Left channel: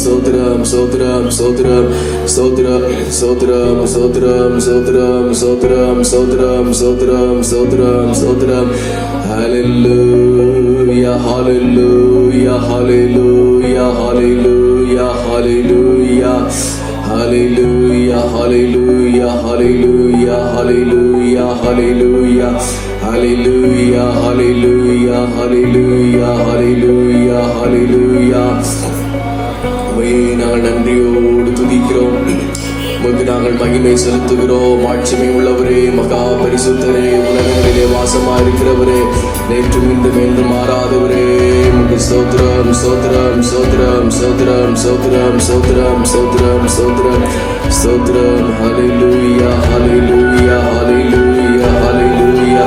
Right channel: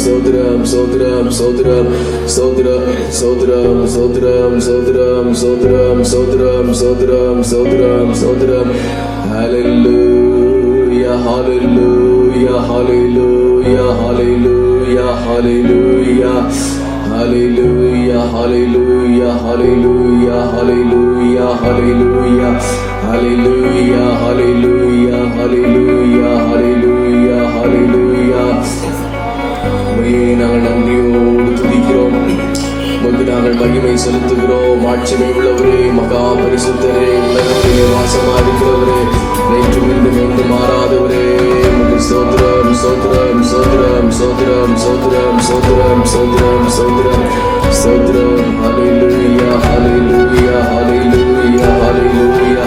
சோத்ரம் சோத்ரம் சோத்ரம் சோத்ரம் சோத்ரம் சோத்ரம் சோத்ரம் சோத்ரம் சோத்ரம் சோத்ரம் சோத்ரம் சோத்ரம். ஹல்லேலூயா ஹல்லேலூயா ஹல்லேலூயா ஹல்லேலூயா ஹல்லேலூயா ஹல்லேலூயா ஹல்லேலூயா ஹல்லேலூயா ஹல்லேலூயா ஹல்லேலூயா ஹல்லேலூயா ஹல்லேலூயா ஹல்லேலூயா ஹல்லேலூயா ஹல்லேலூயா. நாங்கள் நன்றியோடு துதிக்கிறோம், உமக்கு நாங்கள் மகிமை செலுத்துகிறோம். ஆட்சிமை உள்ளவரே, மகா பரிசுத்தரே, உலகிலே வாசமா இருக்கிறவரே, நேற்று மீண்டும் என்றும் மாறாதவரே, உமக்கு ஸ்தோத்திரம் ஸ்தோத்திரம் ஸ்தோத்திரம் ஸ்தோத்திரம் ஸ்தோத்திரம் ஸ்தோத்திரம் ஸ்தோத்திரம் ஸ்தோத்திரம் ஸ்தோத்திரம். ஹல்லேலூயா ஹல்லேலூயா ஹல்லேலூயா ஹல்லேலூயா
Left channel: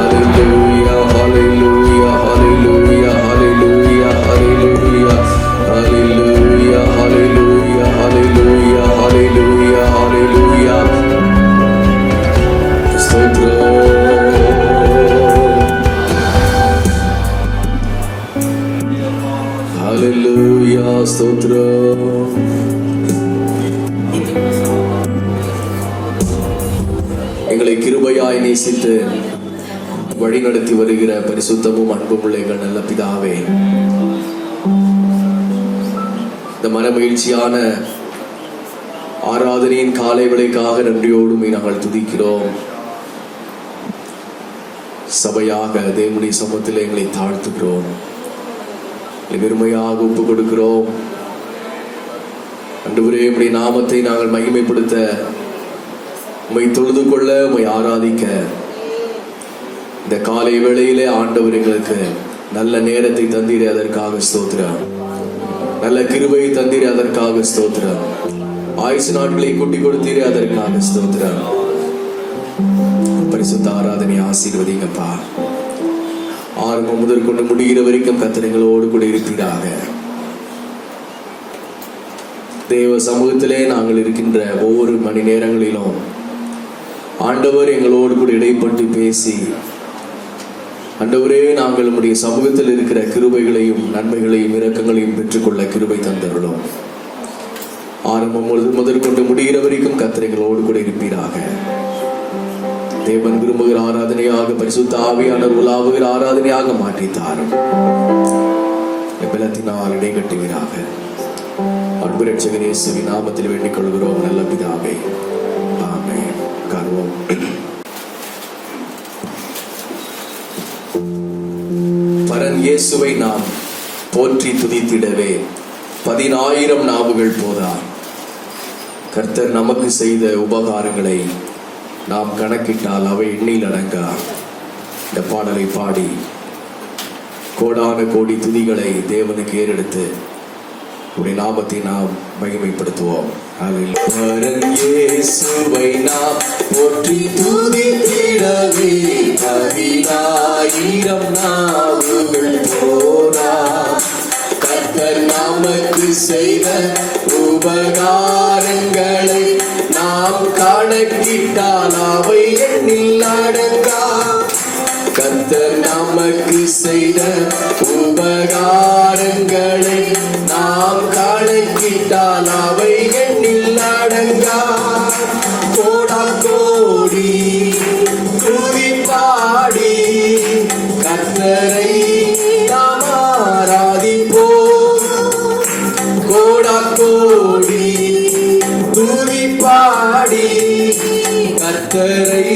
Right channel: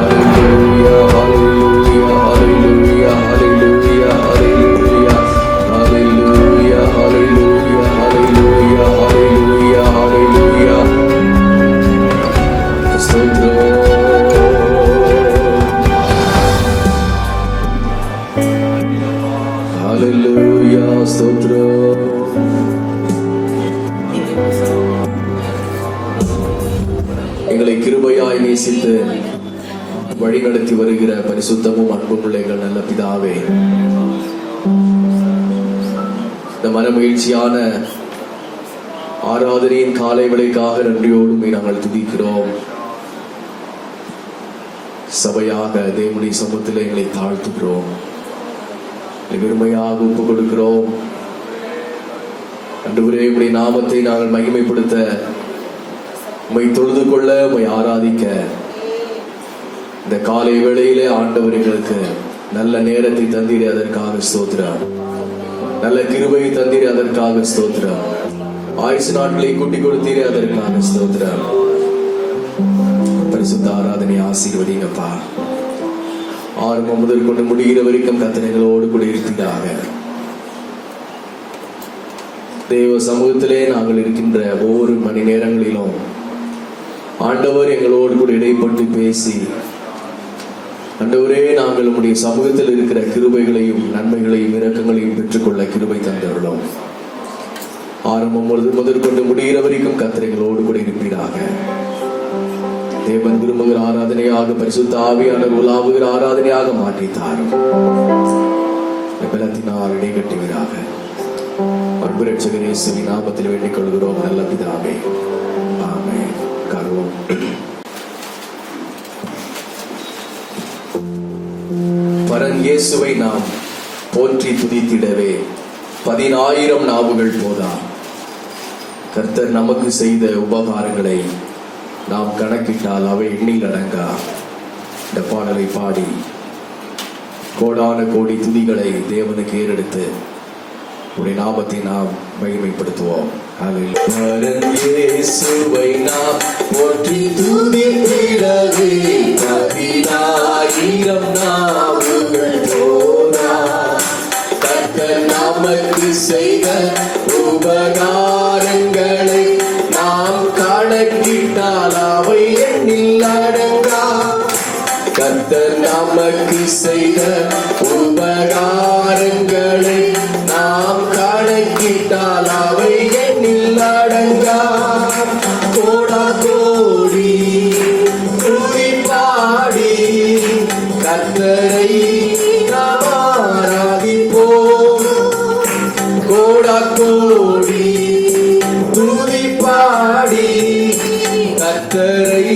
ஹல்லேலூயா ஹல்லேலூயா ஹல்லேலூயா ஹல்லேலூயா ஹல்லேலூயா ஹல்லேலூயா ஹல்லேலூயா ஹல்லேலூயா ஹல்லேலூயா ஹல்லேலூயா. ஸ்தோத்திரம். ஹல்லேலூயா ஸ்தோத்திரம். எங்களை கிருபையாய் நேசித்து வழிநடத்தி வருகிற பரிசுத்தமும் அன்பும் உள்ள எங்கள் நல்ல பிதாவே, இந்த மனமகிழ்ச்சியான ஆராதனையின் காலை வேளைக்காக நன்றியோடு நாங்கள் துதிக்கிறோம். சபையாக தேவனுடைய சமூகத்தில் எங்களை தாழ்த்துகிறோம், வெறுமையாக ஒப்புக் கொடுக்கிறோம். ஆண்டவரே, உம்முடைய நாமத்தை நாங்கள் மகிமைப்படுத்த, உம்மை தொழுது கொள்ள, உம்மை ஆராதிக்க இந்த காலை வேளையிலே ஆண்டவர் எங்களுக்கு நல்ல நேரத்தை தந்தீரே, அதற்காக ஸ்தோத்திரம். நல்ல கிருபையை தந்தீரே, அதற்காக ஸ்தோத்திரம். ஆயுசு நாட்களை கூட்டி கொடுத்தீரே, அதற்காக ஸ்தோத்திரம். பரிசுத்த ஆராதனை ஆசீர்வதிங்கப்பா. ஆரம்பம் முதல் கொண்டு முடிகிற வரைக்கும் கர்த்தர்களோடு கூட இருப்பீராக. தேவ சமூகத்திலே நாங்கள் இருக்கின்ற ஒவ்வொரு மணி நேரங்களிலும் ஆண்டவர் எங்களோடு கூட இடைப்பட்டு பேசி, ஆண்டவரே, நாங்கள் நம்முடைய சமூகத்தில் இருக்கிற கிருபைகளையும் நன்மைகளையும் இரக்கங்களையும் பெற்றுக்கொள்ள கிருபை தந்தருளும். ஆரம்பம் முதற்கொண்டு முடிகிற வரைக்கும் கர்த்தர்களோடு கூட இருப்பீராக. தேவன் விரும்புகிற ஆராதனையாக, பரிசுத்த ஆவியானவர் உலாவுகிற ஆராதனையாக மாற்றித்தாரும். பலத்தினால் இடைகட்டுவீராக. அன்பு இரட்சகர் இயேசுவின் நாமத்தில் வேண்டிக் கொள்கிறோம் நல்ல பிதாவே, ஆமென். காரணம் பரன் இயேசுவை நாம் போற்றி துதித்திடவே 10,000 நாவுகள் போதா. கர்த்தர் நமக்கு செய்த உபகாரங்களை நாம் கணக்கிட்டால் அவை எண்ணில் அடங்கா. இந்த பாடலை பாடி கோடான கோடி துதிகளை தேவனுக்கு ஏறெடுத்து உடைய நாமத்தை நாம் மகிமைப்படுத்துவோம். இயேசுவை நாம் போற்றி துதித்திடவே 10,000 நாவுகள் போதா. கர்த்தர் நமக்கு செய்த உபகாரங்களை நாம் கணக்கிட்டால் அவை எண்ணில் அடங்கா. கர்த்தர் நமக்கு செய்த உபகாரங்களை நாம் கணக்கிட்டால் அவை எண்ணில் அடங்கா. கோடா கோடி துதி பாடி கர்த்தரை நாம் ஆராதிப்போம். கோடா கோடி துதி பாடி கர்த்தரை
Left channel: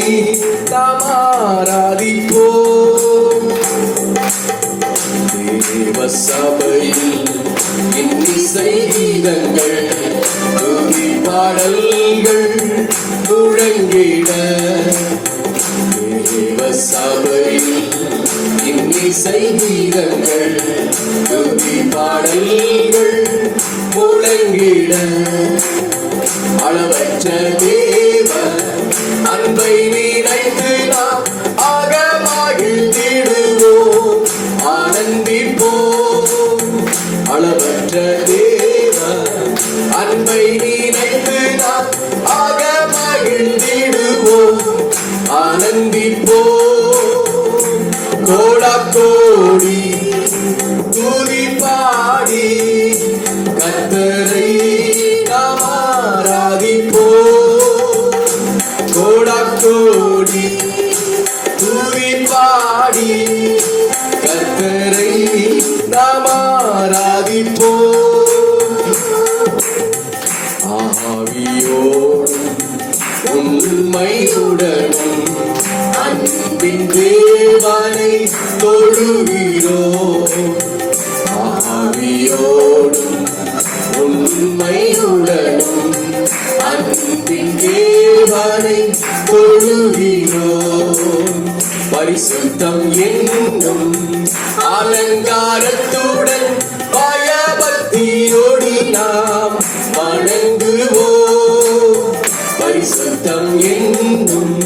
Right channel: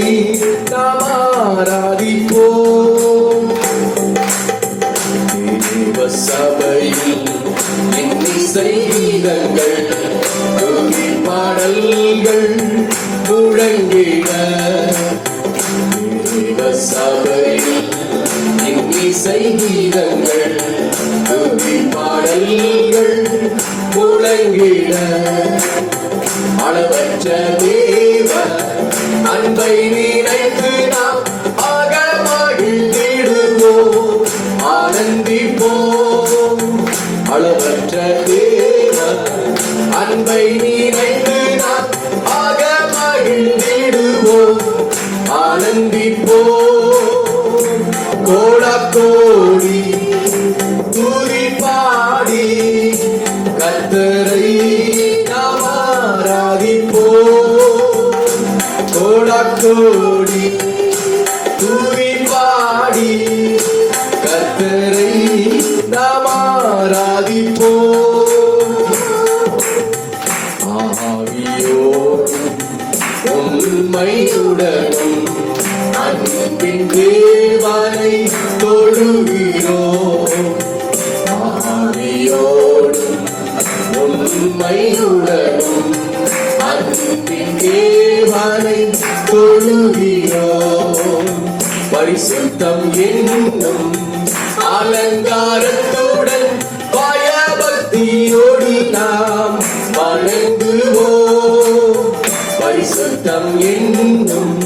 நாம் ஆராதிப்போம். தேவ சபையில் இன்னிசை கீதங்கள் துதி பாடல்கள் முழங்கிட. தேவ சபையில் இன்னிசை கீதங்கள் துதி பாடல்கள் முழங்கிட. அளவற்ற தேவ அன்பை நீட கோடி துதி பாடி கர்த்தரை நாம் ஆராதிப்போம். ஆவியோடும் உண்மையுடனும் அன்பின் தேவனை தொழுகிறோம். ஆவியோடும் உண்மையுடனும் அன்பின் தேவனை தொழுகிறோம். பரிசுத்தம் என்னும் அலங்காரத்துடன் பயபக்தியோடு நாம் வணங்குவோம். பரிசுத்தம் என்னும்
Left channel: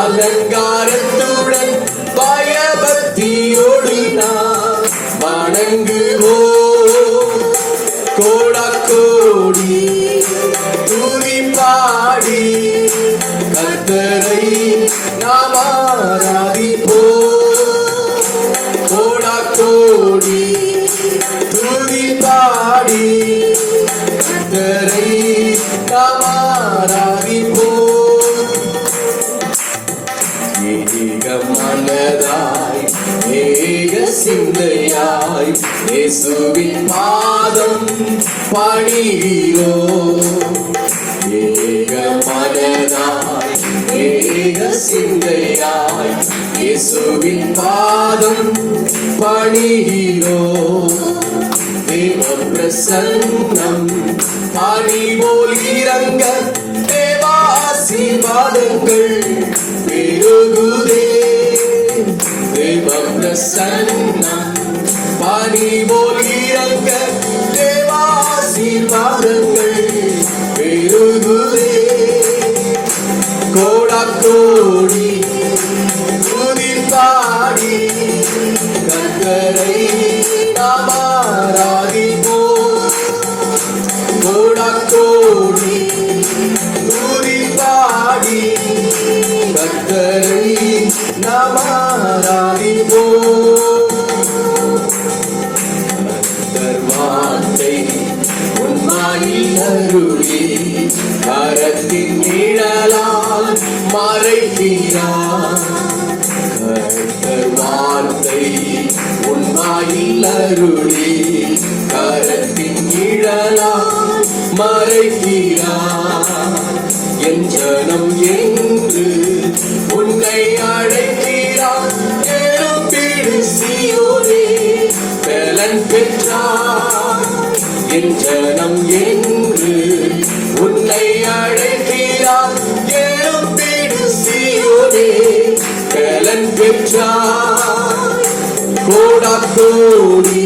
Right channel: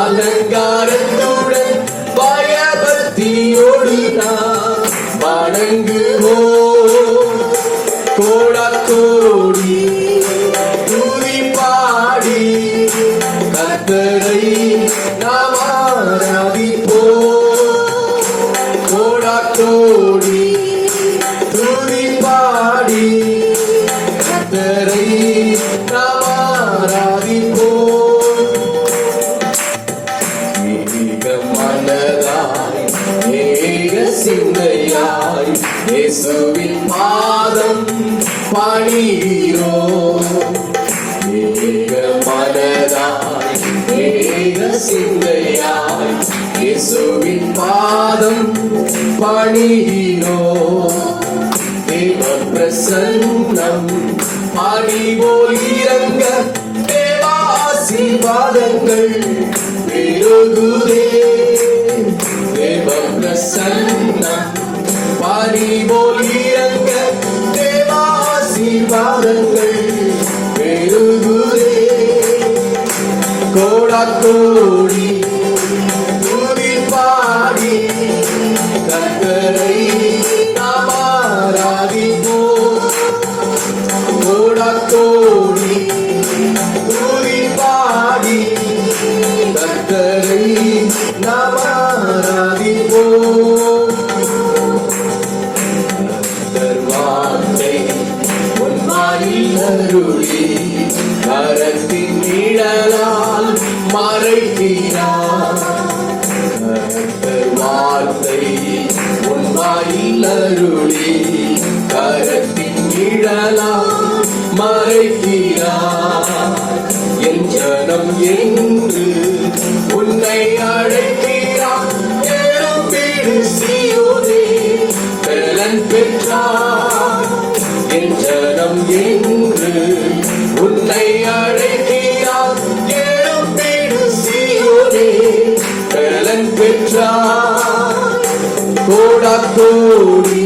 அலங்காரத்துடன் பயபக்தியோடு நாம் வணங்குவோம். கோடி துதி பாடி கர்த்தரை நாம் ஆராதிப்போம். கோடி துதி பாடி கர்த்தரை நாம் ஆராதிப்போம். ஏக மனதாய் ஏக சிந்தையாய் இயேசுவின் பாதம் பணிகிறோம். ஏக மனதாய் ஏக சிந்தையாய் இயேசுவின் பாதம் பணிகிறோம். தேவ பிரசன்னம் பணிபோல் இறங்க தேவாசீர்வாதங்கள் பெருகுதே. தேவ பிரசன்னம் பணிபோல் இறங்க தேவாசீர்வாதங்கள் பெருகுதே. கோடி துதி பாடி கர்த்தரை நாம் ஆராதிப்போம். கோடி துதி பாடி கர்த்தரை நாம் ஆராதிப்போம். வார்த்தை உம்மாயில் அருளி கரத்தின் நிழலால் மறைக்கிறார். வார்த்தை உம்மாயில் அருளி கரத்தின் நிழலால் மறைக்கிறார். என் ஜனம் என்று உன்னை அழைக்கிறார். எழும்பிடு சீயோனே பலன் பெற்றார். என் ஜனம் என்று உன்னை அழைக்கிறார். எழும்பிடு சீயோனே பலன் பெற்றார். கோடி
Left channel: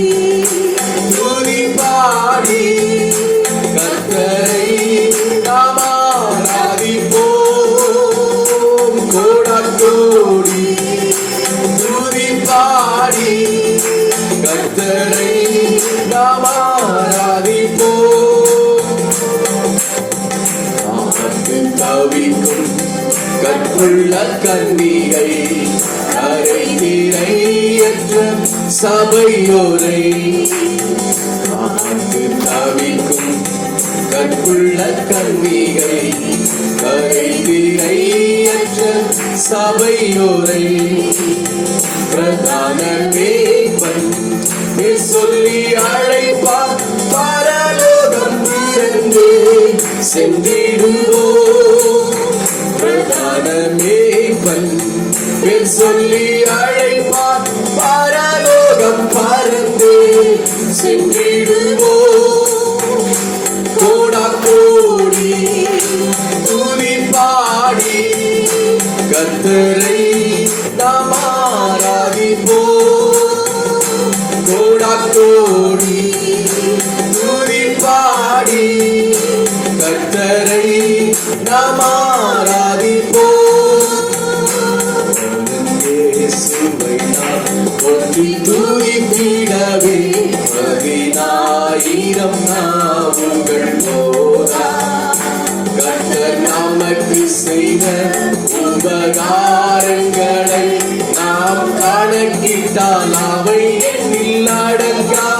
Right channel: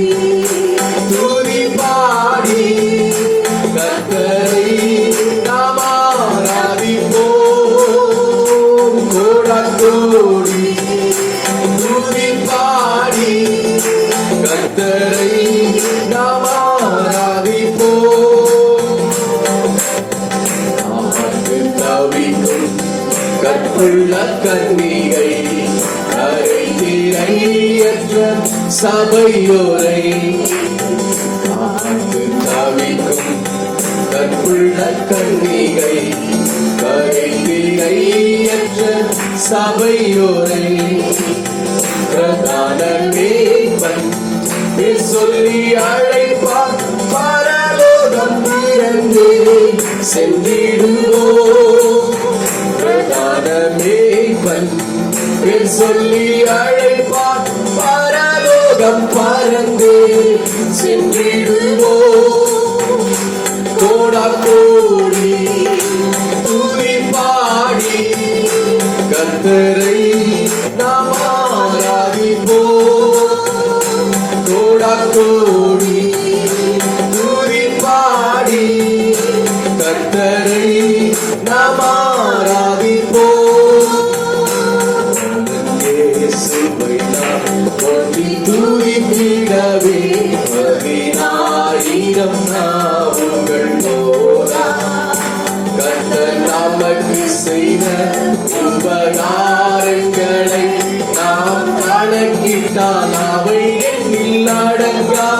துதி பாடி கர்த்தரை நாம் ஆராதிப்போம். கோடி துதி பாடி கர்த்தரை நாம் ஆராதிப்போம். தவிக்கும் கற்புள்ள கன்னிகை கரை திரையற்ற சபையோரை தவிக்கும் கற்புள்ள கன்னிகை கரை திரையற்ற சபையோரை பிரதான மேய்ப்பன் சொல்லி அழைப்பார். பரலோகம் திறந்தே சென்றிடுவோம். பிரதான மேய்ப்பன் சொல்லி அழைப்பார். பரலோகம் பறந்தே சென்றிடுவோம். கோடி துதி பாடி கர்த்தரை நாம் ஆராதிப்போம். கோடி துதி பாடி கர்த்தரை நாம் ஆராதிப்போம். இயேசுவை போற்றி துதித்திடவே 10,000 நாவுகள் போரா. கர்த்தர் நமக்கு செய்த உபகாரங்களை நாம் கணக்கிட்டால் அவை எண்ணில் அடங்கா.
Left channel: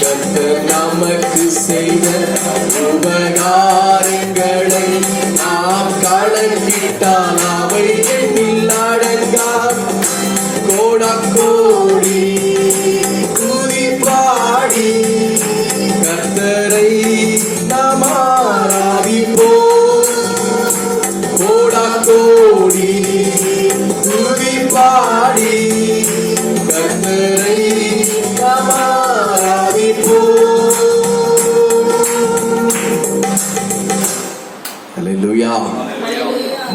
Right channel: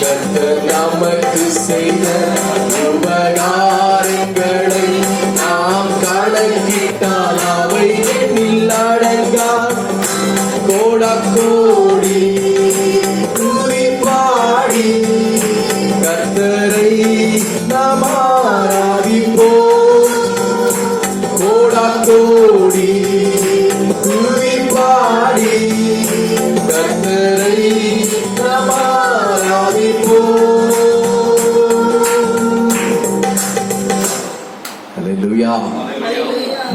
கர்த்தர் நமக்கு செய்த உபகாரங்களை நாம் கணக்கிட்டால் எண்ணிக்கட்டால் அவை எண்ணில் அடங்கா கோடாக்கோடி துதி பாடி கர்த்தரை நாம் ஆராதிப்போம். கோடாக்கோடி துதி பாடி கர்த்தரை நாம் ஆராதிப்போம். அல்லேலூயா.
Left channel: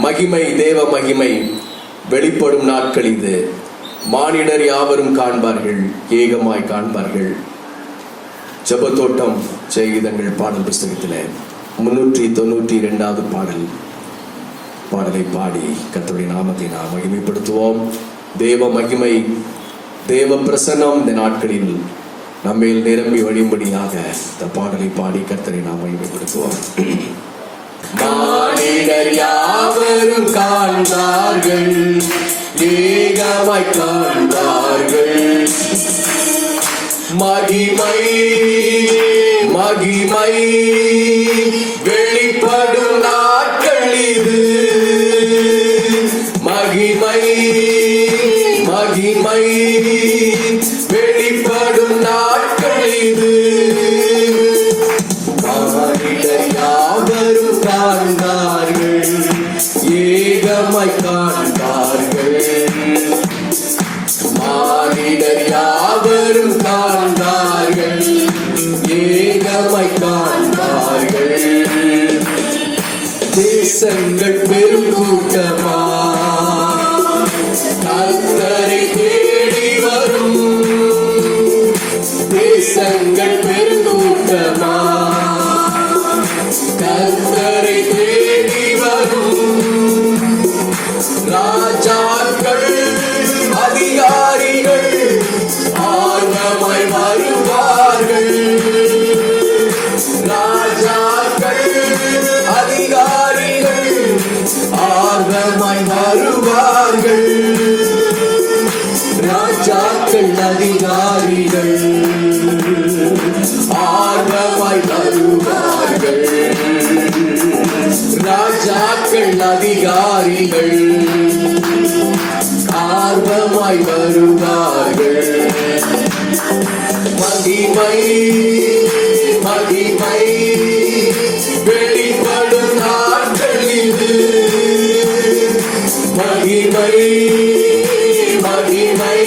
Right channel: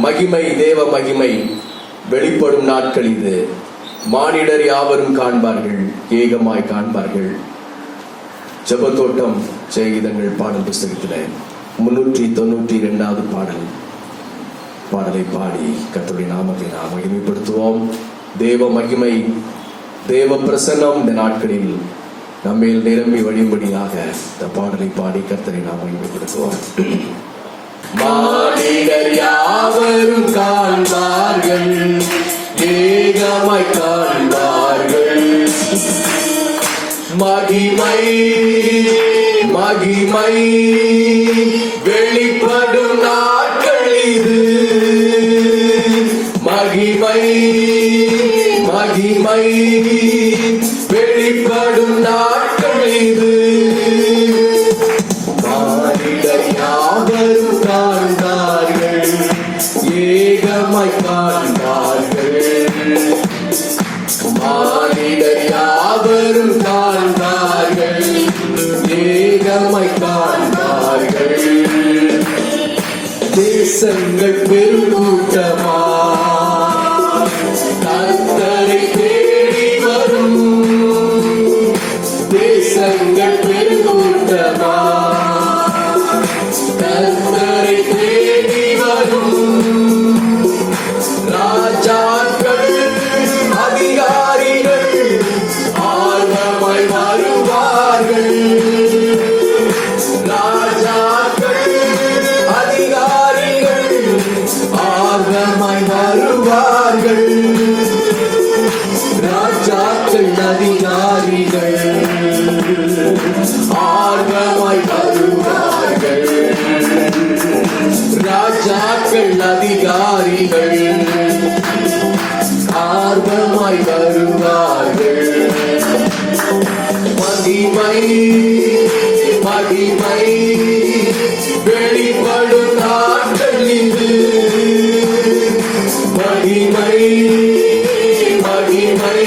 மகிமை, தேவ மகிமை வெளிப்படும் நாட்கள் இது. மானிடர் யாவரும் காண்பார்கள், ஏகமாய் காண்பார்கள். ஜெபத்தோட்டம் செய்கிதங்கள் பாடல் புஸ்தகத்திலே 392வது பாடலை பாடி கர்த்தருடைய நாமத்தை நாம் மகிமைப்படுத்துவோம். தேவ மகிமை, தேவ பிரசன்னம் இந்த நாட்களில் நம்மேல் நிரம்பி வழியும்படியாக இந்த பாடலை பாடி கர்த்தரை நாம் மகிமைப்படுத்துவோம். மானிடர் யாவரும் காண்பார்கள், ஏகமாய் காண்பார்கள். மகிமை மகிமை வெளிப்படும் நாட்கள் இது. மகிமை மகிமை வெளிப்படும் நாட்கள் இது. மானிடர் யாவரும் காண்பார்கள், ஏகமாய் காண்பார்கள். மானிடர் யாவரும் காண்பார்கள், ஏகமாய் காண்பார்கள். தேசங்கள் பெருங்கூட்டமா கர்த்தரை தேடி வரும். தேசங்கள் பெருங்கூட்டமா கர்த்தரை தேடி வரும். ராஜாக்கள் அதிகாரிகள் ஆர்வமாய் வருவார்கள். ராஜாக்கள் அதிகாரிகள் ஆர்வமாய் வருவார்கள். ராஜாக்கள் அதிகாரிகள் ஆர்வமாய் வருவார்கள். ராஜாக்கள் அதிகாரிகள் ஆர்வமாய் வருவார்கள். மகிமை மகிமை வெளிப்படும் நாட்கள் இது. மகிமை மகிமை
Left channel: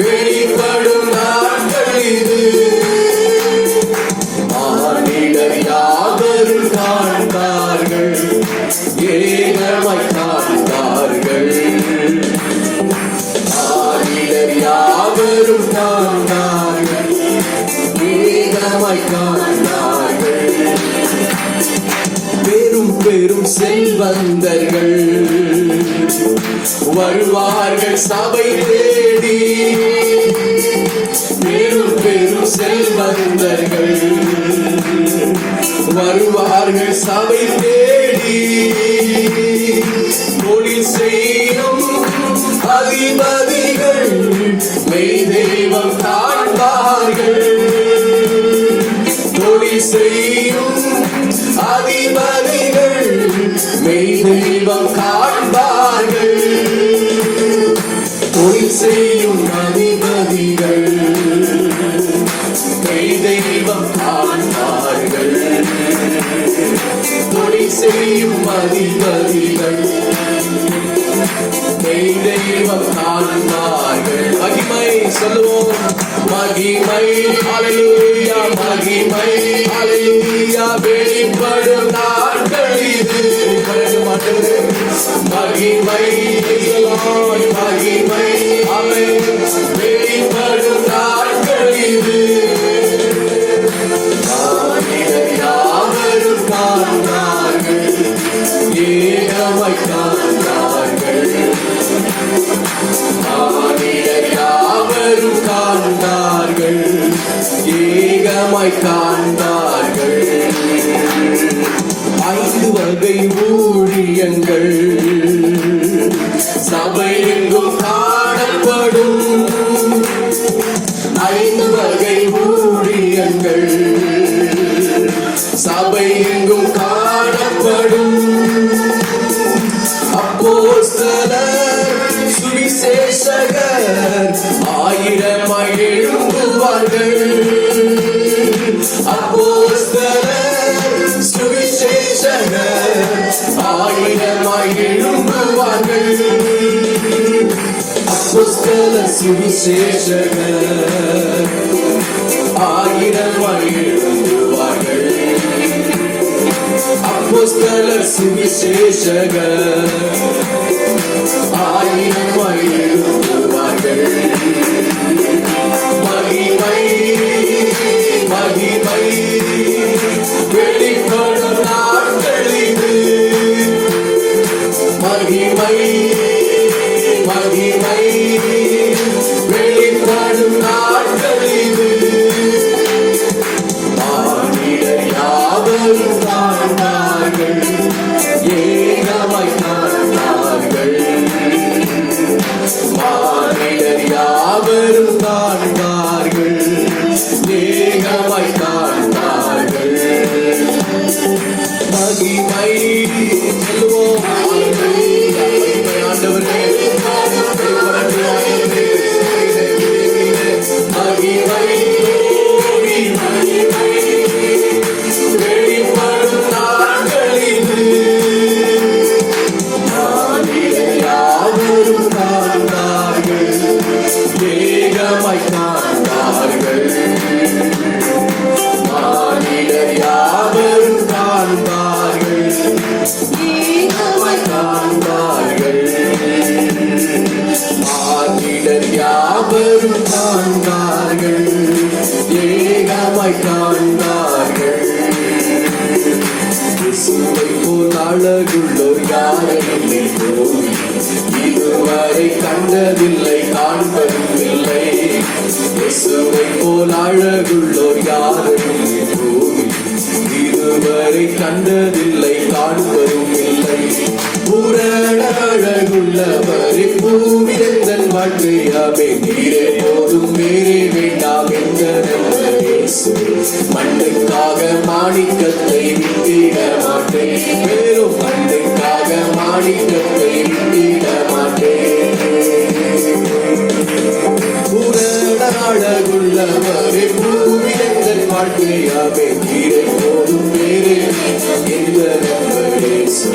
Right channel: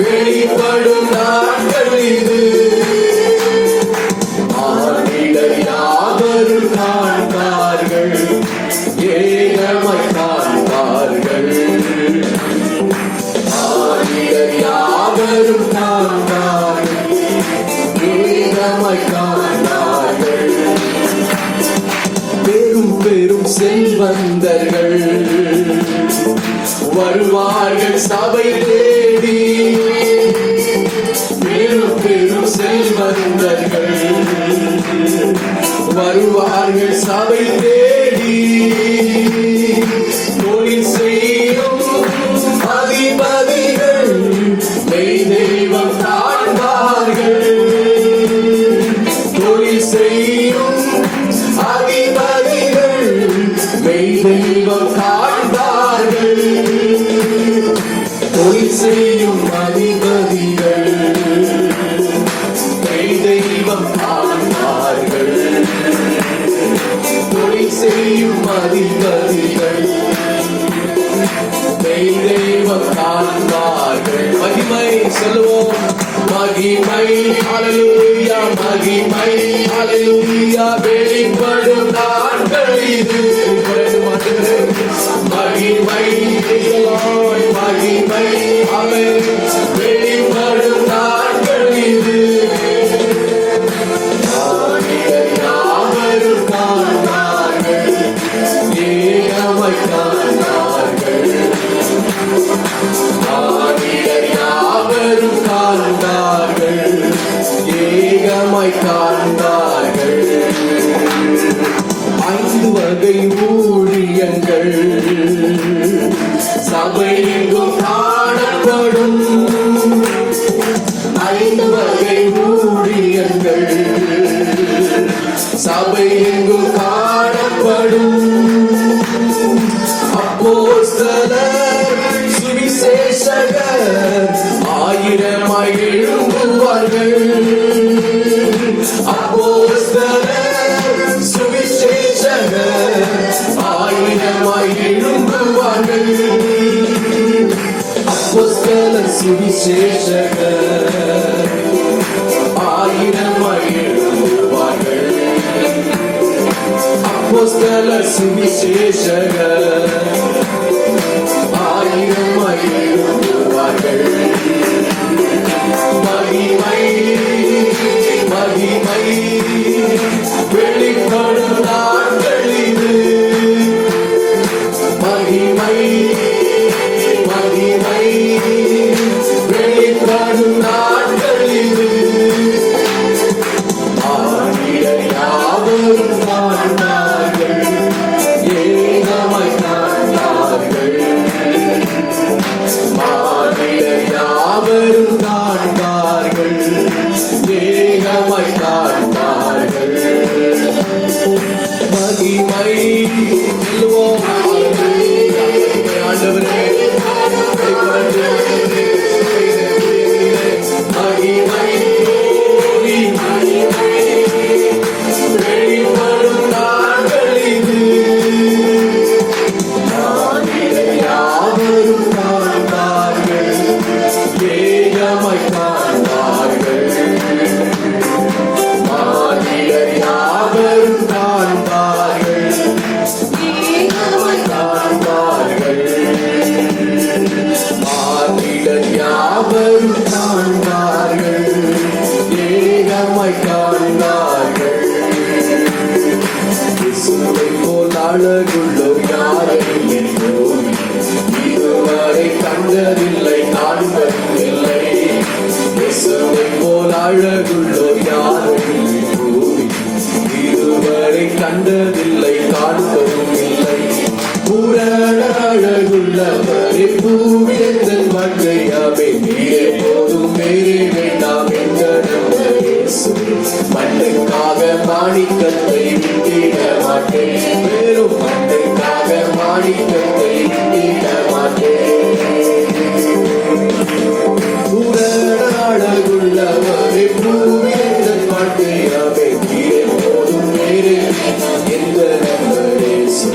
வெளிப்படும் நாட்கள் இது. மானிடர் யாவரும் காண்பார்கள், ஏகமாய் காண்பார்கள். மானிடர் யாவரும் காண்பார்கள், ஏகமாய் காண்பார்கள். பெரும் பெரும் செல்வந்தர்கள் வருவார்கள் சபை தேடி. பெரும் பெரும் செல்வந்தர்கள் வருவார்கள் சபை தேடி. தொழில் செய்யும் அதிபதிகள் மெய் தெய்வம் காண்பார்கள். தொழில் செய்யும் அதிபதிகள் மெய் தெய்வம் காண்பார்கள். தொழில் செய்யும் அதிபதிகள் மெய் தெய்வம் காண்பார்கள். தொழில் செய்யும் அதிபதிகள் மெய் தெய்வம் காண்பார்கள். மகிமை சொல்லுவோம். மகிமை ஹல்லேலூயா, மகிமை ஹல்லேலூயா வெளிப்படும் நாட்கள் இது. மகிமை மகிமை அவை வெளிப்படும் நாட்கள் இது. மானிடர் யாவரும் காண்பார்கள், ஏகமாய் காண்பார்கள். மானிடர் யாவரும் காண்பார்கள், ஏகமாய் காண்பார்கள். 5 வகை ஊழியங்கள் சபை எங்கும் காணப்படும். 5 வகை ஊழியங்கள் சபை எங்கும் காணப்படும். எழும்புவார்கள். அப்போஸ்தலர் சுவிசேஷகர் ஆயிரமாய் எழும்புவார்கள். அப்போஸ்தலர் சுவிசேஷகர் ஆயிரமாய் எழும்புவார்கள். மகிமை மகிமை வெளிப்படும் நாட்களிது. மகிமை மகிமை வெளிப்படும் நாட்களிது. மானிடர் யாவரும் காண்பார்கள், ஏகமாய் காண்பார்கள். மானிடர் யாவரும் காண்பார்கள், ஏகமாய் காண்பார்கள். மகிமை சொல்லுவோம். ஆண்டவரே வெளிப்படும் நாட்களிது. மானிடர் யாவரும் காண்பார்கள், ஏகமாய் காண்பார்கள். மானிடர் யாவரும் காண்பார்கள், ஏகமாய் காண்பார்கள். மானிடர் யாவரும் காண்பார்கள், ஏகமாய் காண்பார்கள். இயேசுவைப் போல் அழகுள்ளோர் யாரும் இல்லோம், இதுவரை கண்டதில்லை காண்பதும் இல்லை. இயேசுவைப் போல் அழகுள்ளோர் யாரும் இல்லோம், இதுவரை கண்டதில்லை காண்பதும் இல்லை. பூரண அழகுள்ளவரே பூவில் எங்கள் வாழ்க்கையாவே நீரே போதும் வேறே வேண்டாம் என்ற இயேசு. மண்ணுக்காக மாணிக்கத்தை விட்டிட மாட்டேன், வெறும் மண்ணுக்காக மாணிக்கத்தை விட்டிட மாட்டேன். பூரண அழகுள்ளவரே பூவில் எங்கள் வாழ்க்கையாவே நீரே போதும் வேறே என்ற இயேசு.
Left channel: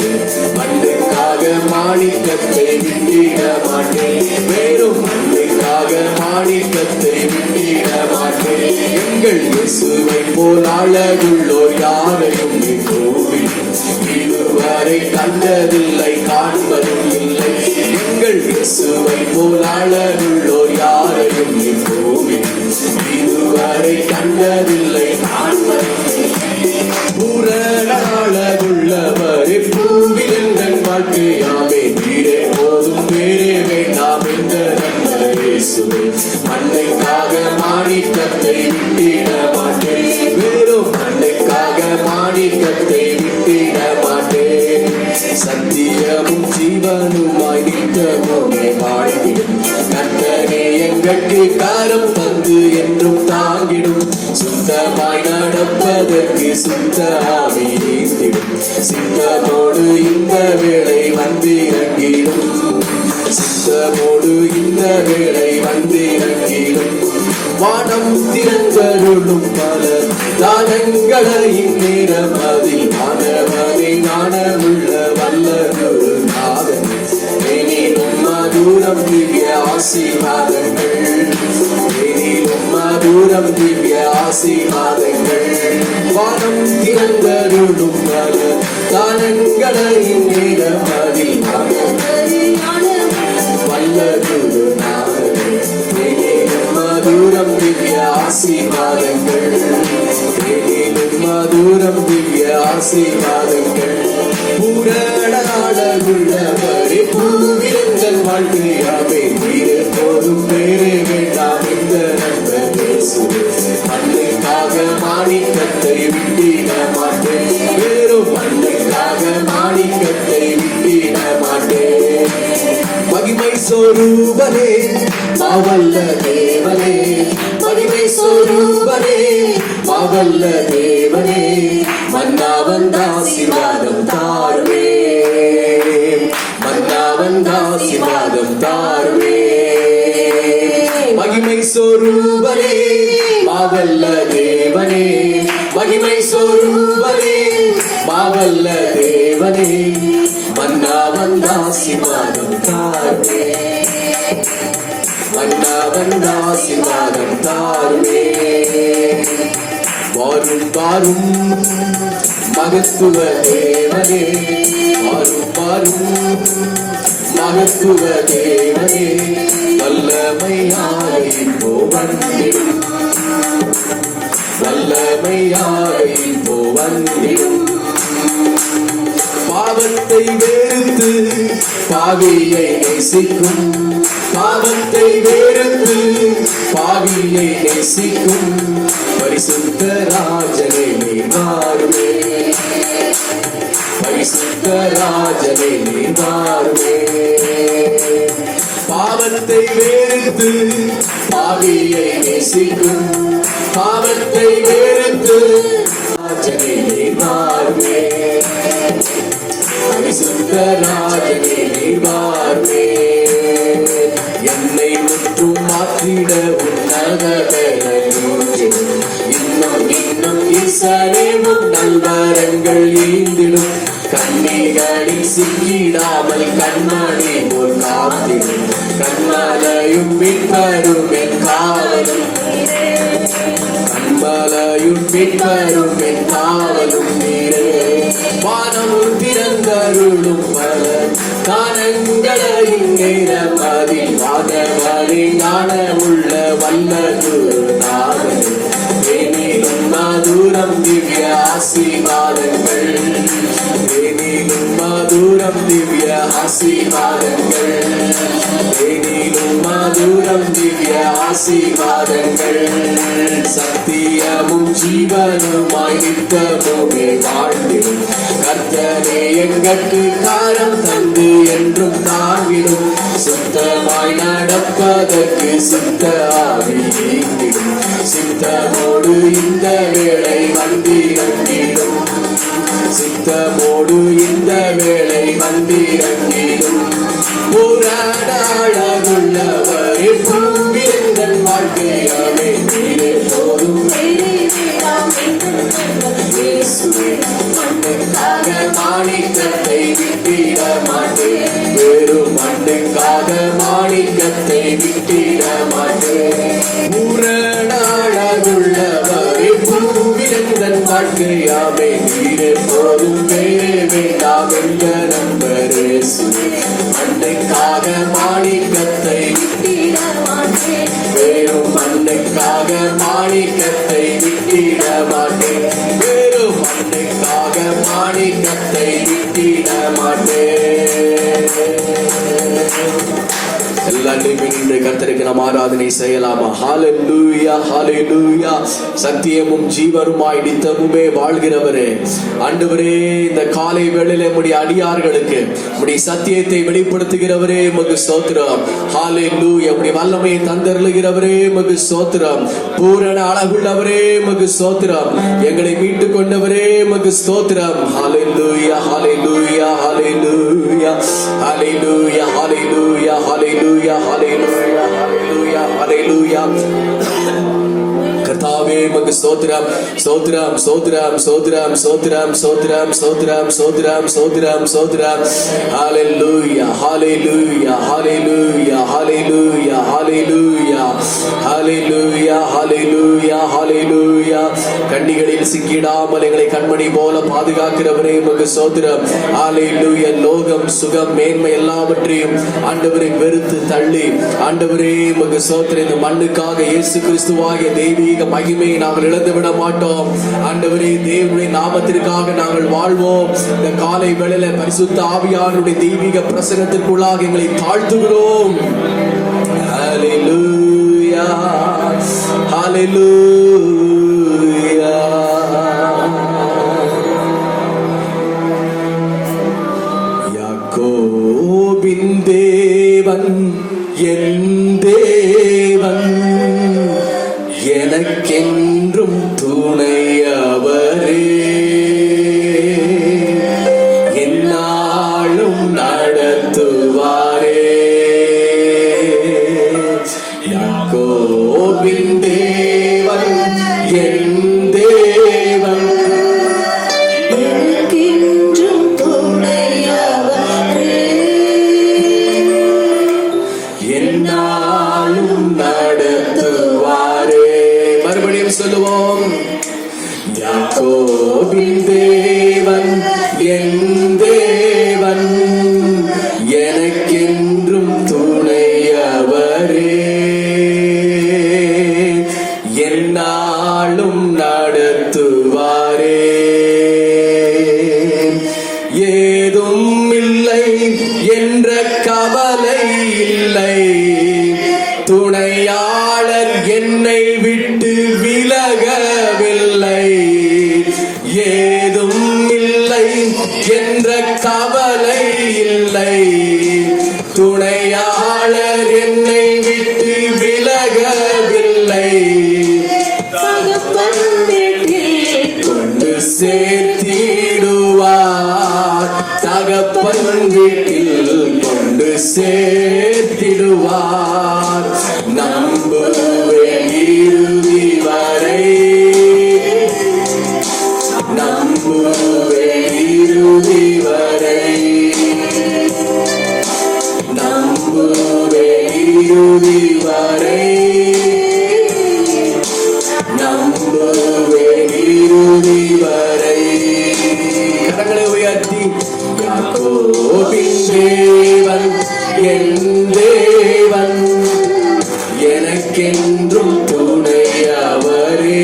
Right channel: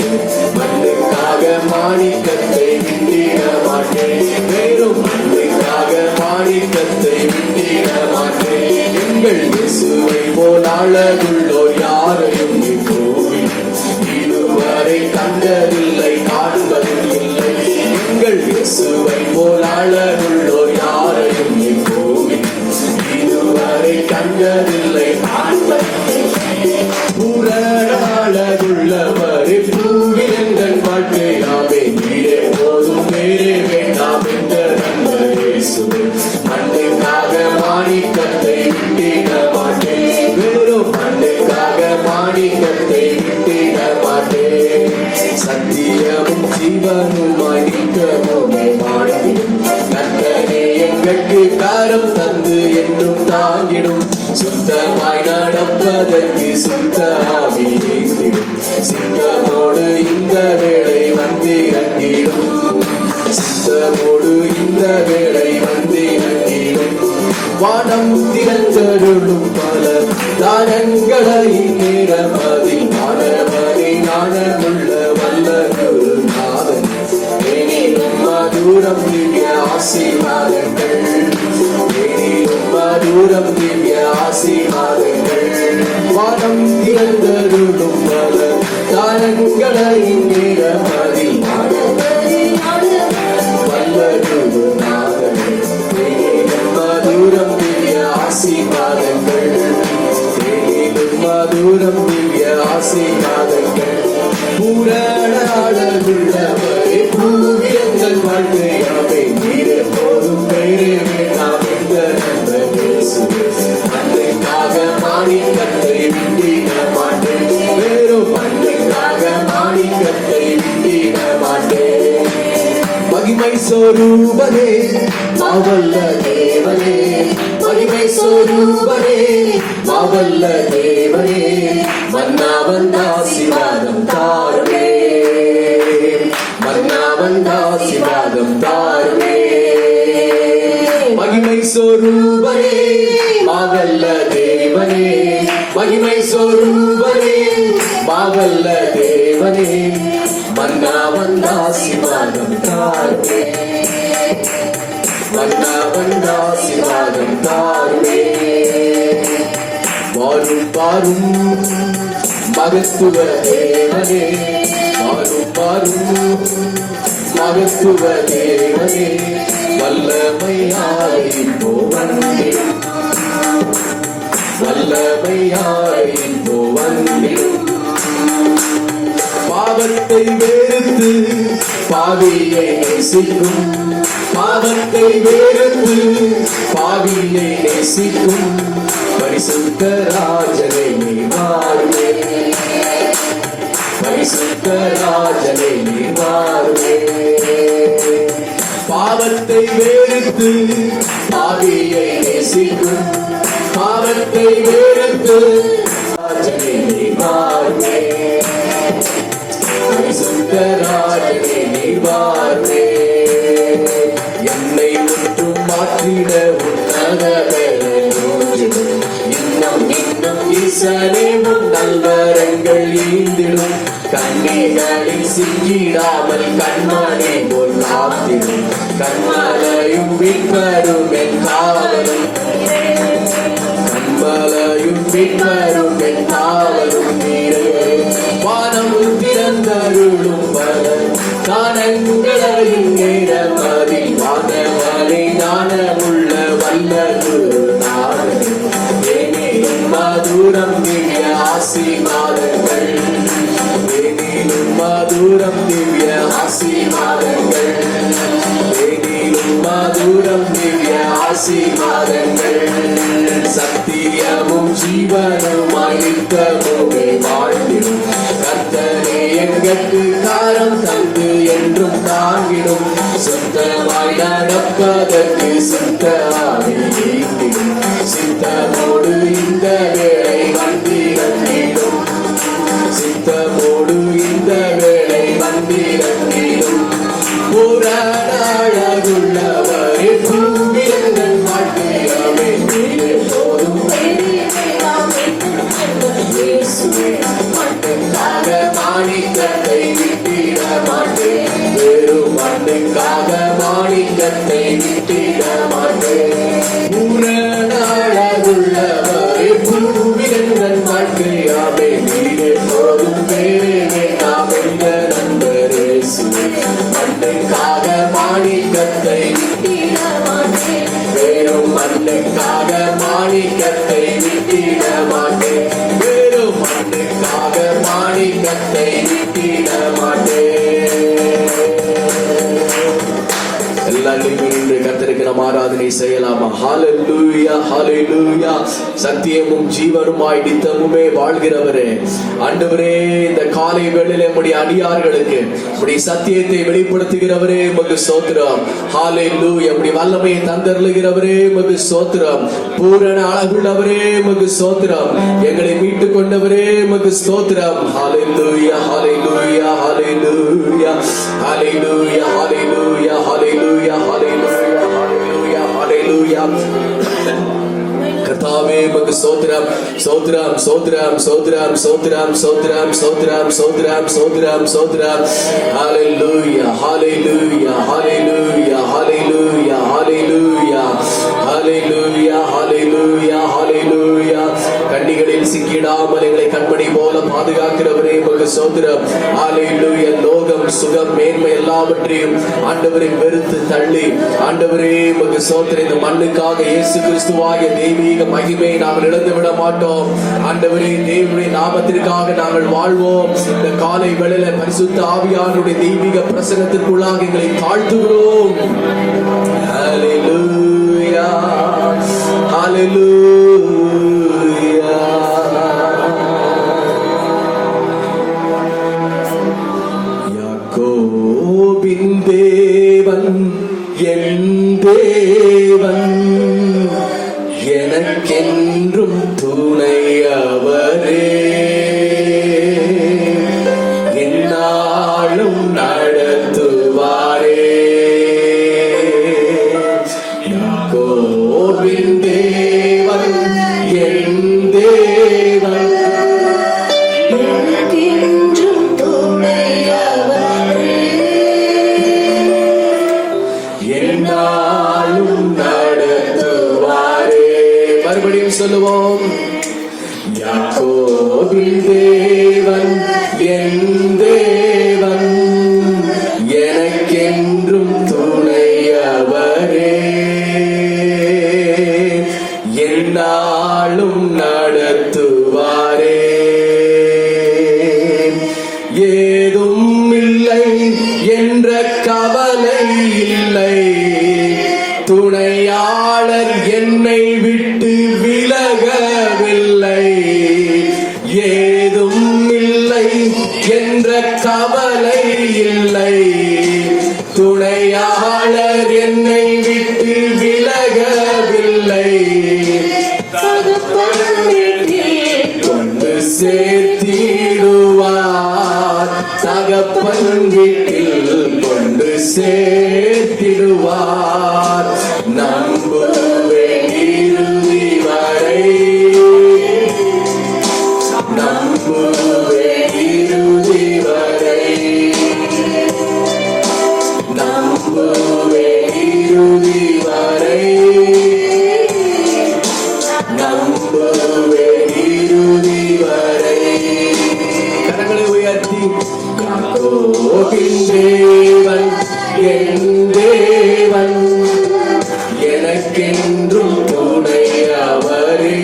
மண்ணுக்காக மாணிக்கத்தை விட்டிட மாட்டேன், வெறும் மண்ணுக்காக மாணிக்கத்தை விட்டிட மாட்டேன். எங்கள் இயேசுவைப் போல் அழகுள்ளோர் யாரையும் இப்போவில் இதுவரை கண்டதில்லை காண்பதும் இல்லை. எங்கள் இயேசுவைப் போல் அழகுள்ளோர் யாரையும் இப்போவில் இதுவரை கண்டதில்லை காண்பதும் இல்லை. பூரண அழகுள்ளவரே பூவில் எங்கள் வாழ்க்கையாவே நீரே போதும் வேறே வேண்டாம் என்ற இயேசுவே. மண்ணுக்காக மாணிக்கத்தை விட்டிட மாட்டேன், வெறும் மண்ணுக்காக மாணிக்கத்தை விட்டிட மாட்டேன். சத்தியமும் ஜீவனுமாய் நித்தமுமே வாழ்ந்திடும் கர்த்தரே எங்களுக்கு காரம் தந்து என்றும் தாங்கிடும். சுத்தமாய் நடப்பதற்கு சுத்த ஆவி நீந்திடும். சித்தமோடு இந்த வேளை வந்திறங்கிடும், சித்தமோடு இந்த வேளை வந்திறங்கிடும். வானம் திறந்தருளும் பல தானங்களை இந்நேரம் அதில் காணவதை ஞானமுள்ள வல்லதொரு நாதன். எனினும் மதுரம் திவ்ய ஆசீர்வாதங்கள், எனினும் மதுரம் திவ்ய ஆசீர்வாதங்கள். வானம் திறந்தருளும் பல தானங்களை இந்நேரம் அதில் வல்லதொரு நாதன். எனினும் மதுரம் திவ்ய ஆசீர்வாதங்கள், எனினும் மதுரம் திவ்ய ஆசீர்வாதங்கள். பூரண அழகுள்ளவரே பூவில் எங்கள் வாழ்க்கையாவே நீரே போதும் வேறே வேண்டாம் என்ற இயேசுவே. மண்ணுக்காக மாணிக்கத்தை விட்டிட மாட்டேன், வெறும் மண்ணுக்காக மாணிக்கத்தை விட்டிட மாட்டேன். மகிமை சொரூபனே மாவல்ல தேவனே, மகிமை சொரூபனே மாவல்ல தேவனே. மன்னா வந்தாசிவாதம் தாருமே, மன்னா வந்தாசிவாதம் தாருமே. மகிமை சொரூபனே மாவல்ல தேவனே, மகிமை சொரூபனே மாவல்ல தேவனே. மன்னா ஆசீர்வாதம் தாருமே, வண்ண ஆசீர்வாதம் தாருமே. வாரும் வாரும் மகத்துவ தேவனே, வாரும் வாரும் மகத்துவ தேவனே, வல்லமையாய் இப்போ வந்திடும், வல்லமையாய் இப்போ வந்திடும். பாவத்தை வெறுத்து பாவியை நேசிக்கும், பாவத்தை வெறுத்து பாவியை நேசிக்கும் பரிசுத்த ராஜனை நீவாருமே, பரிசுத்த ராஜனை நீவாருமே. பாவத்தை வெறுத்து பாவியை நேசிக்கும், பாவத்தை வெறுத்து ராஜனை நீவாருமே, பரிசுத்த ராஜனை நீவாருமே. என்னை முற்றும் மாற்றிட இன்னும் இன்னும் ஈசனேவும் நல்லறங்கள் ஈந்திடும், கண்ணிகளில் சிக்கிடாமல் கண்மணி போல் காத்திடும், கண்மலையும் மீட்பரும் என் காவலும், கண்மலையும் மீட்பரும் என் காவலும் நீரும். வானமும் திறந்தருளும் பல காணங்களையும் நேரமதி வானவனை ஞானமுள்ள வல்லது மதுரம் திவ்ய ஆசீர்வாதங்கள், தேனிலும் மதுரம் திவ்ய ஆசீர்வாதங்கள், தேனிலும் மதுரம் திவ்ய ஆசீர்வாதங்கள். சத்தியமும் ஜீவனுமாய் நித்தமுமே வாழ்ந்திடும், கர்த்தரே எங்கட்கு காரம் தந்து என்றும் தாங்கிடும், சுத்தமாய் நடப்பதற்கு சுத்த ஆவி நீங்கிடும், சித்தமோடு இந்த வேளை வந்திரங்கிடும், சித்தமோடு இந்த வேளை வந்திரங்கிடும். புறநாளாகுள்ளவரே பூவிரங்கள் வாழ்க்கையாவே நீரே போதும், மண்ணுக்காக மாணிக்கத்தை விட்டிட மாட்டேன், வெறும் மண்ணுக்காக மாணிக்கத்தை விட்டிட மாட்டேன். புறநாளாகுள்ளவரே பூவிரங்கள் வாழ்க்கையாவே நீரே போதும், வேறே வேண்டாம் என்ற நண்பரே மண்ணுக்காக மாணிக்கத்தை விட்டிட மாட்டேன், வெறும் மண்ணுக்காக மாணிக்கத்தை விட்டிட மாட்டேன், வெறும் மண்ணுக்காக மாணிக்கத்தை விட்டிட மாட்டேன். எல்லாரையும் இன்று கர்த்தருக்கு நாம் ஆராதனை செய்யலாமா? ஹalleluya ஹalleluya. சத்தியமும் ஜீவனுமாய் நித்தமுமே வாழ்கிறவரே, ஆண்டவரே, இந்த காலை வேளையிலே உம்முடைய அடியார்களுக்கு உம்முடைய சத்தியத்தை வெளிப்படுத்துகிறவரே உமக்கு ஸ்தோத்திரம். ஹalleluya. உம்முடைய வல்லமையை தந்தருளுகிறவரே உமக்கு ஸ்தோத்திரம். பூரண அழகுள்ளவரே உமக்கு ஸ்தோத்திரம். எங்களை மீட்டுக் கொண்டவரே உமக்கு ஸ்தோத்திரம். ஹalleluya ஹalleluya ஹalleluya ஹalleluya ஹalleluya ஹalleluya ஹalleluya ஹalleluya. கர்த்தாவே உமக்கு ஸ்தோத்திரம் ஸ்தோத்திரம் ஸ்தோத்திரம் ஸ்தோத்திரம் ஸ்தோத்திரம் ஸ்தோத்திரம் ஸ்தோத்திரம் ஸ்தோத்திரம் ஸ்தோத்திரம் ஸ்தோத்திரம். ஹalleluya ஹalleluya ஹalleluya ஹalleluya ஹalleluya ஹalleluya ஹalleluya ஹalleluya. கண்ணிகளில் சிக்கிடாமல் எங்களை கண்மணி போல பாதுகாக்கிறவரே உமக்கு ஸ்தோத்திரம். ஹalleluya. லோகம் சுகம் மேன்மை எல்லாவற்றையும் ஆண்டவரை வெறுத்து தள்ளி ஆண்டவரே உமக்கு ஸ்தோத்திரம். இந்த மண்ணுக்காக இயேசு கிறிஸ்துவாகிய தெய்வீக மகிமையை நாங்கள் இழந்து விட மாட்டோம். ஆண்டவரே, தேவனுடைய நாமத்திற்காக நாங்கள் வாழ்வோம். இந்த காலை வேளையில பரிசுத்த ஆவியானவருடைய தெய்வீக பிரசன்னத்திற்குள்ளாக எங்களை தாழ்த்துகிறோம். ஹalleluya ஹalleluya. யாக்கோபின் தேவன் என் தேவன், எனக்கென்றும் துணையவரே, என்னாலும் நடத்துவாரே. யாக்கோபின் தேவன் ஏதும் இல்லை என்ற கவலை இல்லை, துணையாளர் என்னை விட்டு விலகவில்லை. ஏதும் இல்லை என்ற கவலை இல்லை, துணையாளர் என்னை விட்டு விலகவில்லை. கொண்டு சேர்த்திடுவார், தகப்பன் வீட்டில் கொண்டு சேர்த்திடுவார். நம்புவேன் இறுதி வரை, நம்புவேன் இறுதி வரை, நம்புவேன் இறுதி வரை, நம்புவேன் இறுதி வரை. கரங்களை உயர்த்தி யாக்கோபின் தேவன் என் தேவன், எனக்கென்றும் துணையவரே,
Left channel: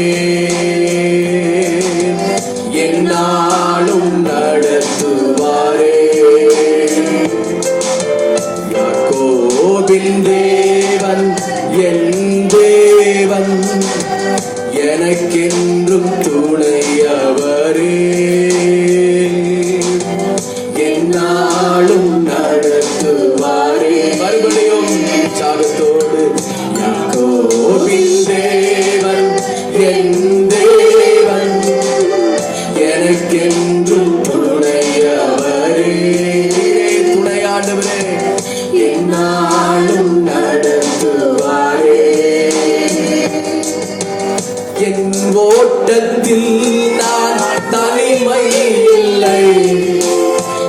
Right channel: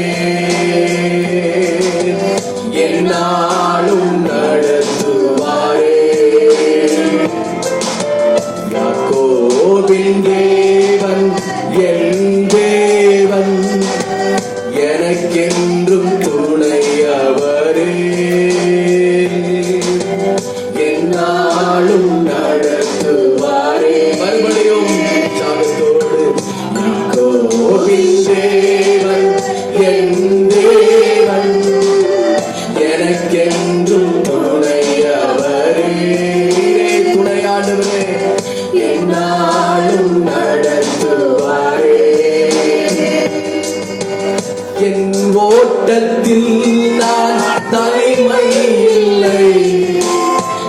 என்னாலும் நடத்துவாரே. யாக்கோபின் தேவன் என் தேவன், எனக்கென்றும் துணையவரே, என்னாலும் நடத்துவாரே. மறுபடியும் சாகத்தோடு யாக்கோபின் தேவன் என் தேவன், எனக்கென்றும் துணையவரே, துணையாண்டவரே, என்னாலும் நடத்துவாரே. என் ஓட்டத்தில் நான் தனிமை இல்லை,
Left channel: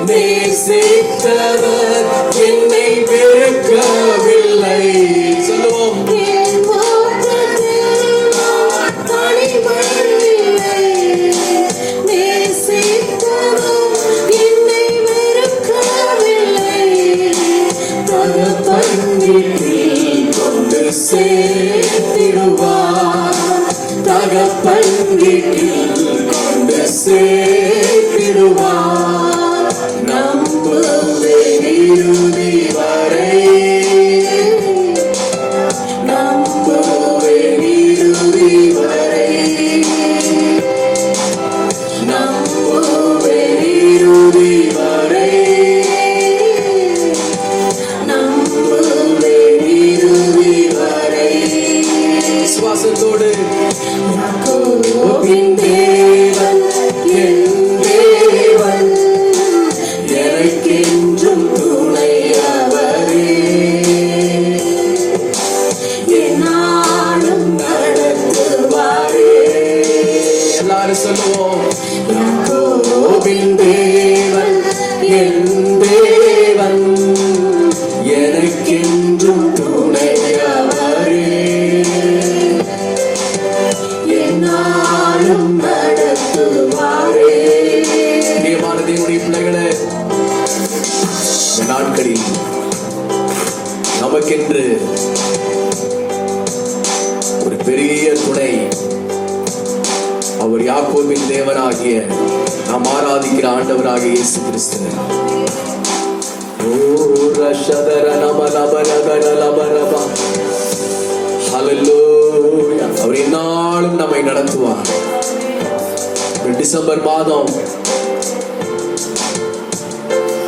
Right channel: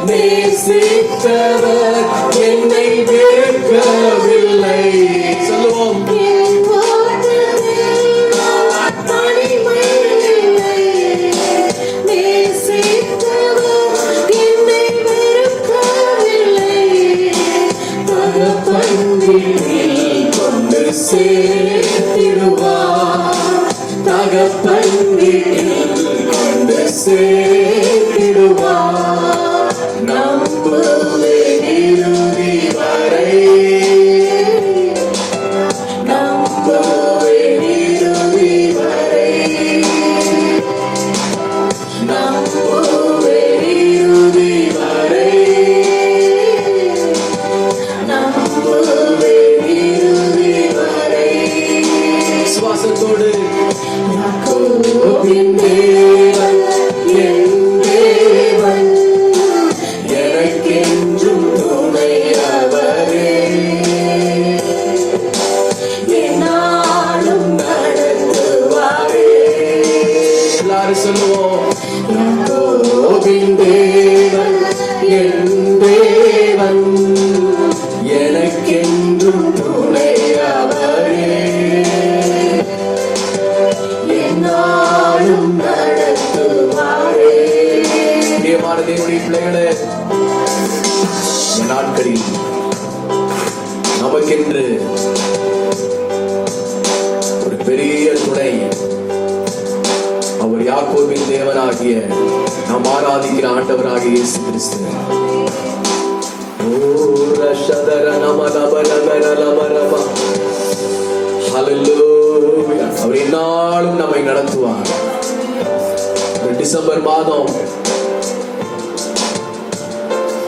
நேசித்தவர் என்னை வெறுக்கவில்லை. சொல்லுவோம். கொண்டு சேர்த்திடுவார், தகப்பன் வீட்டில் கொண்டு சேர்த்திடுவார். நம்புவேன் இறுதி வரை, நம்புவேன் இறுதி வரை, நம்புவேன் இறுதி வரை, நம்புவேன் இறுதி வரை. சுவாசத்தோடு யாக்கோபின் தேவன் என் தேவன், எனக்கென்றும் துணையவரே, என்னாலும் நடத்துவாரே. எல்லாரும் சொல்லுவோம். யாக்கோபின் தேவன் என் தேவன், எனக்கென்றும் துணையவரே, என்னாலும் நடத்துவாரே. பிரியமான தேவனுடைய பிள்ளைகளே, இந்த நாட்களில் நமக்கென்று ஒரு பெரிய துணை, அவர் யாக்கோபின் தேவனாகிய நாம் ஆராதிக்கிற ஆண்டவராகிய இயேசு கிறிஸ்து. அவர் என்னாலும் நம்மை நடத்துவார். டிசம்பர் மாதம்,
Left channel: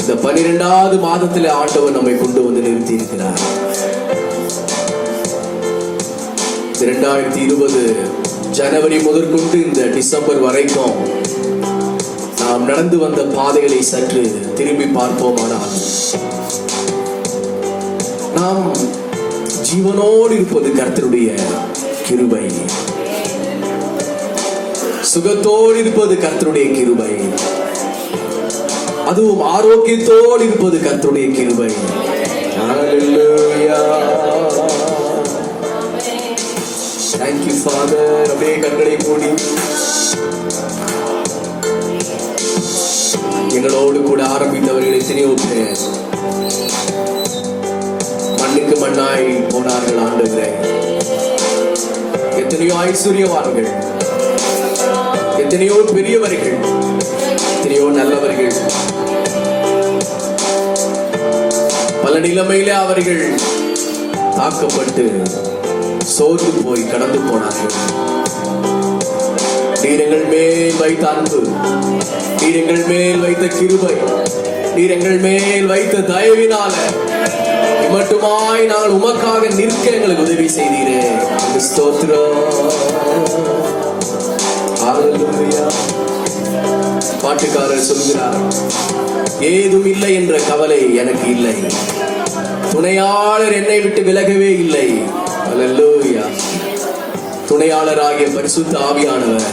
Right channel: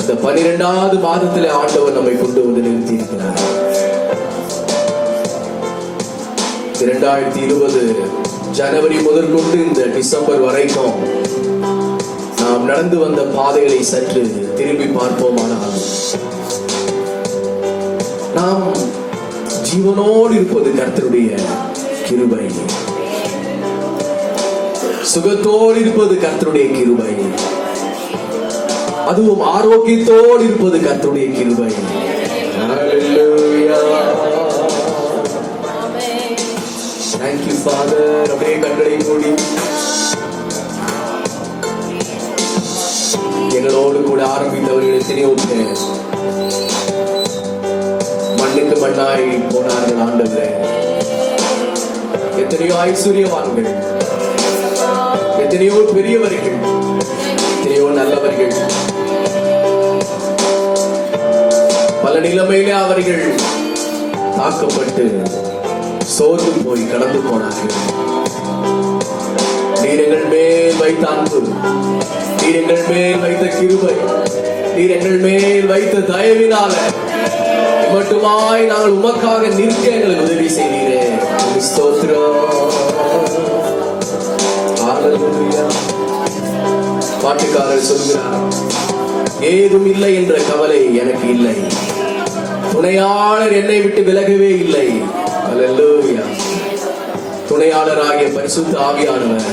இந்த 12வது மாதத்தில் ஆண்டவர் நம்மை கொண்டு வந்து நிறுத்தி இருக்கிறார். 2020 ஜனவரி முதற்கொண்டு இந்த டிசம்பர் வரைக்கும் நாம் நடந்து வந்த பாதைகளை சற்று திரும்பி பார்ப்போமானால், நாம் ஜீவனோடு இருப்பது கர்த்தருடைய கிருபை, சுகத்தோடு இருப்பது கர்த்தருடைய கிருபை, அதுவும் ஆரோக்கியத்தோடு இருப்பது கர்த்தருடைய கிருபை. Thank you Father. அப்படியே கண்களை மூடி எங்களோடு கூட ஆரம்பித்தவர்கள் எத்தனையோ பேர் மண்ணுக்கு மண்ணாய் போனார்கள் ஆண்டவரே. எத்தனையோ ஐஸ்வர்யவான்கள், எத்தனையோ பெரியவர்கள், எத்தனையோ நல்லவர்கள் நிலைமையிலே அவர்கள் தாக்கப்பட்டு சோர்ந்து போய் கடந்து போனார்கள். நீர் எங்கள் மேல் வைத்த அன்பு, நீர் எங்கள் மேல் வைத்த கிருபை, நீர் எங்கள் மேல் வைத்த தயவினால மட்டுமாய் நாங்கள் உமக்காக நிற்க எங்களுக்கு உதவி செய்தீரே. ஸ்தோத்திரம். ஹல்லேலூயா. பாட்டுக்காரர் சொல்கிறார், ஏதும் இல்லை என்ற கவலை எனக்கு இல்லை, துணையாளர் என்னை விட்டு விலகவே இல்லை. ஹல்லேலூயா. துணையாளராகிய பரிசுத்த ஆவியானவர்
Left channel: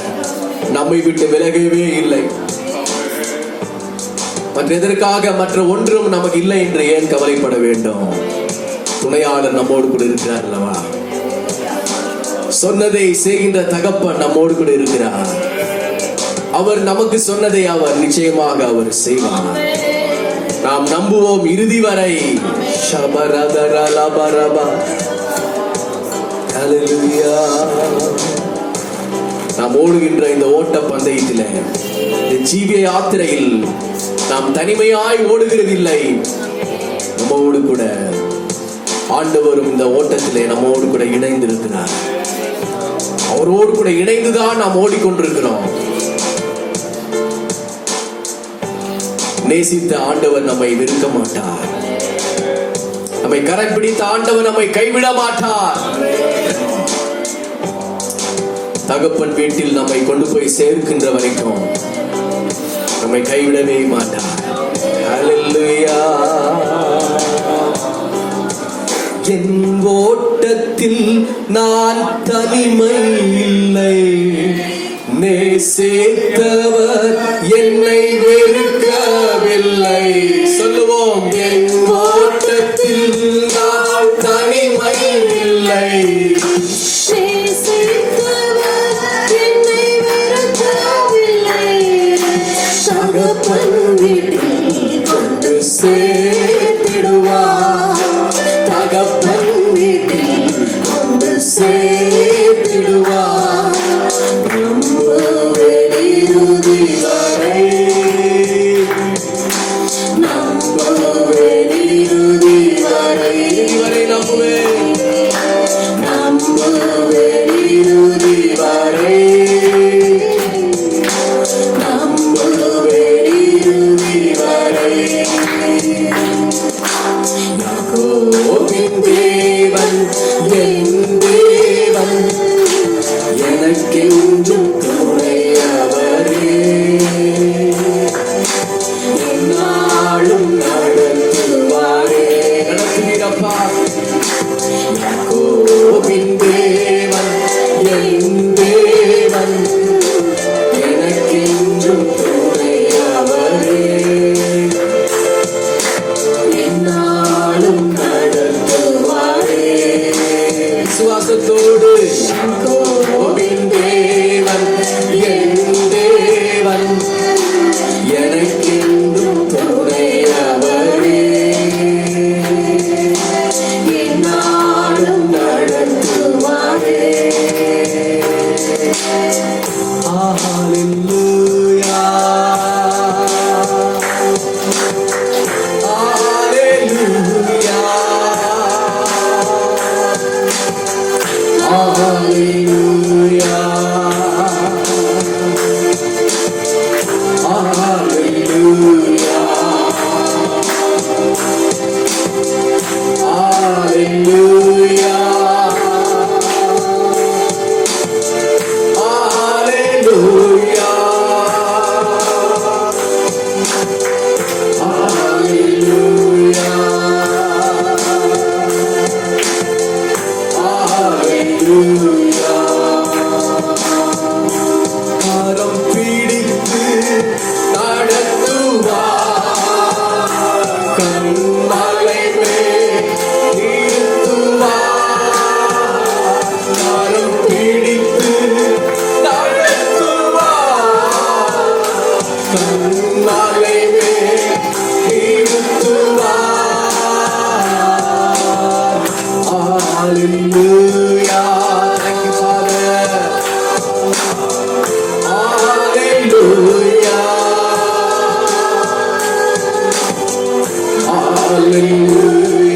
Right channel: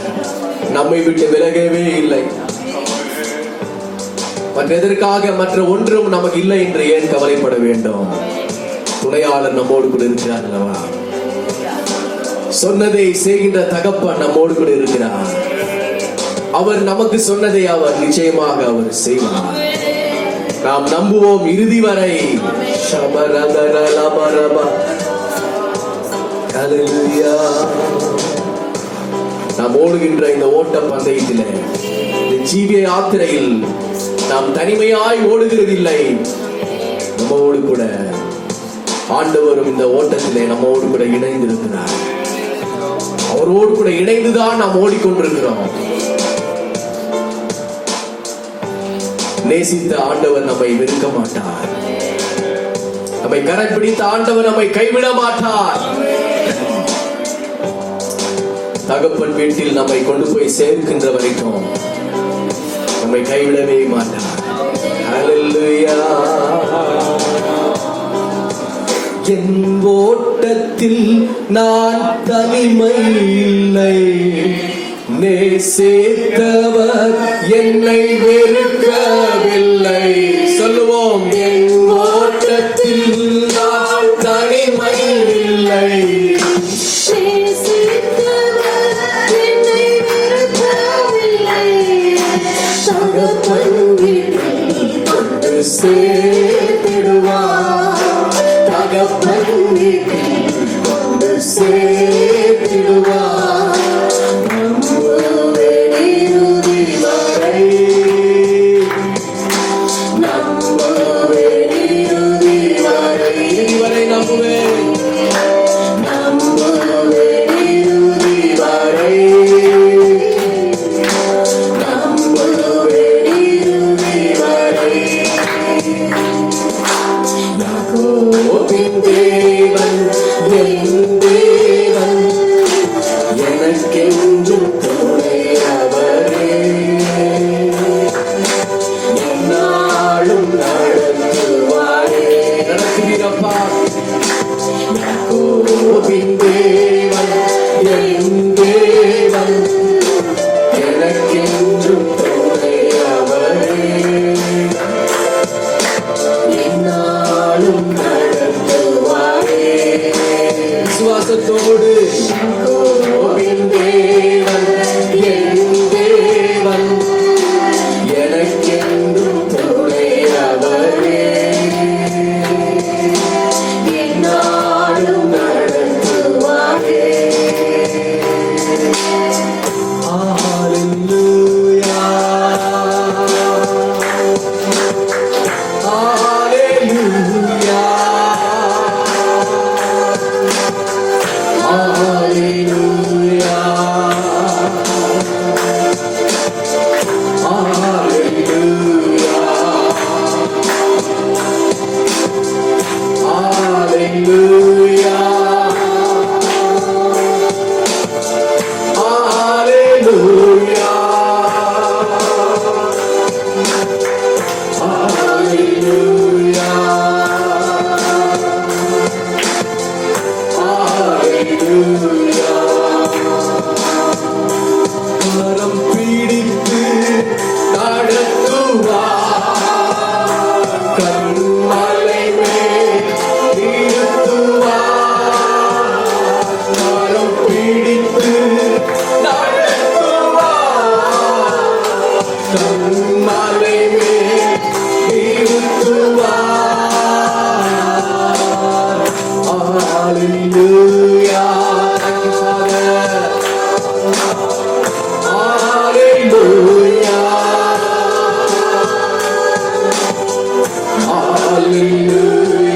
நம்மை விட்டு விலகவே இல்லை. மற்ற எதற்காக மற்ற ஒன்றும் நமக்கு இல்லை என்று ஏன் கவலைப்பட வேண்டும்? துணையாளர் நம்மோடு கூட இருக்கிறார் அல்லவா? சொன்னதை செய்கின்ற தகப்பன் நம்மோடு கூட இருக்கிறார். அவர் நமக்கு சொன்னதை அவர் நிச்சயமாக அவர் செய்வார். நாம் நம்புவோம் இறுதி வரை. நாம் ஓடுகின்ற இந்த ஓட்ட பந்தயத்திலே, இந்த ஜீவிய யாத்திரையில் நாம் தனிமையாய் ஓடுகிறதில்லை. நம்மோடு கூட ஆண்டவரும் இந்த ஓட்டத்திலே நம்மோடு கூட இணைந்திருக்கிறார். அவரோடு கூட இணைந்துதான் நாம் ஓடிக்கொண்டிருக்கிறோம். நேசித்த ஆண்டவர் நம்மை வெறுக்க மாட்டார். நம்மை கரம் பிடித்த ஆண்டவர் நம்மை கைவிட மாட்டார். தகப்பன் வீட்டில் நம்மை கொண்டு போய் சேர்க்கின்ற வரைக்கும் நம்மை கைவிடவே மாட்டார். ஹல்லேலூயா. என் ஓட்டத்தில் நான் தனிமை இல்லை, நேசித்தவர் என்னை வெறுக்கவில்லை. சொல்லுவோம், என் ஓட்டத்தில் நான் தனிமை இல்லை, சேர்த்திடுவார். தகப்பன் வீட்டில் கொண்டு சேர்த்திடுவார். இறுதி வரை, நம்புவேன் இறுதி வரை, இறுதி வரை நம்புவேன், நம்புவேன் இறுதி வரை, நம்புவேன் இறுதி வரை. யாக்கோபின் தேவன் என் தேவன், எனக்கென்றும் துணையவரே, எந்நாளும் நடத்துவாரே. நடத்துவீரப்பா. யாக்கோபின் தேவன் என் தேவன், எனக்கென்றும் துணையவரே, எந்நாளும் நடத்துவாரே. விசுவாசத்தோடு யாக்கோபின் தேவன் என் தேவன், எனக்கென்றும் துணையவரே, எந்நாளும் நடத்துவாரே. ஹல்லேலூயா. ஹல்லேலூயா. Hallelujah. Hallelujah. Hallelujah. கரம் பிடித்து நடத்துவார், கண்மலை மேல் நிறுத்துவார். கரம் பிடித்து நடத்துவார், கண்மலை மேல் நிறுத்துவார். Hallelujah. Thank you, Father. Hallelujah. Hallelujah.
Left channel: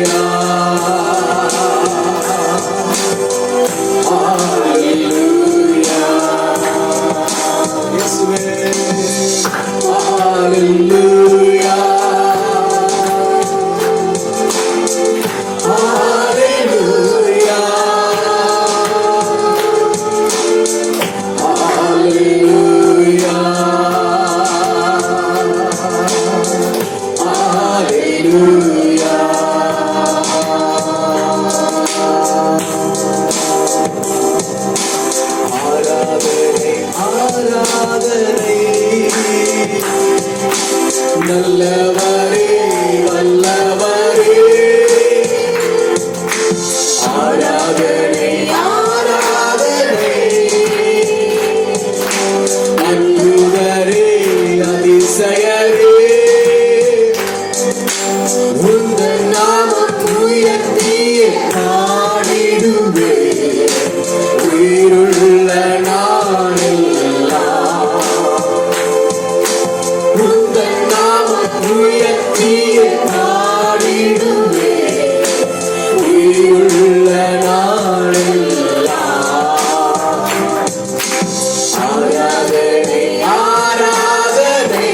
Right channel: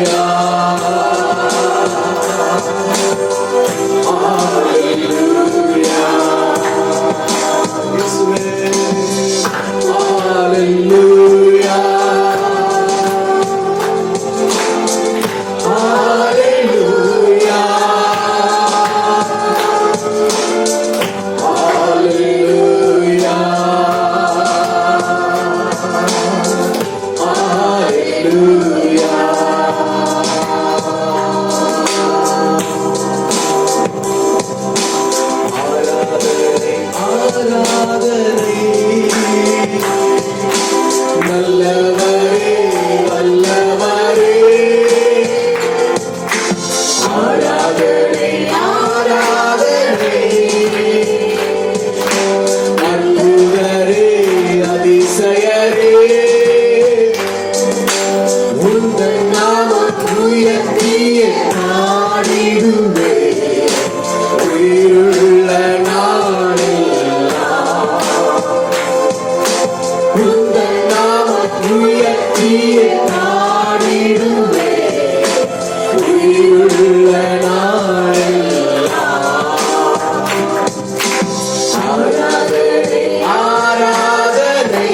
உயர்த்தியே பாடிடுவே உயிருள்ள நாளெல்லாம். ஆராதனை ஆராதனை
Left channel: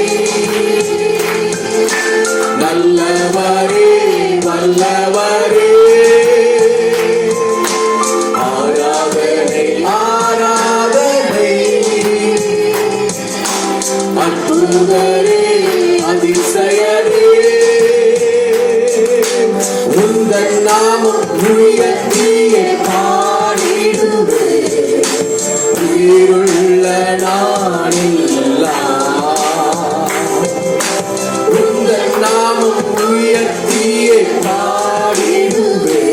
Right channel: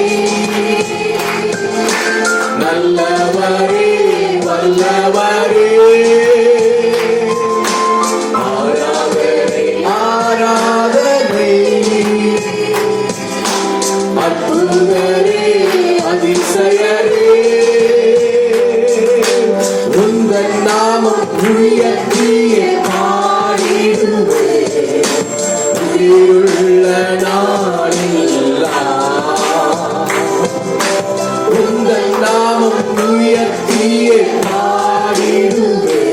நல்லவரே வல்லவரே. ஆராதனை ஆராதனை அற்புதரே அதிசயரே. உந்தன் நாமம் உயர்த்தியே பாடிடுவே உயிருள்ள நாளெல்லாம். உந்தன் நாமம் உயர்த்தியே பாடிடுவே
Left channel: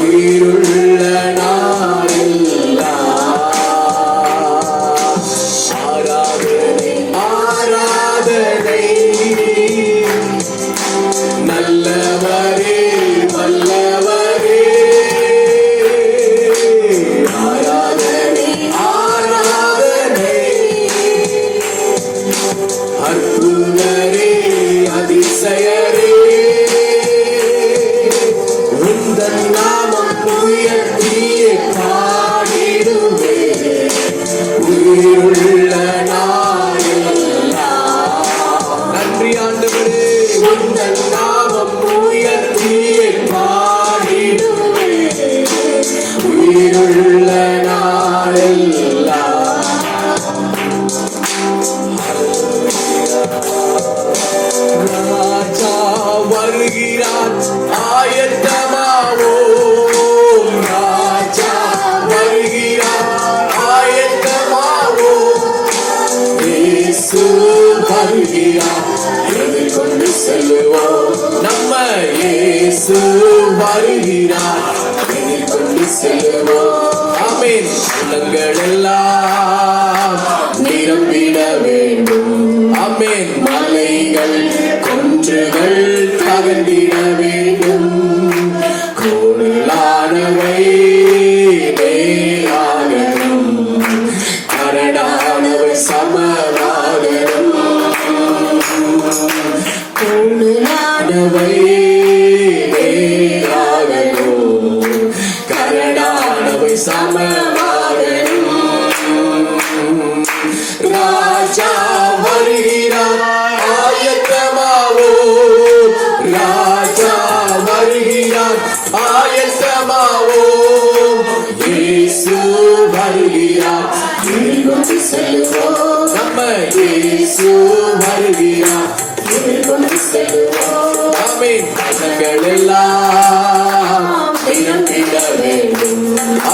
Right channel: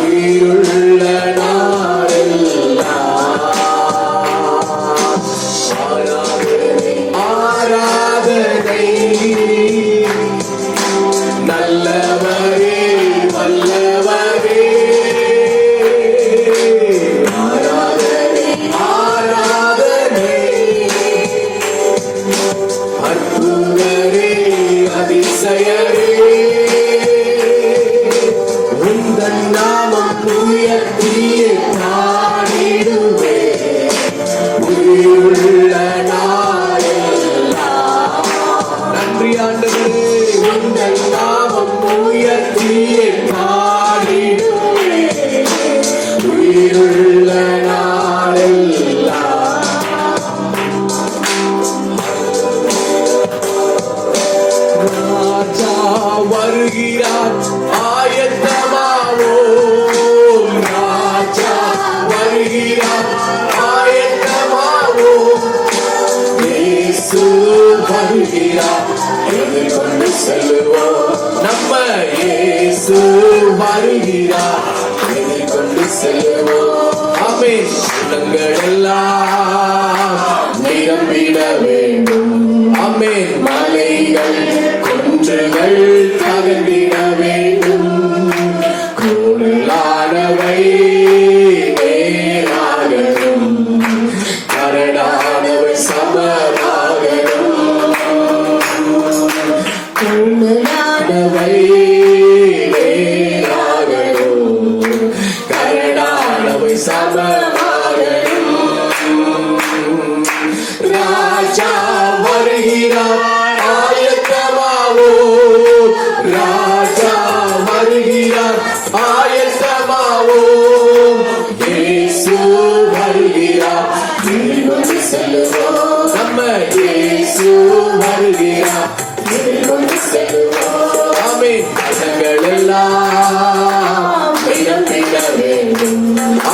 உயிருள்ள நாளெல்லாம். ஆராதனை ஆராதனை நல்லவரே வல்லவரே. ஆராதனை ஆராதனை அற்புதரே அதிசயரே. உந்தன் நாமம் உயர்த்தியே பாடிடுவே உயிருள்ள நாளெல்லாம். நன்றி ஆண்டவரே. உந்தன் நாமம் உயர்த்தியே பாடிடுவே உயிருள்ள நாளெல்லாம். ராஜா வருகிறார் ஆயத்தமாவோம். ராஜா வருகிறார் ஆயத்தமாவோம். இயேசு வருகிறார் எதிர்கொண்டு செல்லுவோம். நம்ம இயேசு வருகிறார் எதிர்கொண்டு செல்லுவோம். ஆமென். உள்ளங்கள் எல்லாம் நிரம்பிட வேண்டும். ஆமென். மலைகள் குன்றுகள் தகர்ந்திட வேண்டும். கோளானவை நேராகணும். கரடானவை சமராகணும். கோளானவை நேராகணும். கரடானவை சமராகணும். ராஜா வருகிறார் ஆயத்தமாவோம். ராஜா வருகிறார் ஆயத்தமாவோம். இயேசு வருகிறார் எதிர்கொண்டு செல்லுவோம். நம்ம இயேசு வருகிறார் எதிர்கொண்டு செல்லுவோம். ஆமென். கரங்கள் எல்லாம் நிரம்பிட வேண்டும்.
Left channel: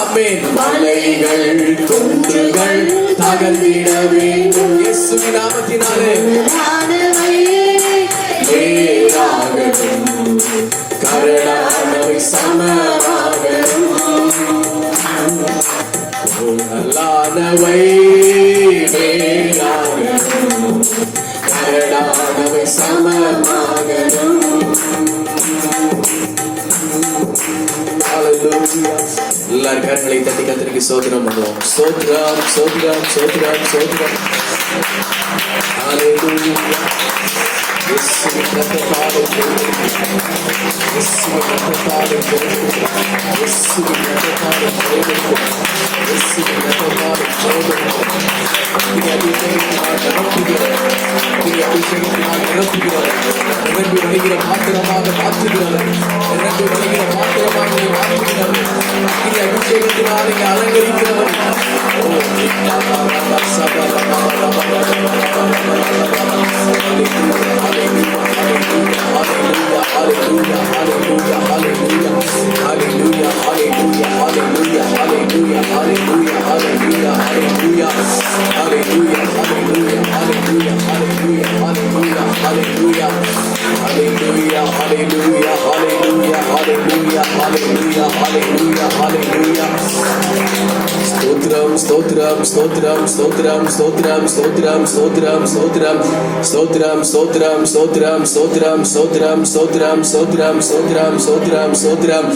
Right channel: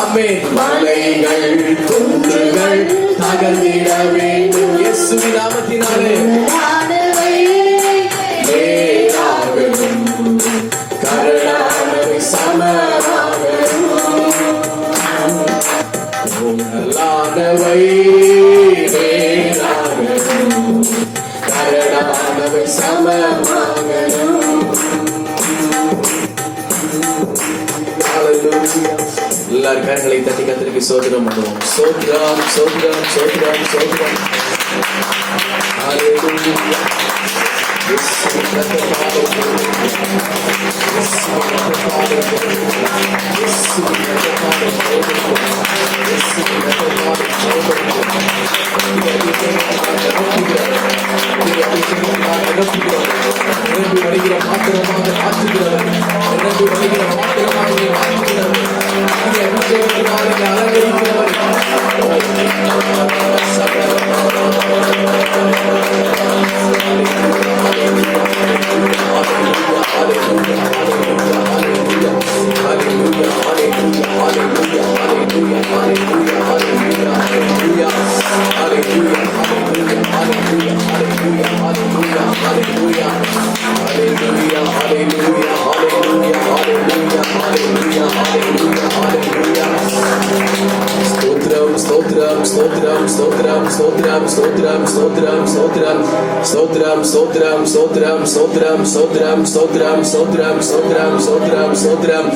ஆமென். மலைகள் குன்றுகள் தகர்ந்திட வேண்டும். இயேசுவின் நாமத்தினாலே நேராகணும். கரடானவை சமராகணும். கோணலானவை நேராகணும். கரடானவை சமராகணும். ஹல்லேலூயா. எல்லாரும் கரங்களை தட்டி கர்த்தருக்கு ஸ்தோத்திரம் பண்ணுவோம். ஸ்தோத்திரம் ஸ்தோத்திரம் ஸ்தோத்திரம் ஸ்தோத்திரம். ஹல்லேலூயா. இயேசுவின் நாமத்தினாலே இயேசுவின் நாமத்தினாலே இயேசுவின் நாமத்தினாலே இயேசுவின் நாமத்தினாலே நீங்க நிரம்பி வருகிற பாத்திரமாக மாற்றுகிறார். நிரம்பி வருகிற பாத்திரமாக மாற்றுகிறார். நீங்க அபிஷேகத்தினால் நீங்க அலங்கரிக்கிறவர். Stotram, stotram, stotram, stotram, stotram, stotram, stotram, stotram, stotram, stotram, stotram, stotram, stotram, stotram, stotram, stotram, stotram.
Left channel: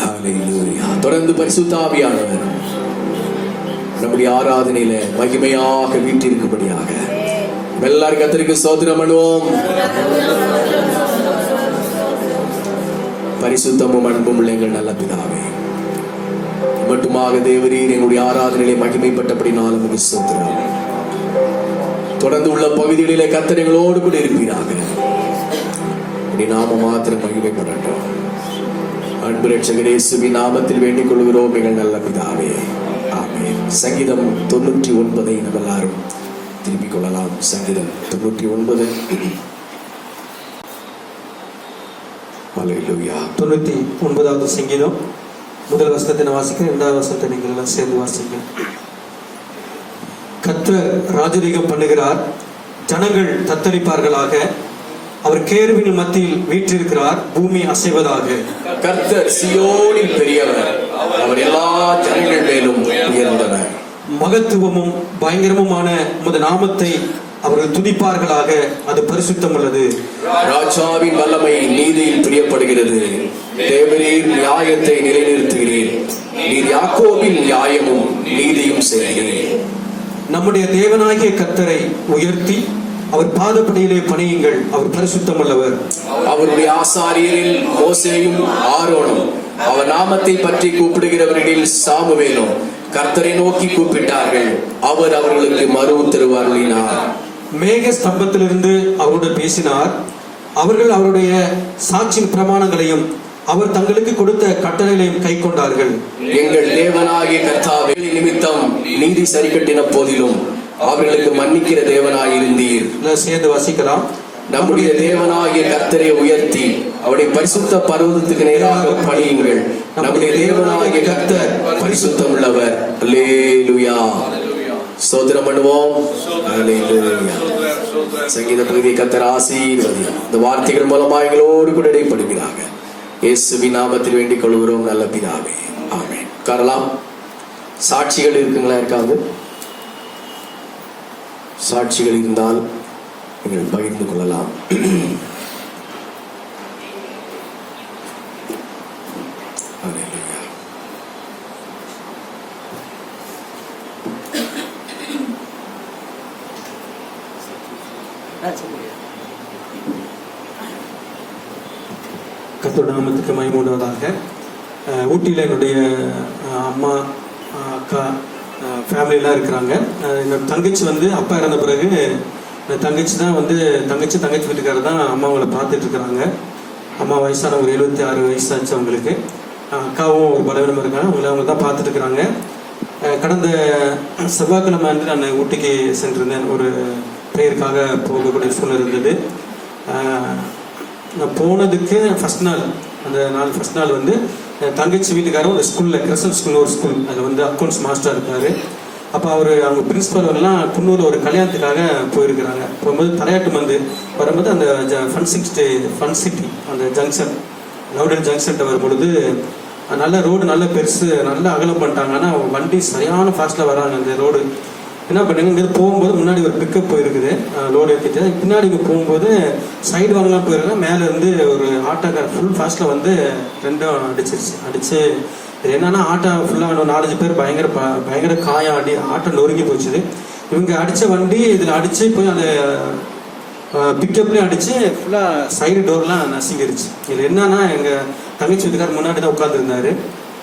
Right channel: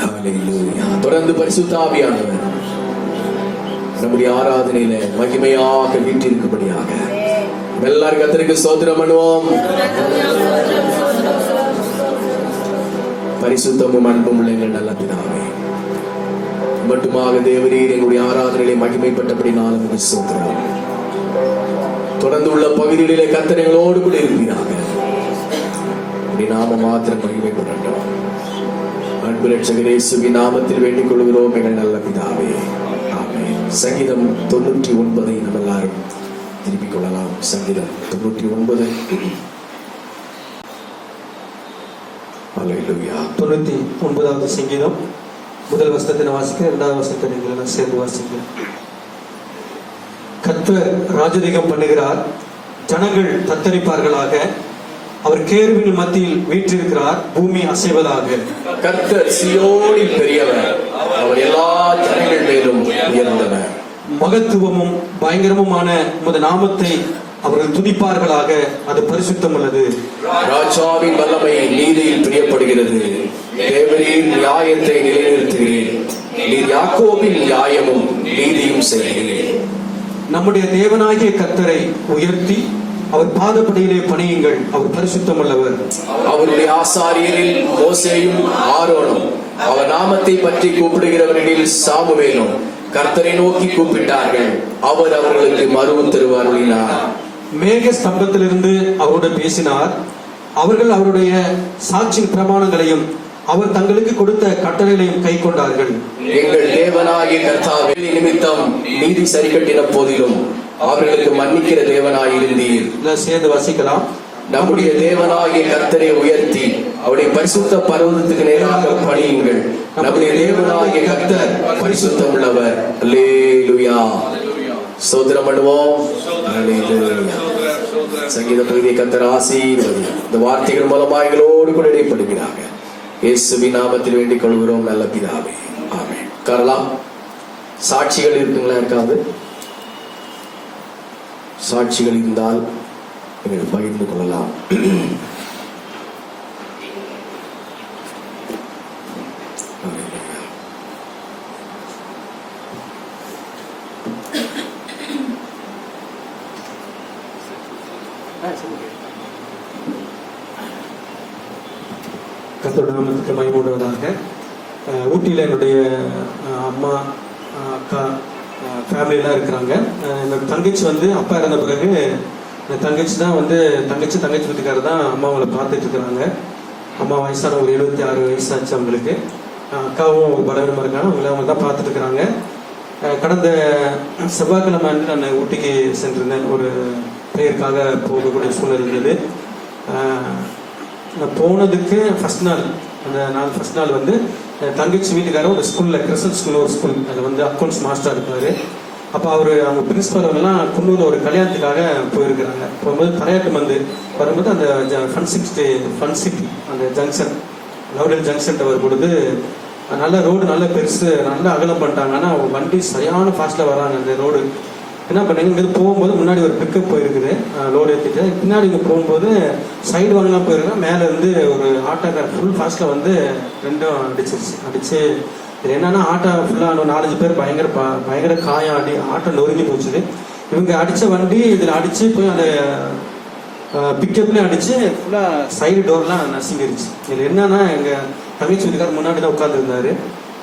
Hallelujah. தொடர்ந்து பரிசுத்த ஆவியானவர் நம்முடைய ஆராதனையில மகிமையாக வீற்றிருக்கும்படியாக எல்லாரும் கர்த்தருக்கு ஸ்தோத்திரம் பண்ணுவோம். பரிசுத்தமும் அன்பும் உள்ள எங்கள் நல்ல பிதாவே, மட்டுமாக தேவரீர் என்னுடைய ஆராதனையிலே மகிமைப்பட்டபடினால் உமக்கு ஸ்தோத்திரம். தொடர்ந்து உள்ள பகுதிகளிலே கர்த்தர் எங்களோடு கூட இருப்பீராக. நாம மாத்திரம் மகிமைப்படட்டும். அன்பு ரட்சகர் இயேசுவின் நாமத்தில் வேண்டிக் கொள்கிறோம் எங்கள் நல்ல பிதாவே, ஆமென். சங்கீதம் 99 நம்ம எல்லாரும் திருப்பிக் கொள்ளலாம். சங்கீதம் 99. அல்லேலூயா. 99வது சங்கீதம் முதல் வசனத்தை வாசிக்க, 2வது வசனத்தை நீங்கள் எல்லாம் சேர்ந்து வாசிக்க. கர்த்தர் ராஜரீகம் பண்ணுகிறார், ஜனங்கள் தத்தளிப்பார்களாக. அவர் கேருவின் மத்தியில் வீற்றிருக்கிறார், பூமி அசைவதாக. கர்த்தர் சீயோனில் பெரியவர், அவர் எல்லா ஜனங்கள் மேலும் உயர்ந்தவர். மகத்துவமும் பயங்கரமுமான உமது நாமத்தை அவர்கள் துதிப்பார்களாக, அது பரிசுத்தம் உள்ளது. ராஜாவின் வல்லமை நீதியில் பிரியப்படுகிறது. தேவரீர் நியாயத்தை நிலைநிறுத்துகிறீர். நீர் யாக்கோபின் நியாயமும் நீதியும் செய்கிறீர். நம்முடைய தேவனாகிய கர்த்தரை உயர்த்தி அவர் பாதப்படியிலே பணியுங்கள், அவர் பரிசுத்தம் உள்ளவர். அவருடைய ஆசாரியரில் மோசேயும் ஆரோனும் அவர் நாமத்தை பற்றி கூப்பிடுகிறவர்களில் சாமுவேலும் கர்த்தரை நோக்கி கூப்பிட்டார்கள். அவர் அவர்களுக்கு மறு உத்தரவருளினார். மேக ஸ்தம்பத்திலிருந்து அவரோடு பேசினார். அவர்கள் அவருடைய சாட்சியின் பிரமாணங்களையும் அவர் தங்களுக்கு கொடுத்த கட்டளைகளையும் கை கொண்டார்கள். எங்கள் தேவனாகிய கர்த்தாவே, நிமித்தம் நீதி சரி கட்டின போதிலும் அவர்களுக்கு மன்னிக்கிற தேவனாயிருந்தீர். சேர்ந்து வாசிக்கலாம். நம்முடைய தேவனாகிய கர்த்தரை உயர்த்தி அவருடைய பரிசுத்த பர்வதத்துக்கு நேராக பணியுங்கள். நம்முடைய தேவனாகிய கர்த்தர் பரிசுத்தம் உள்ளவர். அல்லேலூயா. ஸ்தோத்திரம் பண்ணுவோம். அல்லேலூயா. சங்கீத பகுதியை கர்த்தர் ஆசீர்வதியும். இந்த வார்த்தைகள் மூலமாக எங்களோடு கூட இடைப்படுகிறாங்க. இயேசுவின் நாமத்தில் வேண்டிக் கொள்கிறோம் நல்ல பிதாவே, ஆமென். காரணம் சாட்சிகள் இருக்குங்களா? இருக்காது. சாட்சிகள் இருந்தால் நீங்கள் பகிர்ந்து கொள்ளலாம். கர்த்தருடைய நாமத்துக்கு மகிமை உண்டாவதாக. ஊட்டியில் என்னுடைய அம்மா, அக்கா, ஃபேமிலியெல்லாம் இருக்கிறாங்க. என்னோட தங்கச்சி அப்பா இறந்த பிறகு தங்கச்சி தான் தங்கச்சி வீட்டுக்காரர் தான் அம்மாவங்களை பார்த்துட்டு இருக்கிறாங்க. அம்மா வயசான ஒரு 76 வயசு ஆச்சு அவங்களுக்கு. அக்காவும் ஒரு பலவீனமாக இருக்காங்க. அவங்க தான் பார்த்துட்டு இருக்கிறாங்க. கடந்த செவ்வாய்க்கிழமை அன்று நான் ஊட்டிக்கு சென்றிருந்தேன். ஒரு ப்ரேயருக்காக போகக்கூடிய சூழ்நிலை இருந்தது. நான் போனதுக்கு ஃபர்ஸ்ட் நாள், அந்த நாள் ஃபர்ஸ்ட் நாள் தங்கச்சி வீட்டுக்காரர் ஒரு ஸ்கூலில், கிறிஸ்டன் ஸ்கூல் ஒரு ஸ்கூல், அதில் அக்கௌண்ட்ஸ் மாஸ்டராக இருக்கார். அப்போ அவங்க பிரின்ஸ்பல் அவங்கெல்லாம் குன்னூரில் ஒரு கல்யாணத்துக்காக போயிருக்கிறாங்க. போகும்போது தலையாட்டு வரும்போது அந்த ஃபன் சிட்டி அந்த ஜங்ஷன், லவுடன் ஜங்ஷன் வரும் பொழுது நல்ல ரோடு, நல்ல பெருசு, நல்லா அகலம் பண்ணிட்டாங்க. ஆனால் வண்டி சரியான ஃபாஸ்ட்டில் வராங்க. அந்த ரோடு என்ன பண்ணாங்க, இங்கே போகும்போது முன்னாடி ஒரு பிக்கப் போயிருக்குது, லோடு ஏற்றிட்டு. பின்னாடி இங்கே போகும்போது சைடு வாங்கலாம் போயிருக்கேன். மேலே ஒரு ஆட்டோக்கார் ஃபுல் ஃபாஸ்ட்டில் ரெண்டும் அடிச்சு இது என்னன்னா, ஆட்டோ ஃபுல்லாக 4-5 பேர் பயங்கர காயம், ஆட்டோ நொறுங்கி போச்சுது. இவங்க அடித்த வண்டி இதில் அடித்து போய் அந்த பிக்கப்லேயும் அடித்து ஃபுல்லாக சைடு டோர்லாம் நசுங்கிருச்சு. இது என்னன்னா, எங்கள் தங்கச்சி வீட்டுக்கார் முன்னாடி தான் உட்காந்துருந்தாரு.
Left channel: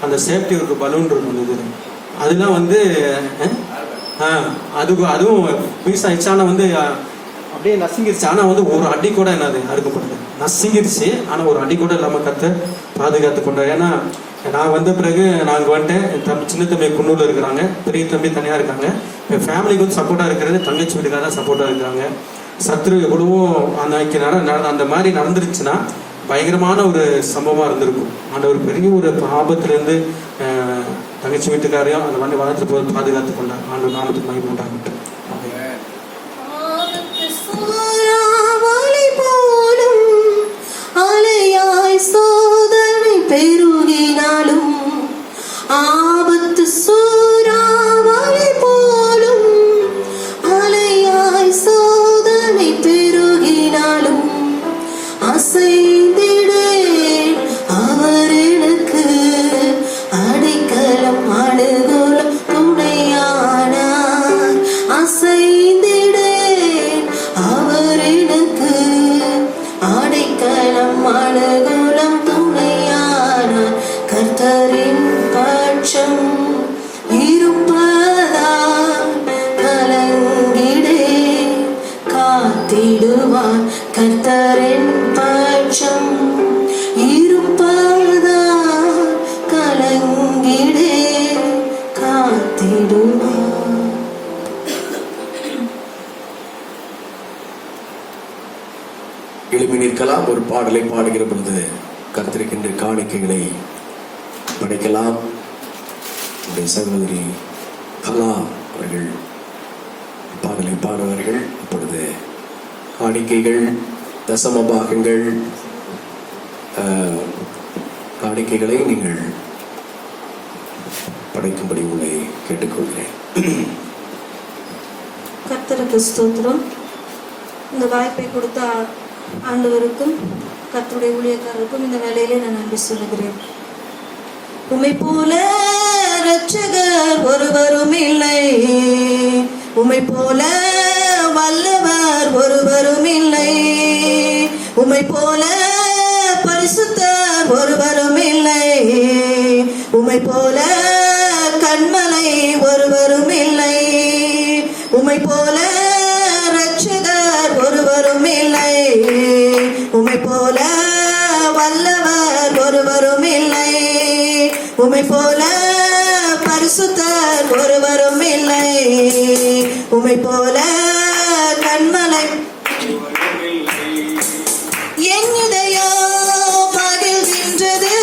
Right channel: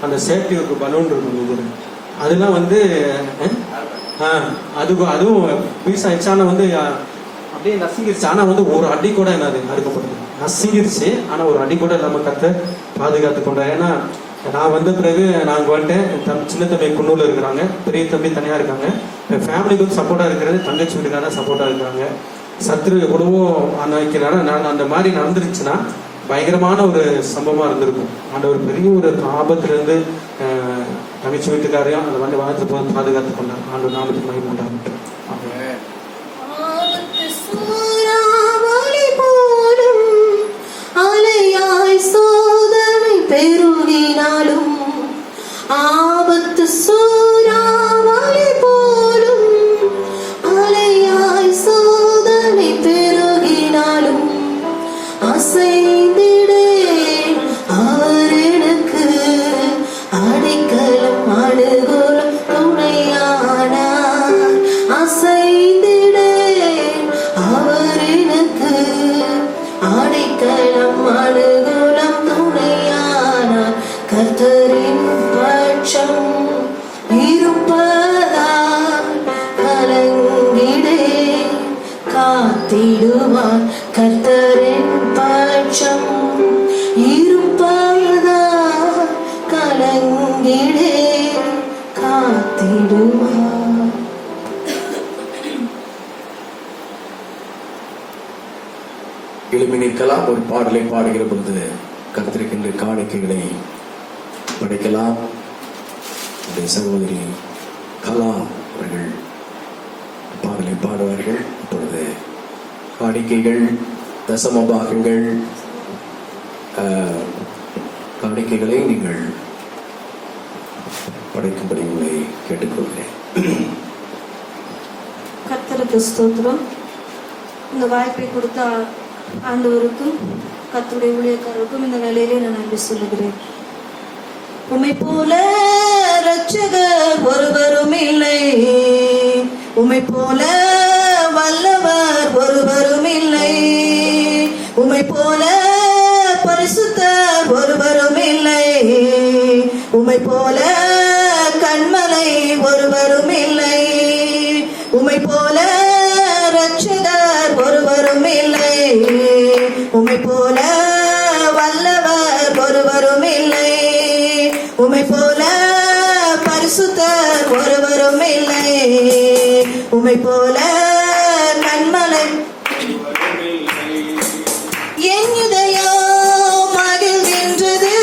அந்த சேஃப்டி ஒரு பலூன் இருந்தது, அதெல்லாம் அதுவும் பீஸ் ஆயிடுச்சு. ஆனால் அப்படியே நசுங்கிருச்சு. ஆனால் ஒரு அடி கூட என்னது அறுக்கப்பட்டது, நசுங்கிருச்சு. ஆனால் ஒரு அடி கூட இல்லாமல் பாதுகாத்து கொண்டார். ஏன்னா நான் பிறகு நாங்கள் சின்ன தம்பி குன்னூரில் இருக்கிறாங்க, பெரிய தம்பி தனியாக இருக்காங்க. என் ஃபேமிலிக்கு சப்போர்ட்டாக இருக்கிறது தங்கச்சி வீட்டுக்காக சப்போர்ட்டாக இருக்கிறாங்க. சத்ரு எவ்வளவோ அந்த மாதிரி நடந்துருச்சுன்னா பயங்கரமான ஒரு சம்பவமாக இருந்திருக்கும். அந்த ஒரு பெரிய ஒரு ஆபத்துலேருந்து தங்கச்சி வீட்டுக்காரையும் அந்த வாகனத்தை போய் பாதுகாத்து கொண்டார். ஆண்டு நாமத்துக்கு மகிமை உண்டாகட்டும். சோதனை பெருகினாலும் ஆபத்து சூறாவளி போலும், அலையாய் சோதனை பெருகினாலும் அசைந்திடேன். அவர் எனக்கு அடைக்கலம் அணுகுலம் துணையானார். அனுகூலம் துணையானார் கர்த்தரின் பட்சம் இருப்பதால் கலங்கிடே காத்திடுவார் கர்த்தரின் பட்சம் இருப்பதால் கலங்கிடே காத்திடுவார். எழுப்பி நிற்கலாம். ஒரு பாடலை பாடுகிற பொழுது கர்த்தருக்கென்று காணிக்கைகளை படைக்கலாம். உடைய சகோதரி கலா அவர்கள் பாடலை பாடுவார்கள். இப்பொழுது காணிக்கைகள், தசம பாகங்கள், காணிக்கைகளை நீங்கள் படைக்கும்படி உங்களை கேட்டுக்கொள்கிறேன். கர்த்தருக்கு ஸ்தோத்திரம். இந்த வாய்ப்பை கொடுத்த ஆண்டவருக்கும் கர்த்தருடைய ஊழியக்காரருக்கும் இந்த வேளையிலே நான் நன்றி சொல்லுகிறேன். உம்மை போல இரட்சகர் ஒருவரும் இல்லை, உம்மை போல வல்லவர் ஒருவரும் இல்லை, உம்மை போல பரிசுத்தர் ஒருவரும் இல்லை, உம்மை போல கண்மலை ஒருவரும் இல்லை, உம்மை போல இரட்சகர் ஒருவரும் இல்லை, உம்மை போல வல்லவர் ஒருவரும் இல்லை, உம்மை போல பரிசுத்தர் ஒருவரும் இல்லை, உம்மை போல கண்மலை. என் இதயம் மகிழ்கின்றது,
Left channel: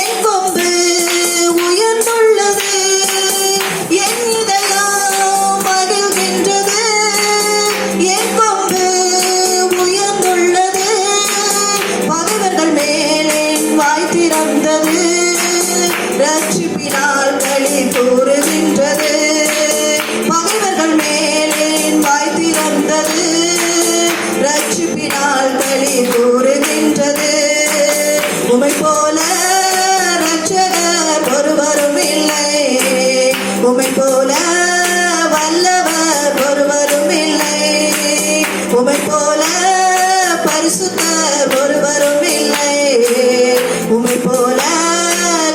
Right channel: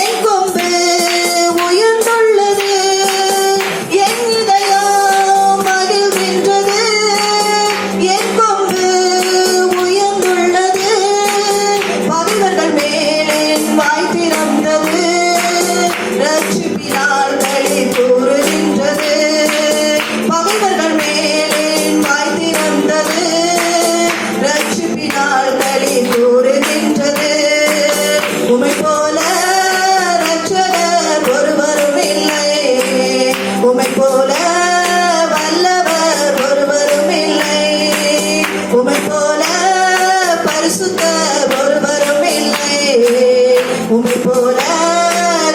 என் கொம்பு உயர்ந்துள்ளது, என் இதயம் மகிழ்கின்றது, என் கொம்பு உயர்ந்துள்ளது, பகைவர்கள் மேல் வாய் திறந்தது, ரட்சிப்பினால் களி கூறுகின்றது, பகைவர்கள் மேல் வாய் திறந்தது, ரட்சிப்பினால் களி கூறுகின்றது. உம்மை போல இரட்சகர் ஒருவரும் இல்லை, உம்மை போல வல்லவர் ஒருவரும் இல்லை, உம்மை போல பரிசுத்தர் ஒருவரும் இல்லை, உம்மை போல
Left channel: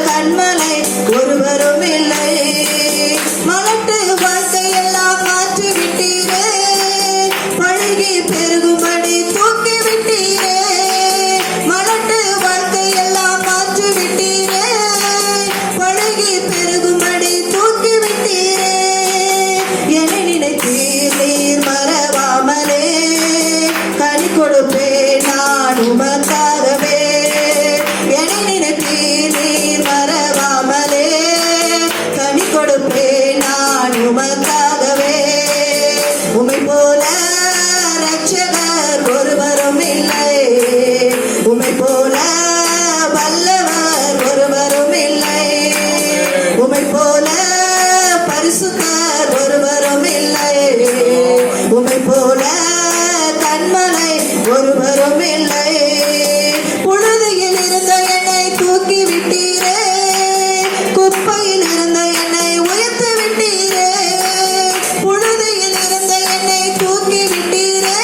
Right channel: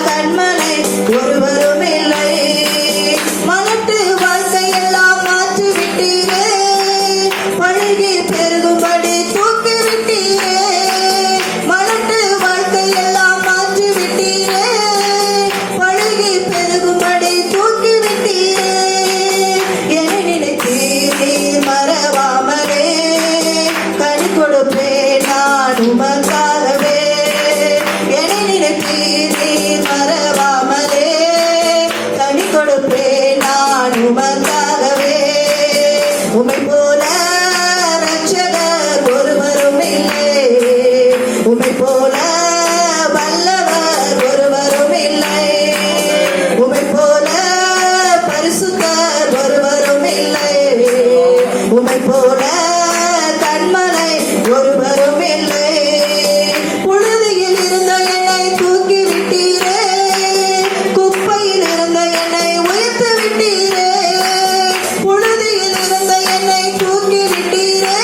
கண்மலை ஒருவரும் இல்லை. மலட்டு வாழ்க்கையெல்லாம் மாற்றி விட்டீரே, பழகி பெருகும்படி தூக்கி விட்டீரே, மலட்டு வாழ்க்கையெல்லாம் மாற்றி விட்டீரே, பழகி பெருகும்படி தூக்கி விட்டீரே. என்னை நினைத்தீர் நீர் மறவாமலே, கனி கொடுப்பேன் நான் உமக்காகவே. என்னை நினைத்தீர் நீர் மறவாமலே, கனி கொடுப்பேன் நான் உமக்காகவே. உம்மை போல இரட்சகர் ஒருவரும் இல்லை, உம்மை போல வல்லவர் ஒருவரும் இல்லை, உம்மை போல பரிசுத்தர் ஒருவரும் இல்லை, உம்மை போல கண்மலை ஒருவரும் இல்லை. புழுதியில் இருந்த என்னை தூக்கி விட்டீரே, குப்பையில் இருந்த என்னை உயர்த்தி விட்டீரே, புழுதியில் இருந்த என்னை தூக்கி விட்டீரே,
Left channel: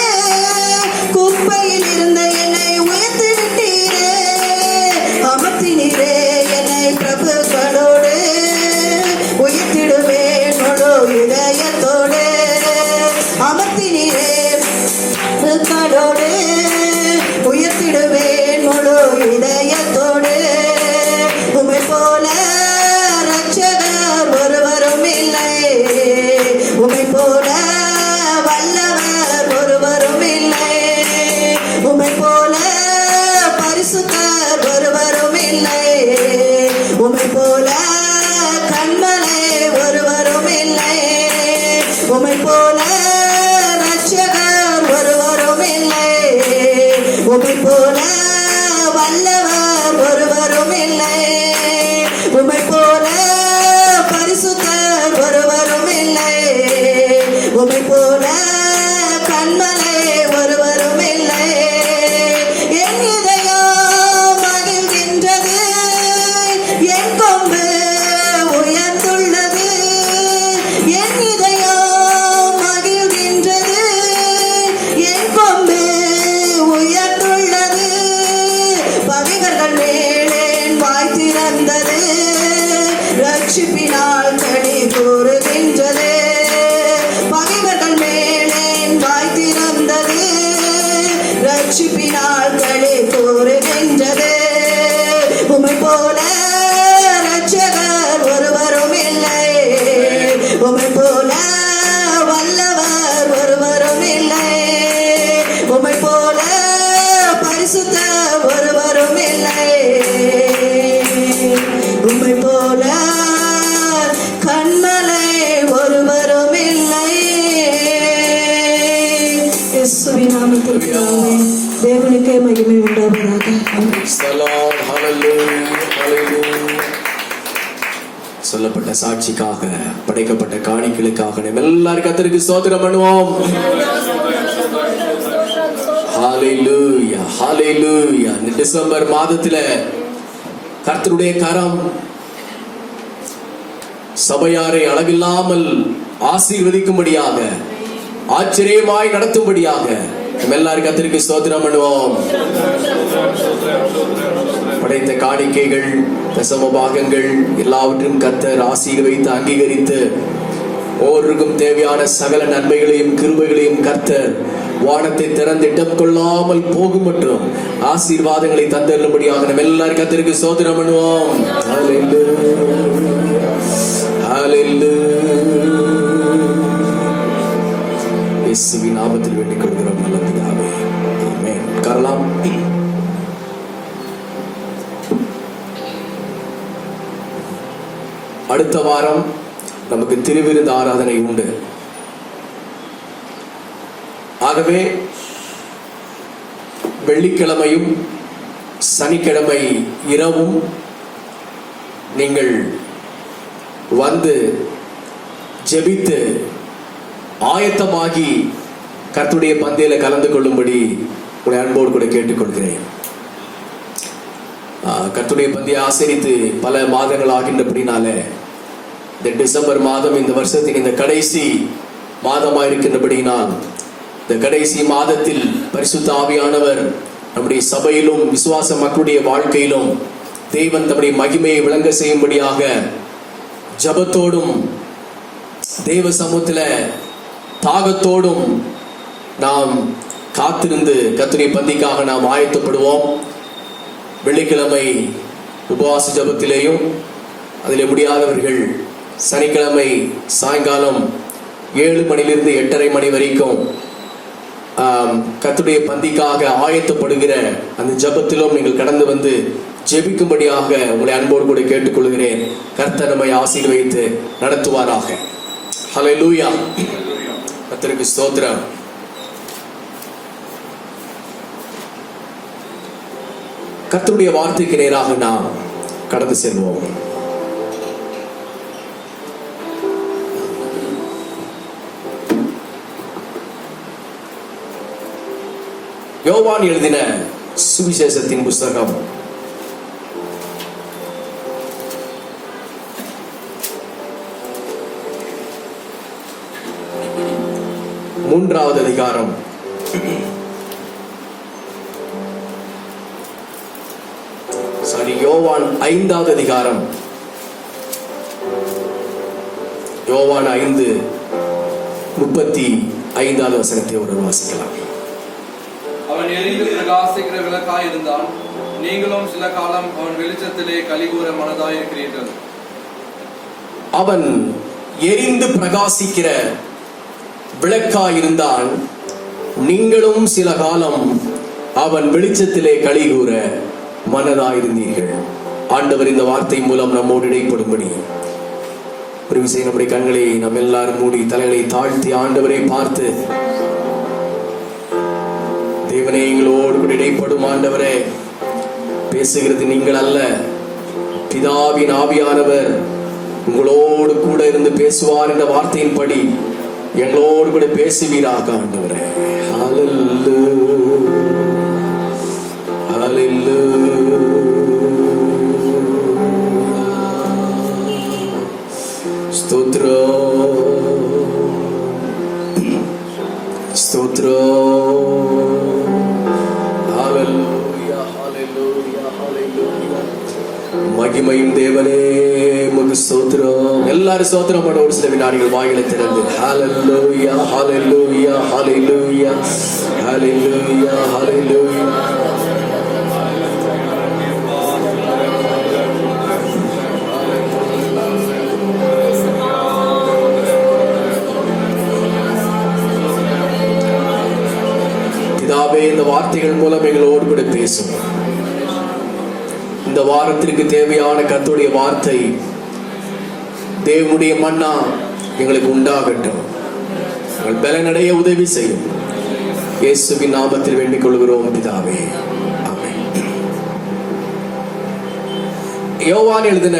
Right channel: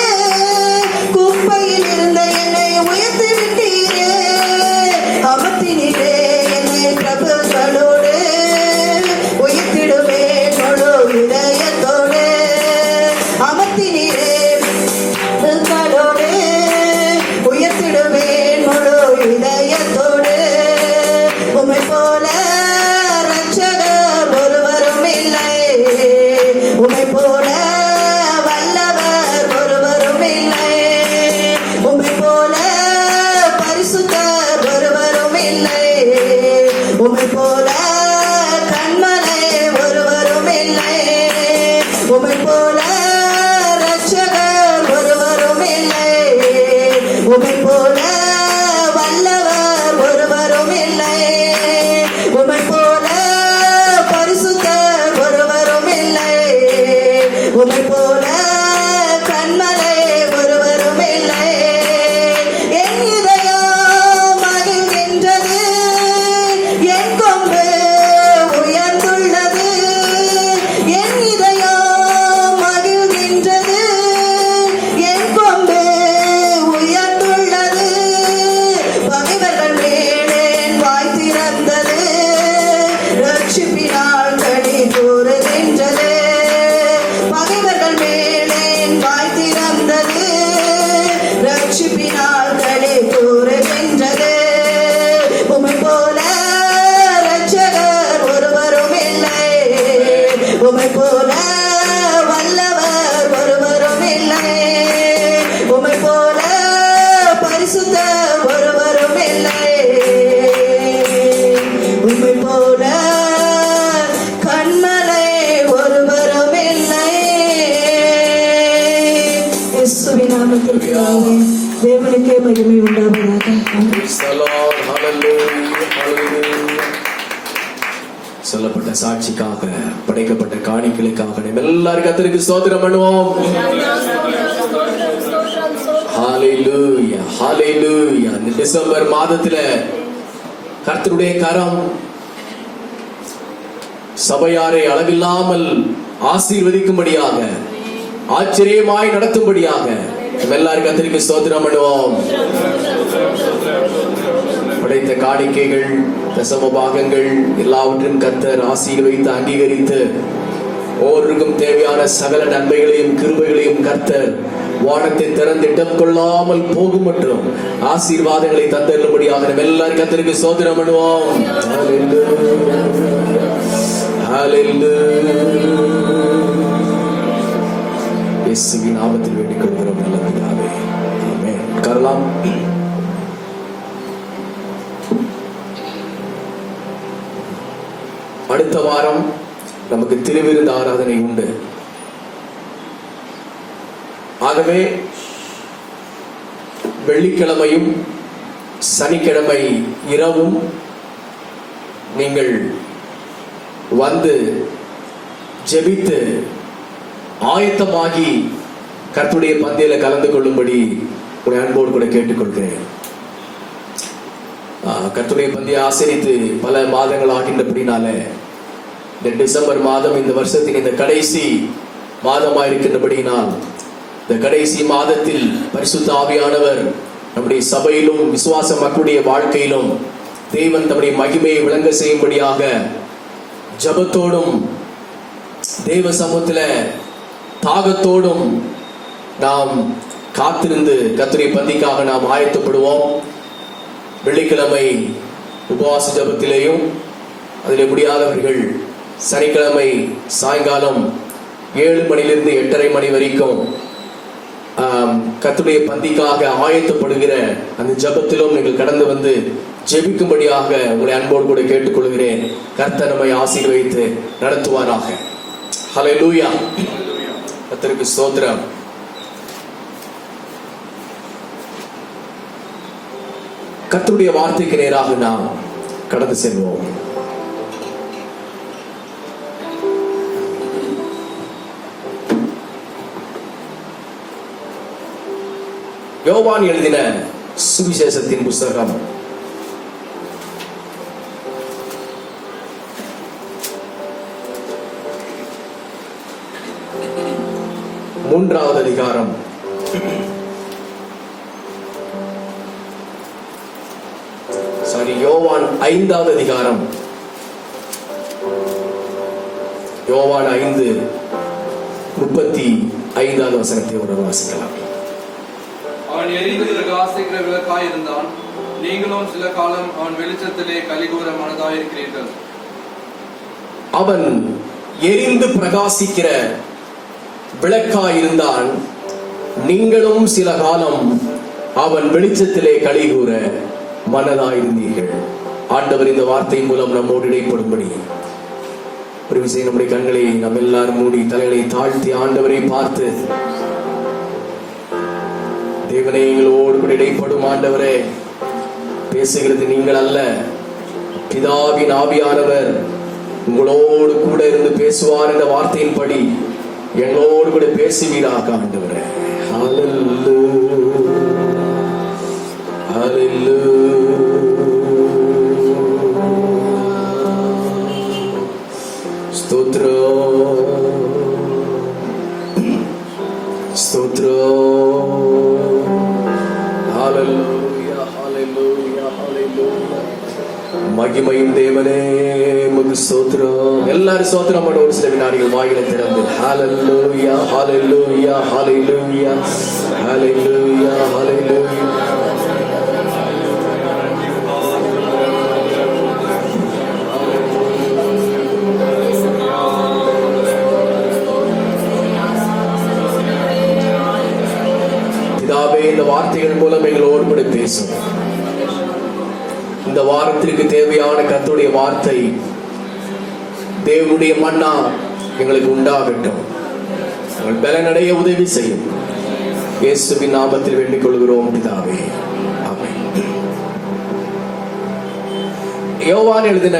குப்பையில் இருந்த என்னை உயர்த்தி விட்டீரே, அமர்த்தினீரே என்னை பிரபுக்களோடு, உயர்த்திடுவேன் முழு இதயத்தோடு, அமர்த்தினீரே பிரபுக்களோடு, உயர்த்திடுவேன் முழு இதயத்தோடு. உம்மை போல இரட்சகர் ஒருவரும் இல்லை, உம்மை போல வல்லவர் ஒருவரும் இல்லை, உம்மை போல பரிசுத்தர் ஒருவரும் இல்லை, உம்மை போல கண்மலை ஒருவரும் இல்லை, உம்மை போல இரட்சகர் ஒருவரும் இல்லை, உம்மை போல வல்லவர் ஒருவரும் இல்லை, உம்மை போல பரிசுத்தர் ஒருவரும் இல்லை, உம்மை போல கண்மலை ஒருவரும் இல்லை. என் இதயம் மகிழ்கின்றது, என் கொம்பு உயர்ந்துள்ளது, என் இதயம் மகிழ்கின்றது, என் கொம்பு உயர்ந்துள்ளது, நிகழ்ச்சிக்காக படைக்கப்பட்ட காணிக்கைகளுக்காக நம்ம எல்லாரும் கர்த்தருக்கு ஸ்தோத்திரம் பண்ணுவோம். ஹalleluya ஹalleluya. இந்த டிசம்பர் மாதத்திலே கர்த்தருடைய கரம் சபையாரை அளவில்லாமல் ஆசீர்வதிக்கும்படியாக ஆச்சரியமாய் நடத்தும்படியாக நம்ம எல்லாரும் கர்த்தருக்கு ஸ்தோத்திரம் பண்ணுவோம். படைத்த காணிக்கைகள் தசம பாகங்கள் எல்லாவற்றையும் கர்த்தர் ஆசீர்வதித்து அங்கீகரித்து ஒவ்வொருக்கும் தேவையான சகல நன்மைகளையும் கிருபைகளையும் கர்த்தர் வானத்தை திறந்திடம் கொள்ளாமல் போகும் மற்றும் ஆசீர்வாதங்களை தந்தரும்படியாக நம்ம எல்லாரும் கர்த்தருக்கு ஸ்தோத்திரம் பண்ணுவோம். இயேசுவின் நாமத்தில் வேண்டிக் கொள்கிறோம் நல்ல பிதாவே. ஆமென். உட்காரலாம். அடுத்த வாரம் நமக்கு திருவிருந்து ஆராதனை உண்டு. ஆகவே வெள்ளிக்கிழமையும் சனிக்கிழமை இரவும் நீங்கள் வந்து ஜெபித்து ஆயத்தமாகி கர்த்தருடைய பந்தியில கலந்து கொள்ளும்படி உடைய அன்போடு கூட கேட்டுக்கொள்கிறேன். கர்த்தருடைய பந்தியை ஆசரித்து பல மாதங்கள் ஆகின்றபடினால இந்த டிசம்பர் மாதம் இந்த வருஷத்தின் இந்த கடைசி மாதமாக இருக்கின்றபடியினால் இந்த கடைசி மாதத்தில் பரிசுத்த ஆவியானவர் நம்முடைய சபையிலும் விசுவாச மக்களுடைய வாழ்க்கையிலும் தேவன் தம்முடைய மகிமையை விளங்க செய்யும்படியாக ஜபத்தோடும் தேவ சமூகத்துல தாகத்தோடும் நாம் காத்திருந்து கர்த்தருடைய பந்திக்காக நாம் ஆயத்தப்படுவோம். வெள்ளிக்கிழமை உபவாச ஜபத்திலேயும் அதில் முடியாதவர்கள் சனிக்கிழமை சாயங்காலம் 7 மணிலிருந்து 8:30 மணி வரைக்கும் கர்த்தருடைய பந்திக்காக ஆயத்தப்படுகிற அந்த ஜபத்திலும் நீங்கள் கடந்து வந்து ஜெபிக்கும்படியாக உங்களை அன்போடு கூட கேட்டுக்கொள்கிறேன். கர்த்தர் நம்மை ஆசீர்வதித்து நடத்துவாராக. ஹல்லேலூயா. கர்த்தருக்கு ஸ்தோத்திரம். கர்த்தருடைய வார்த்தைக்கு நேராக நாம் கடந்து செல்வோம். யோவான் எழுதின சுவிசேஷத்தின் புஸ்தகம் 3வது அதிகாரம் யோவான் 5வது அதிகாரம் யோவான் 5:35 வசனத்தை ஒரு வாசிக்கலாம். அவன் எரிந்து பிரகாசிக்கிற விளக்காய் இருந்தான். நீங்களும் சில காலம் அவன் வெளிச்சத்திலே கலிகூற மனதாய் இருக்கிறீர்கள். அவன் எரிந்து பிரகாசிக்கிற விளக்காய் இருந்தான். நீங்களும் சில காலம் அவன் வெளிச்சத்திலே கலிகூற மனதாயிருந்தீர்கள். ஆண்டவர் இந்த வார்த்தை மூலம் நம்மோடு இடைப்படும்படி ஒரு விஷயம் நம்முடைய கண்களை நம்ம எல்லாரும் மூடி தலைகளை தாழ்த்தி ஆண்டவரை பார்த்து, தேவனே எங்களோடு கூட இடைப்படும் ஆண்டவரே, பேசுகிறது நீங்கள் அல்ல, பிதாவின் ஆவியானவர் உங்களோடு கூட இருந்து பேசுவார் என்ற வார்த்தையின்படி எங்களோடு கூட பேசுவீராக ஆண்டவரே. மகிமையும் தேவனே உமக்கு ஸ்தோத்திரம். எல்லாரும் ஸ்தோத்திரம் பண்ண ஒரு சில வினாடிகள் வாயிலை திறந்து ஹல்லேலூயா ஹல்லேலூயா ஹல்லேலூயா ஹல்லேலூயா ஹல்லேலூயா. பிதாவே, இந்த வார்த்தைகள் மூலம் எங்களோடு கூட பேசும். இந்த வாரத்திற்கு தேவையான கர்த்தருடைய வார்த்தை, தேவனுடைய மன்னா எங்களுக்கு உண்டாகட்டும். எங்கள் பலனடைய உதவி செய்யும். இயேசுவின் நாமத்தில் வேண்டிக் கொள்கிறோம் பிதாவே, ஆமென். யோவான் எழுதின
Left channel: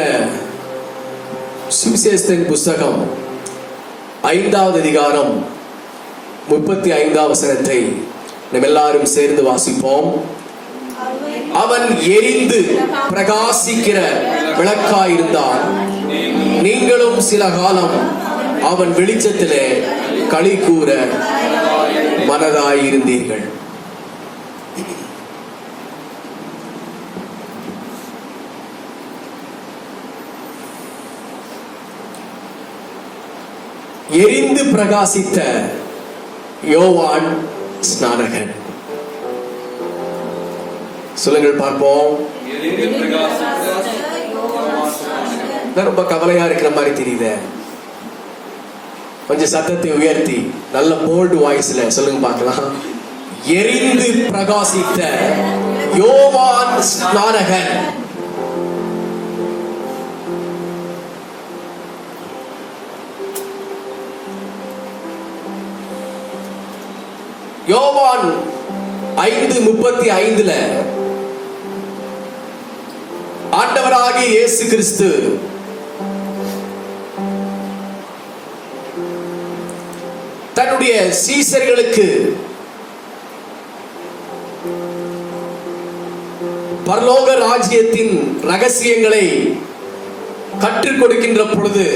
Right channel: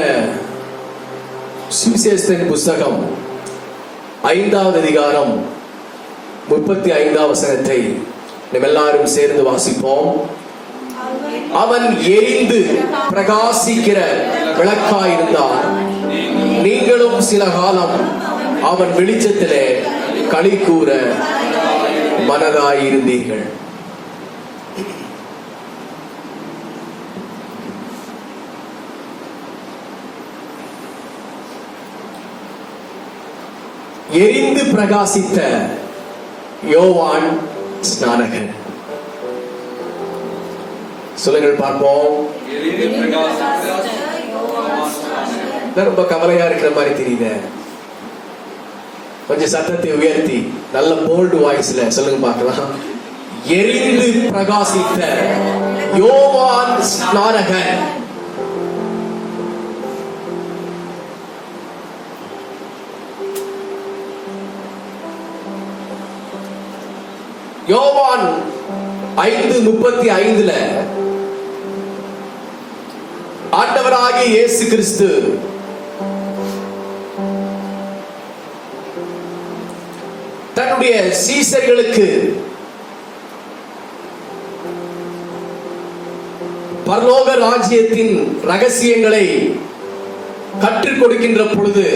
சுவிசேஷத்தின் புஸ்தகம் 5வது அதிகாரம் 35வது வசனத்தை நாம் எல்லாரும் சேர்ந்து வாசிப்போம். அவன் எரிந்து பிரகாசிக்கிற விளக்காயிருந்தான். நீங்களும் சில காலம் அவன் வெளிச்சத்திலே களி கூற மனதாயிருந்தீர்கள். எரிந்து பிரகாசித்த யோவான் ஸ்நானகன். சொல்லுங்கள் பார்ப்போம். ரொம்ப கவலையா இருக்கிற மாதிரி தெரியுது. கொஞ்சம் சத்தத்தை உயர்த்தி நல்ல போல்டு வாய்ஸ்ல சொல்லுங்க பார்க்கலாம். எரிந்து பிரகாசித்த யோவான் ஸ்நானகன். யோவான் 5:35 ஆண்டவராகிய இயேசு கிறிஸ்து தன்னுடைய சீசர்களுக்கு பரலோக ராஜ்யத்தின் ரகசியங்களை கற்றுக் கொடுக்கின்ற பொழுது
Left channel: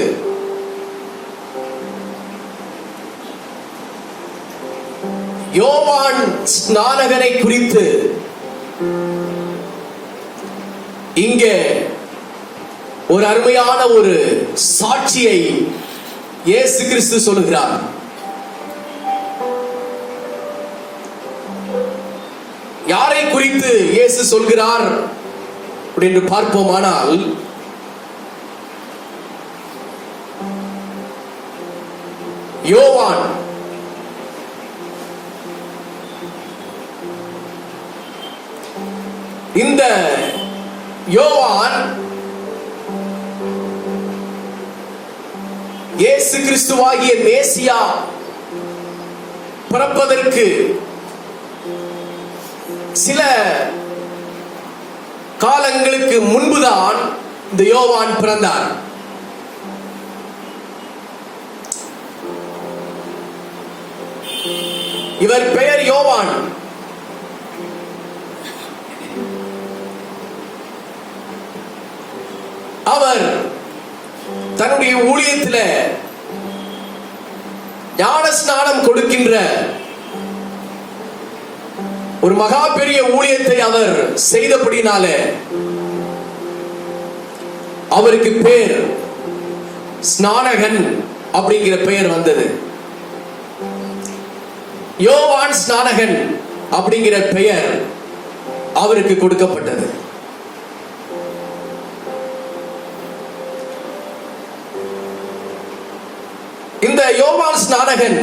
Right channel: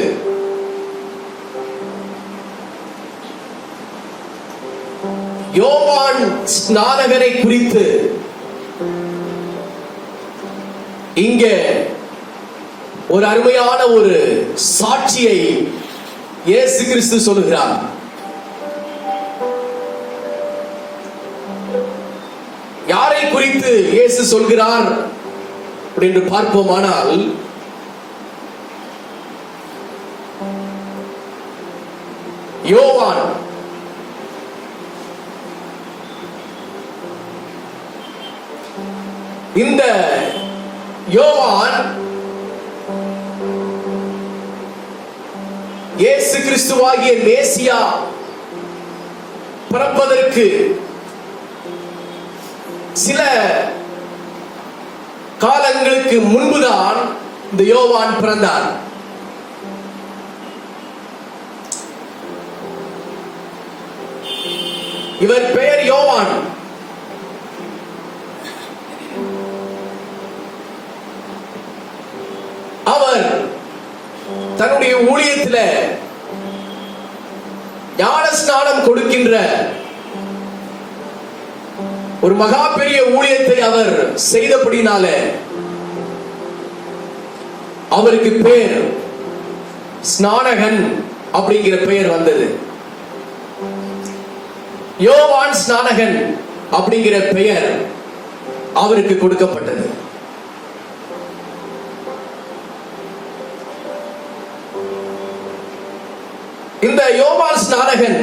யோவான் ஸ்நானகனை குறித்து இங்கே ஒரு அருமையான ஒரு சாட்சியை இயேசு கிறிஸ்து சொல்லுகிறார். யாரை குறித்து இயேசு சொல்கிறார் என்று பார்ப்போமானால், யோவான் இந்த யோவான் இயேசு கிறிஸ்துவாகிய மேசியா பிறப்பதற்கு சில காலங்களுக்கு முன்புதான் இந்த யோவான் பிறந்தார். இவர் பெயர் யோவான். அவர் தன்னுடைய ஊழியத்தில் ஞானஸ்நானம் கொடுக்கின்ற ஒரு மகா பெரிய ஊழியத்தை அவர் செய்தபடினாலே அவருக்கு பேர் ஸ்நானகன் அப்படிங்கிற பெயர் வந்தது. யோவான் ஸ்நானகன் அப்படிங்கிற பெயர் அவருக்கு கொடுக்கப்பட்டது. இந்த யோவான் ஸ்நானகன்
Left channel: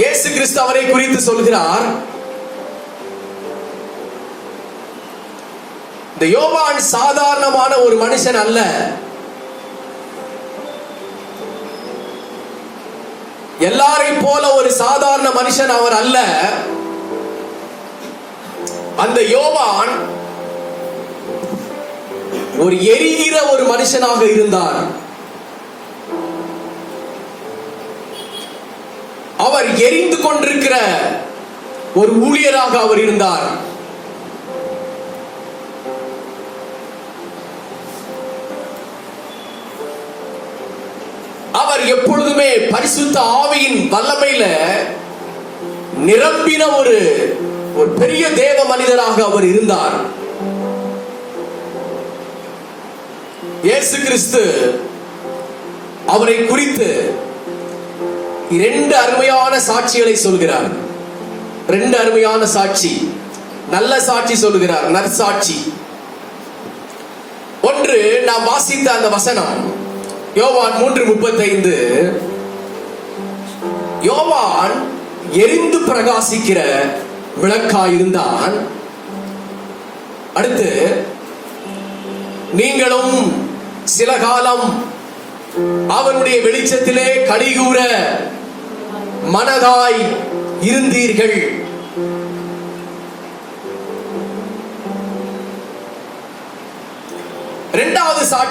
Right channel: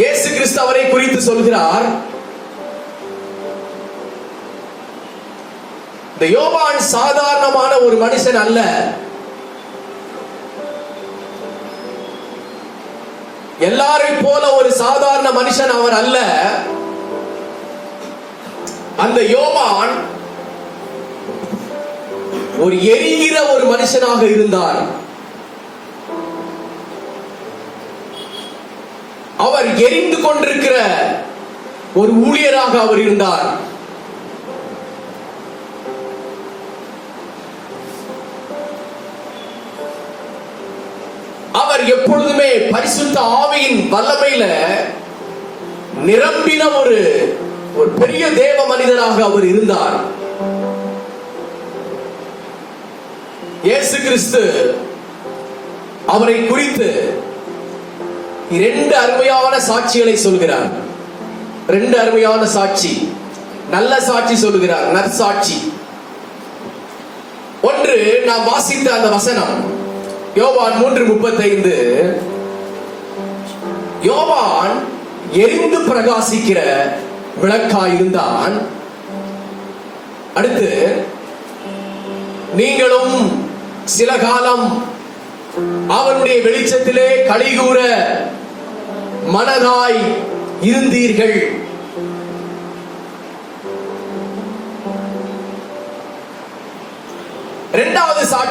இயேசு கிறிஸ்து அவரை குறித்து சொல்கிறார். இந்த யோவான் சாதாரணமான ஒரு மனுஷன் அல்ல. எல்லாரையும் போல ஒரு சாதாரண மனுஷன் அவர் அல்ல. அந்த யோவான் ஒரு எரிகிற ஒரு மனுஷனாக இருந்தார். அவர் எரிந்து கொண்டிருக்கிற ஒரு ஊழியராக அவர் இருந்தார். அவர் எப்பொழுதுமே பரிசுத்த ஆவியின் வல்லமையில நிரம்பின ஒரு பெரிய தேவ மனிதராக அவர் இருந்தார். இயேசு கிறிஸ்து அவரை குறித்து 2 அருமையான சாட்சிகளை சொல்கிறார். 2 அருமையான சாட்சி, நல்ல சாட்சி சொல்லுகிறார், நற்சாட்சி. ஒன்று நாம் வாசித்த அந்த வசனம் யோவான் 3:35. யோவான் எரிந்து பிரகாசிக்கிற விளக்காயிருந்தான். அடுத்து, நீங்களும் சில காலம் அவனுடைய வெளிச்சத்திலே களிகூர மனதாய் இருந்தீர்கள்.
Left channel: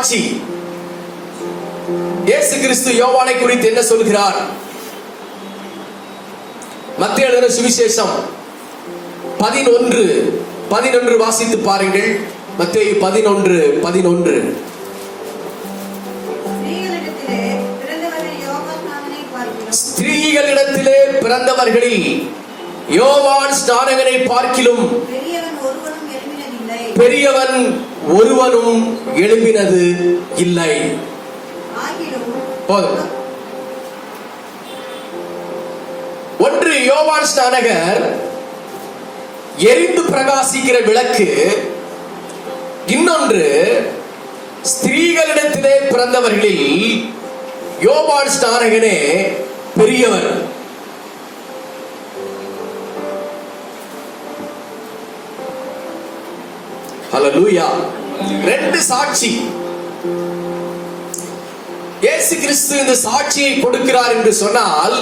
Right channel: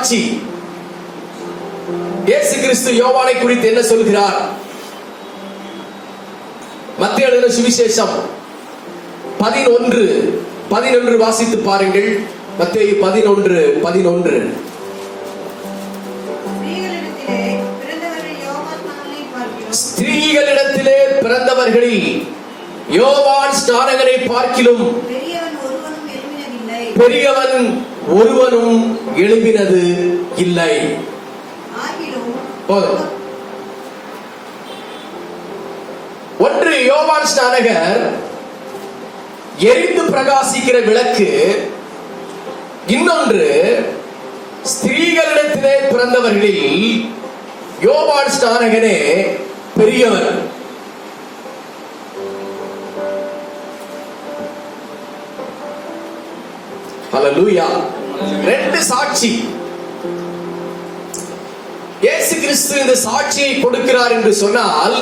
சாட்சி. இயேசு கிறிஸ்து யோவானை குறித்து என்ன சொல்கிறார்? மத்தேயு எழுதின சுவிசேஷம் 11 வாசித்து பாருங்கள். மத்தேயு 11:11. ஸ்திரீகளிடத்திலே பிறந்தவர்களில் யோவான் ஸ்நானகனை பார்க்கிலும் பெரியவன் ஒருவனும் எழும்பினது இல்லை. ஒன்று, யோவான் ஸ்நானகர் எரிந்து பிரகாசிக்கிற விளக்கு. இன்னொன்று, ஸ்திரீகளிடத்திலே பிறந்தவர்களில் யோவான் ஸ்நானகனே பெரியவர். ஹல்லேலூயா. ரெண்டு சாட்சி. இயேசு கிறிஸ்து இந்த சாட்சியை கொடுக்கிறார் என்று சொன்னால்,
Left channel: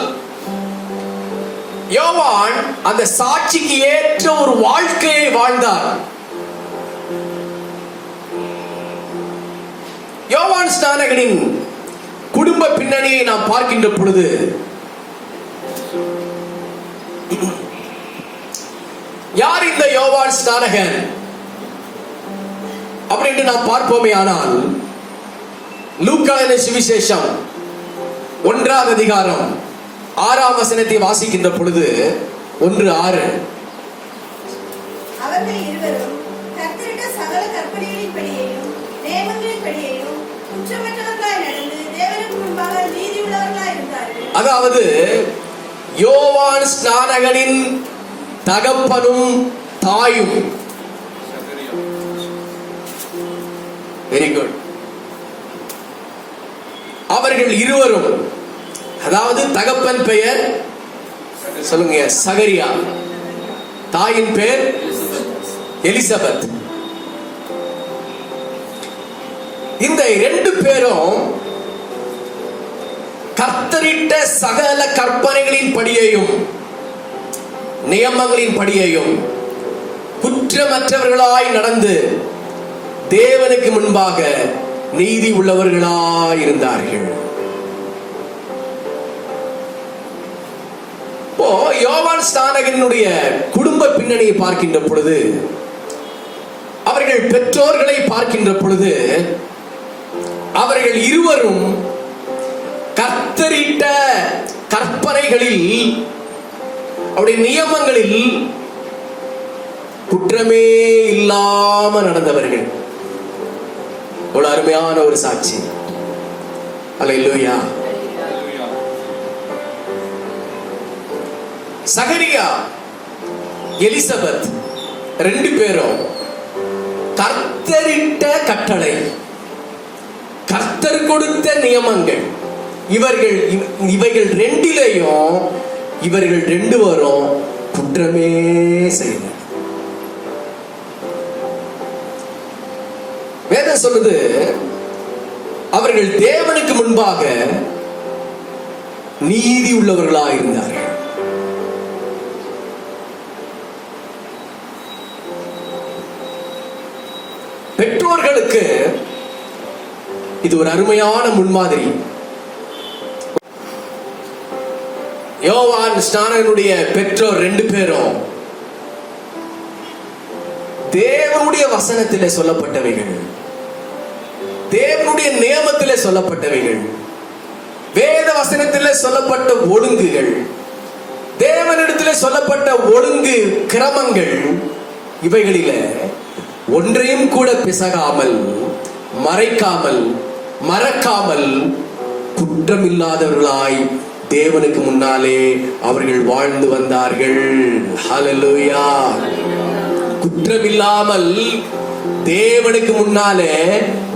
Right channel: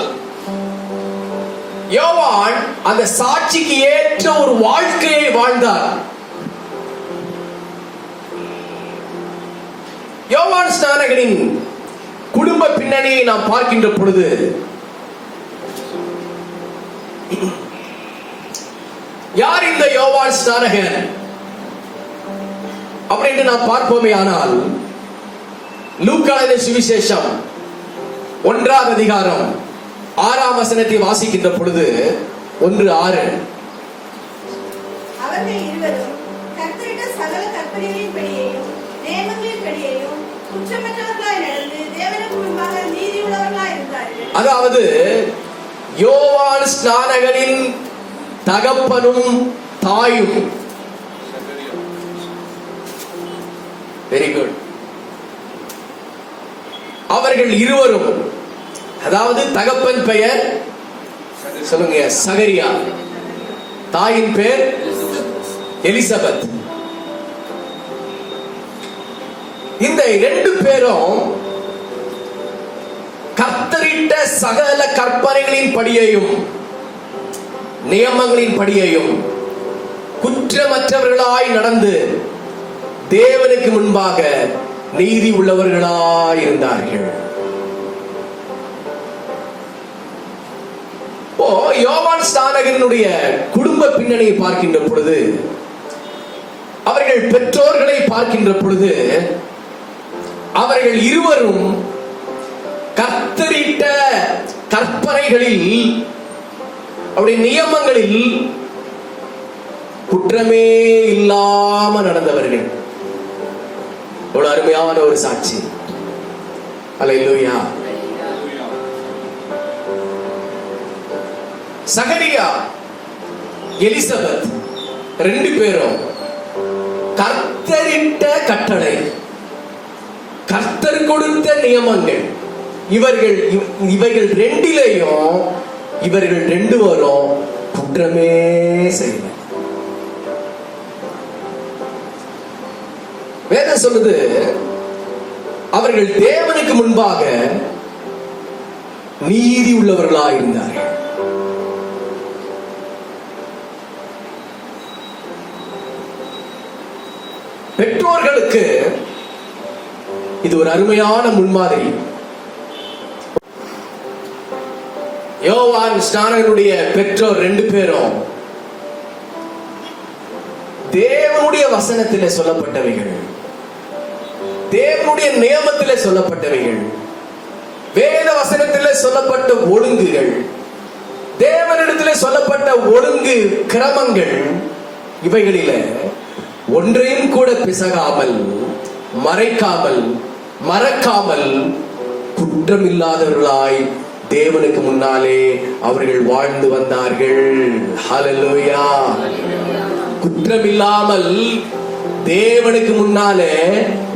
யோவான் அந்த சாட்சிக்கு ஏற்ற ஒரு வாழ்க்கையை வாழ்ந்தார். யோவான் ஸ்நானகனின் குடும்ப பின்னணியை நாம் பார்க்கின்ற பொழுது, யார் இந்த யோவான் ஸ்நானகன் அப்படின்னு நாம் பார்ப்போமே ஆனால், லூக்கா எழுதின சுவிசேஷம் 1ஆம் அதிகாரம் 6ஆம் வசனத்தை வாசிக்கின்ற பொழுது, 1:6, அவர்கள் இருவரும் கர்த்தரிட்ட சகல கற்பனைகளின்படியேயும் நியமங்களின்படியேயும் குற்றமற்றவர்களாய் நடந்து தேவனுக்கு முன்பாக நீதியுள்ளவர்களாய் இருந்தார்கள். அதாவது யோவான் ஸ்நானகனின் தகப்பனும் தாயும், வெரி குட், அவர்கள் இருவரும், அதாவது தகப்பன் பெயர் சொல்லுங்க சகரியா, தாயின் பெயர் எலிசபெத். இந்த 2 பேரும் கர்த்தரிட்ட சகல கற்பனைகளின் படியையும் நியமங்களின் படியையும் குற்றமற்றவர்களாய் நடந்து தேவனுக்கு முன்பாக நீதி உள்ளவர்களாய் இருந்தார்கள். யோவான் ஸ்நானகனுடைய குடும்ப பின்னணியை பார்க்கின்ற பொழுது, அவர்கள் பெற்றோர்களை பார்க்கின்ற பொழுது, அவர்கள் இருவரும் கர்த்தரிட்ட கற்பனைகளில், அவருடைய நியமங்களில் குற்றமே இல்லாம நடந்தவர்கள். ஒரு அருமையான ஒரு சாட்சி. அல்லேலூயா. சகரியா, எலிசபெத் 2 பேரும் கர்த்தரிட்ட கட்டளை, கர்த்தர் கொடுத்த நியமங்கள், இவைகள் 2லேயும் இவர்கள் 2 பேரும் குற்றமே செய்வார். வேதம் சொல்லுது, அவர்கள் தேவனுக்கு முன்பாக நீதி உள்ளவர்களாக இருந்தார்கள். பெற்றோர்களுக்கு இது ஒரு அருமையான முன்மாதிரி. யோவான் ஸ்நானகனுடைய பெற்றோர் 2 பேரும் தேவனுடைய வசனத்திலே சொல்லப்பட்டவைகள், தேவனுடைய நியமத்திலே சொல்லப்பட்டவைகள், வேத வசனத்திலே சொல்லப்பட்ட ஒழுங்குகள், தேவனிடத்திலே சொல்லப்பட்ட ஒழுங்கு கிரமங்கள், இவைகளிலே ஒன்றையும் கூட பிசகாமல், மறைக்காமல், மறக்காமல் குற்றமில்லாதவர்களாய் தேவனுக்கு முன்னாலே அவர்கள் வாழ்ந்து வந்தார்கள். ஹல்லேலூயா. குற்றமில்லாமல் தேவனுக்கு முன்னாலே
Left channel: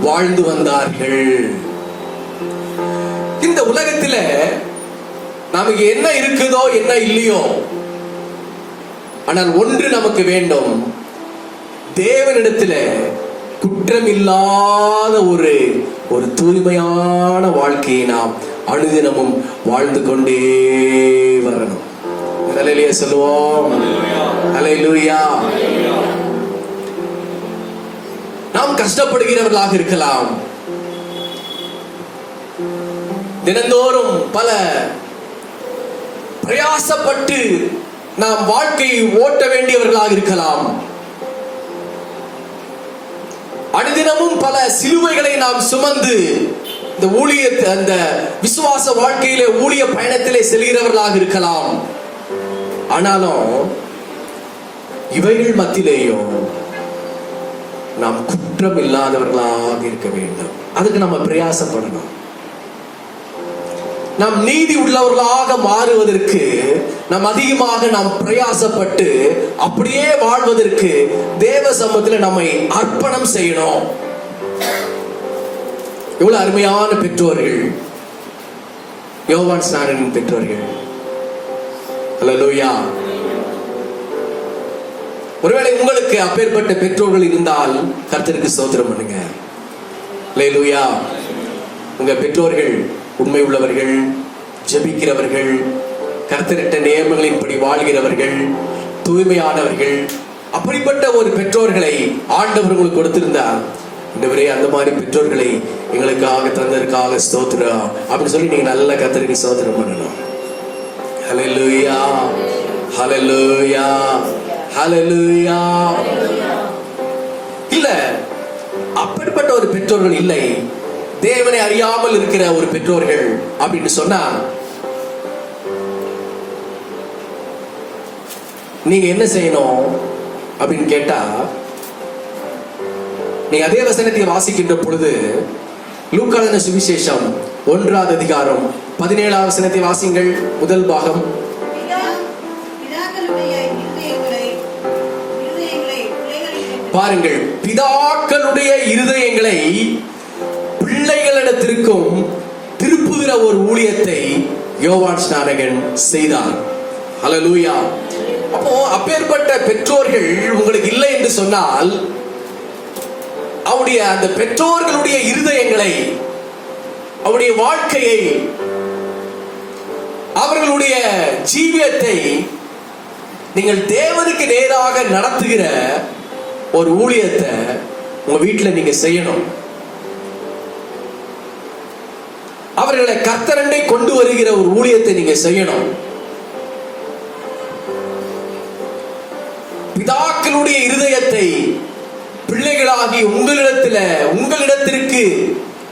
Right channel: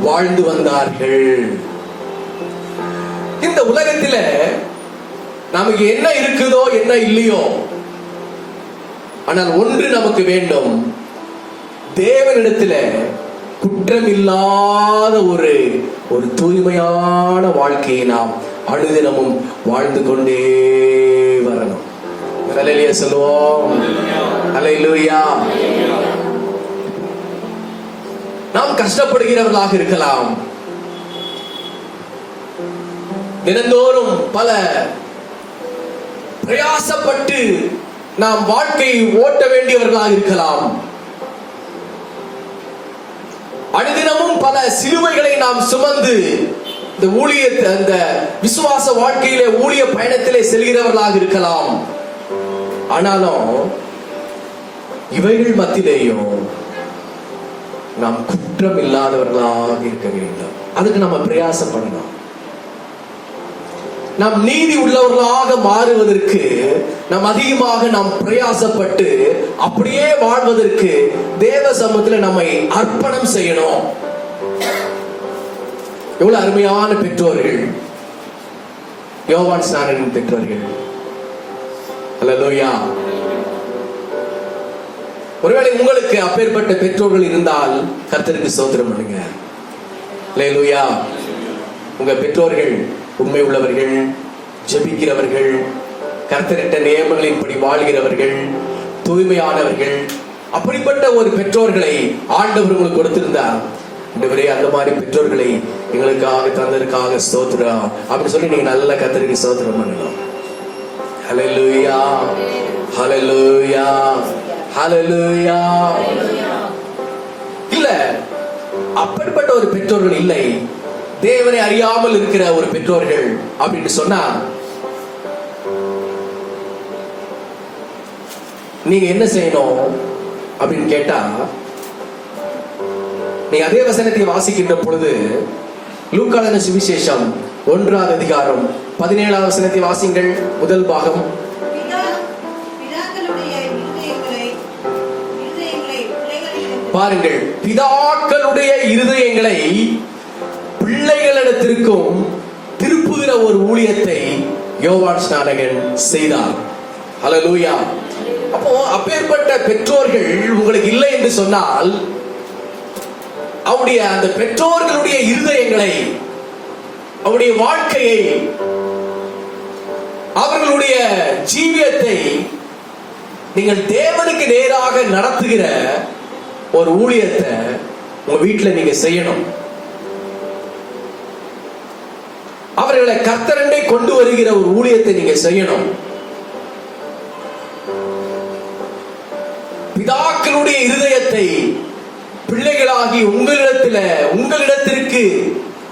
வாழ்ந்து வந்தார்கள். இந்த உலகத்துல நமக்கு என்ன இருக்குதோ என்ன இல்லையோ, ஆனால் ஒன்று நமக்கு வேண்டும், தேவனிடத்துல குற்றமில்லாத ஒரு தூய்மையான வாழ்க்கையை நாம் அனுதினமும் வாழ்ந்து கொண்டே வரணும். ஹல்லேலூயா சொல்லுவோம். ஹல்லேலூயா. நாம் கஷ்டப்படுகிறவர்களாக இருக்கலாம், தினந்தோறும் பல பிரயாசப்பட்டு நாம் வாழ்க்கையை ஓட்ட வேண்டியவர்களாக இருக்கலாம். அனுதினமும் பல சிலுவைகளை நாம் சுமந்து இந்த ஊழியத்தை, அந்த விசுவாச வாழ்க்கையிலே ஊழிய பயணத்திலே செல்கிறவர்களாக இருக்கலாம். ஆனாலும் இவைகள் மத்தியிலேயும் நாம் குற்றம் இல்லாதவர்களாக இருக்க வேண்டும். அதுக்கு நம்ம பிரயாசப்படணும். நாம் நீதி உள்ளவர்களாக மாறுவதற்கு நாம் அதிகமாக நாம் பிரயாசப்பட்டு அப்படியே வாழ்வதற்கு தேவ சமூகத்தில் நம்மை அர்ப்பணம் செய்யணும். எவ்வளவு அருமையான பெற்றோர்கள் யோவான் ஸ்நானனின் பெற்றோர்கள். அல்லேலூயா. ஒருவேளை உங்களுக்கு அப்பேற்பட்ட பெற்றோர்கள் இருந்தால் கர்த்தருக்கு ஸ்தோத்திரம் பண்ணுங்க. அல்லேலூயா. உங்க பெற்றோர்கள் உண்மை உள்ளவர்கள், ஜெபிக்கிறவர்கள், கர்த்தரிட்ட நியமங்களின்படி வாழ்கிறவர்கள், தூய்மையானவர்கள், அப்படிப்பட்ட ஒரு பெற்றோர்களை ஆண்டவர் உங்களுக்கு கொடுத்திருந்தால், ஆண்டவரே அந்த மாதிரி பெற்றோர்களை எங்களுக்காக தந்ததற்காக ஸ்தோத்திரம் அப்படின்னு சொல்லி நீங்க நல்ல கர்த்தருக்கு ஸ்தோத்திரம் பண்ணணும். ஹல்லேலூயா, ஹல்லேலூயா, ஹல்லேலூயா. இல்ல அப்படிப்பட்ட ஒரு பெற்றோர்கள் இல்லை, தேவனை அறியாமல் இருக்கிற ஒரு பெற்றோர்கள் அப்படின்னு சொன்னா நீங்க என்ன செய்யணும் அப்படின்னு கேட்டா, நீங்க அதே வசனத்தை வாசிக்கின்ற பொழுது லூக்கான சுவிசேஷம் 1ஆம் அதிகாரம் 17ஆம் வசனத்தை வாசிங்கள். முதல் பாகம். பாருங்கள், பிதாக்களுடைய இருதயங்களை பிள்ளைகளிடத்திற்கும் திருப்புகிற ஒரு ஊழியத்தை யோவான் ஸ்நானகன் செய்தார். ஹல்லேலூயா. அப்போ அப்பேற்பட்ட பெற்றோர்கள் உங்களுக்கு இல்லை என்று சொன்னால், அவருடைய அந்த பெற்றோர்களுடைய இருதயங்களை, அவருடைய வாழ்க்கையை, அவர்களுடைய ஜீவியத்தை நீங்கள் தேவனுக்கு நேராக நடத்துகிற ஒரு ஊழியத்தை உங்க வீட்டில் நீங்க செய்யணும். அவர்களை கர்த்தரண்டை கொண்டு வருகிற ஒரு ஊழியத்தை நீங்க செய்யணும். பிதாக்களுடைய இருதயத்தை பிள்ளைகளாகி உங்களிடத்திற்கு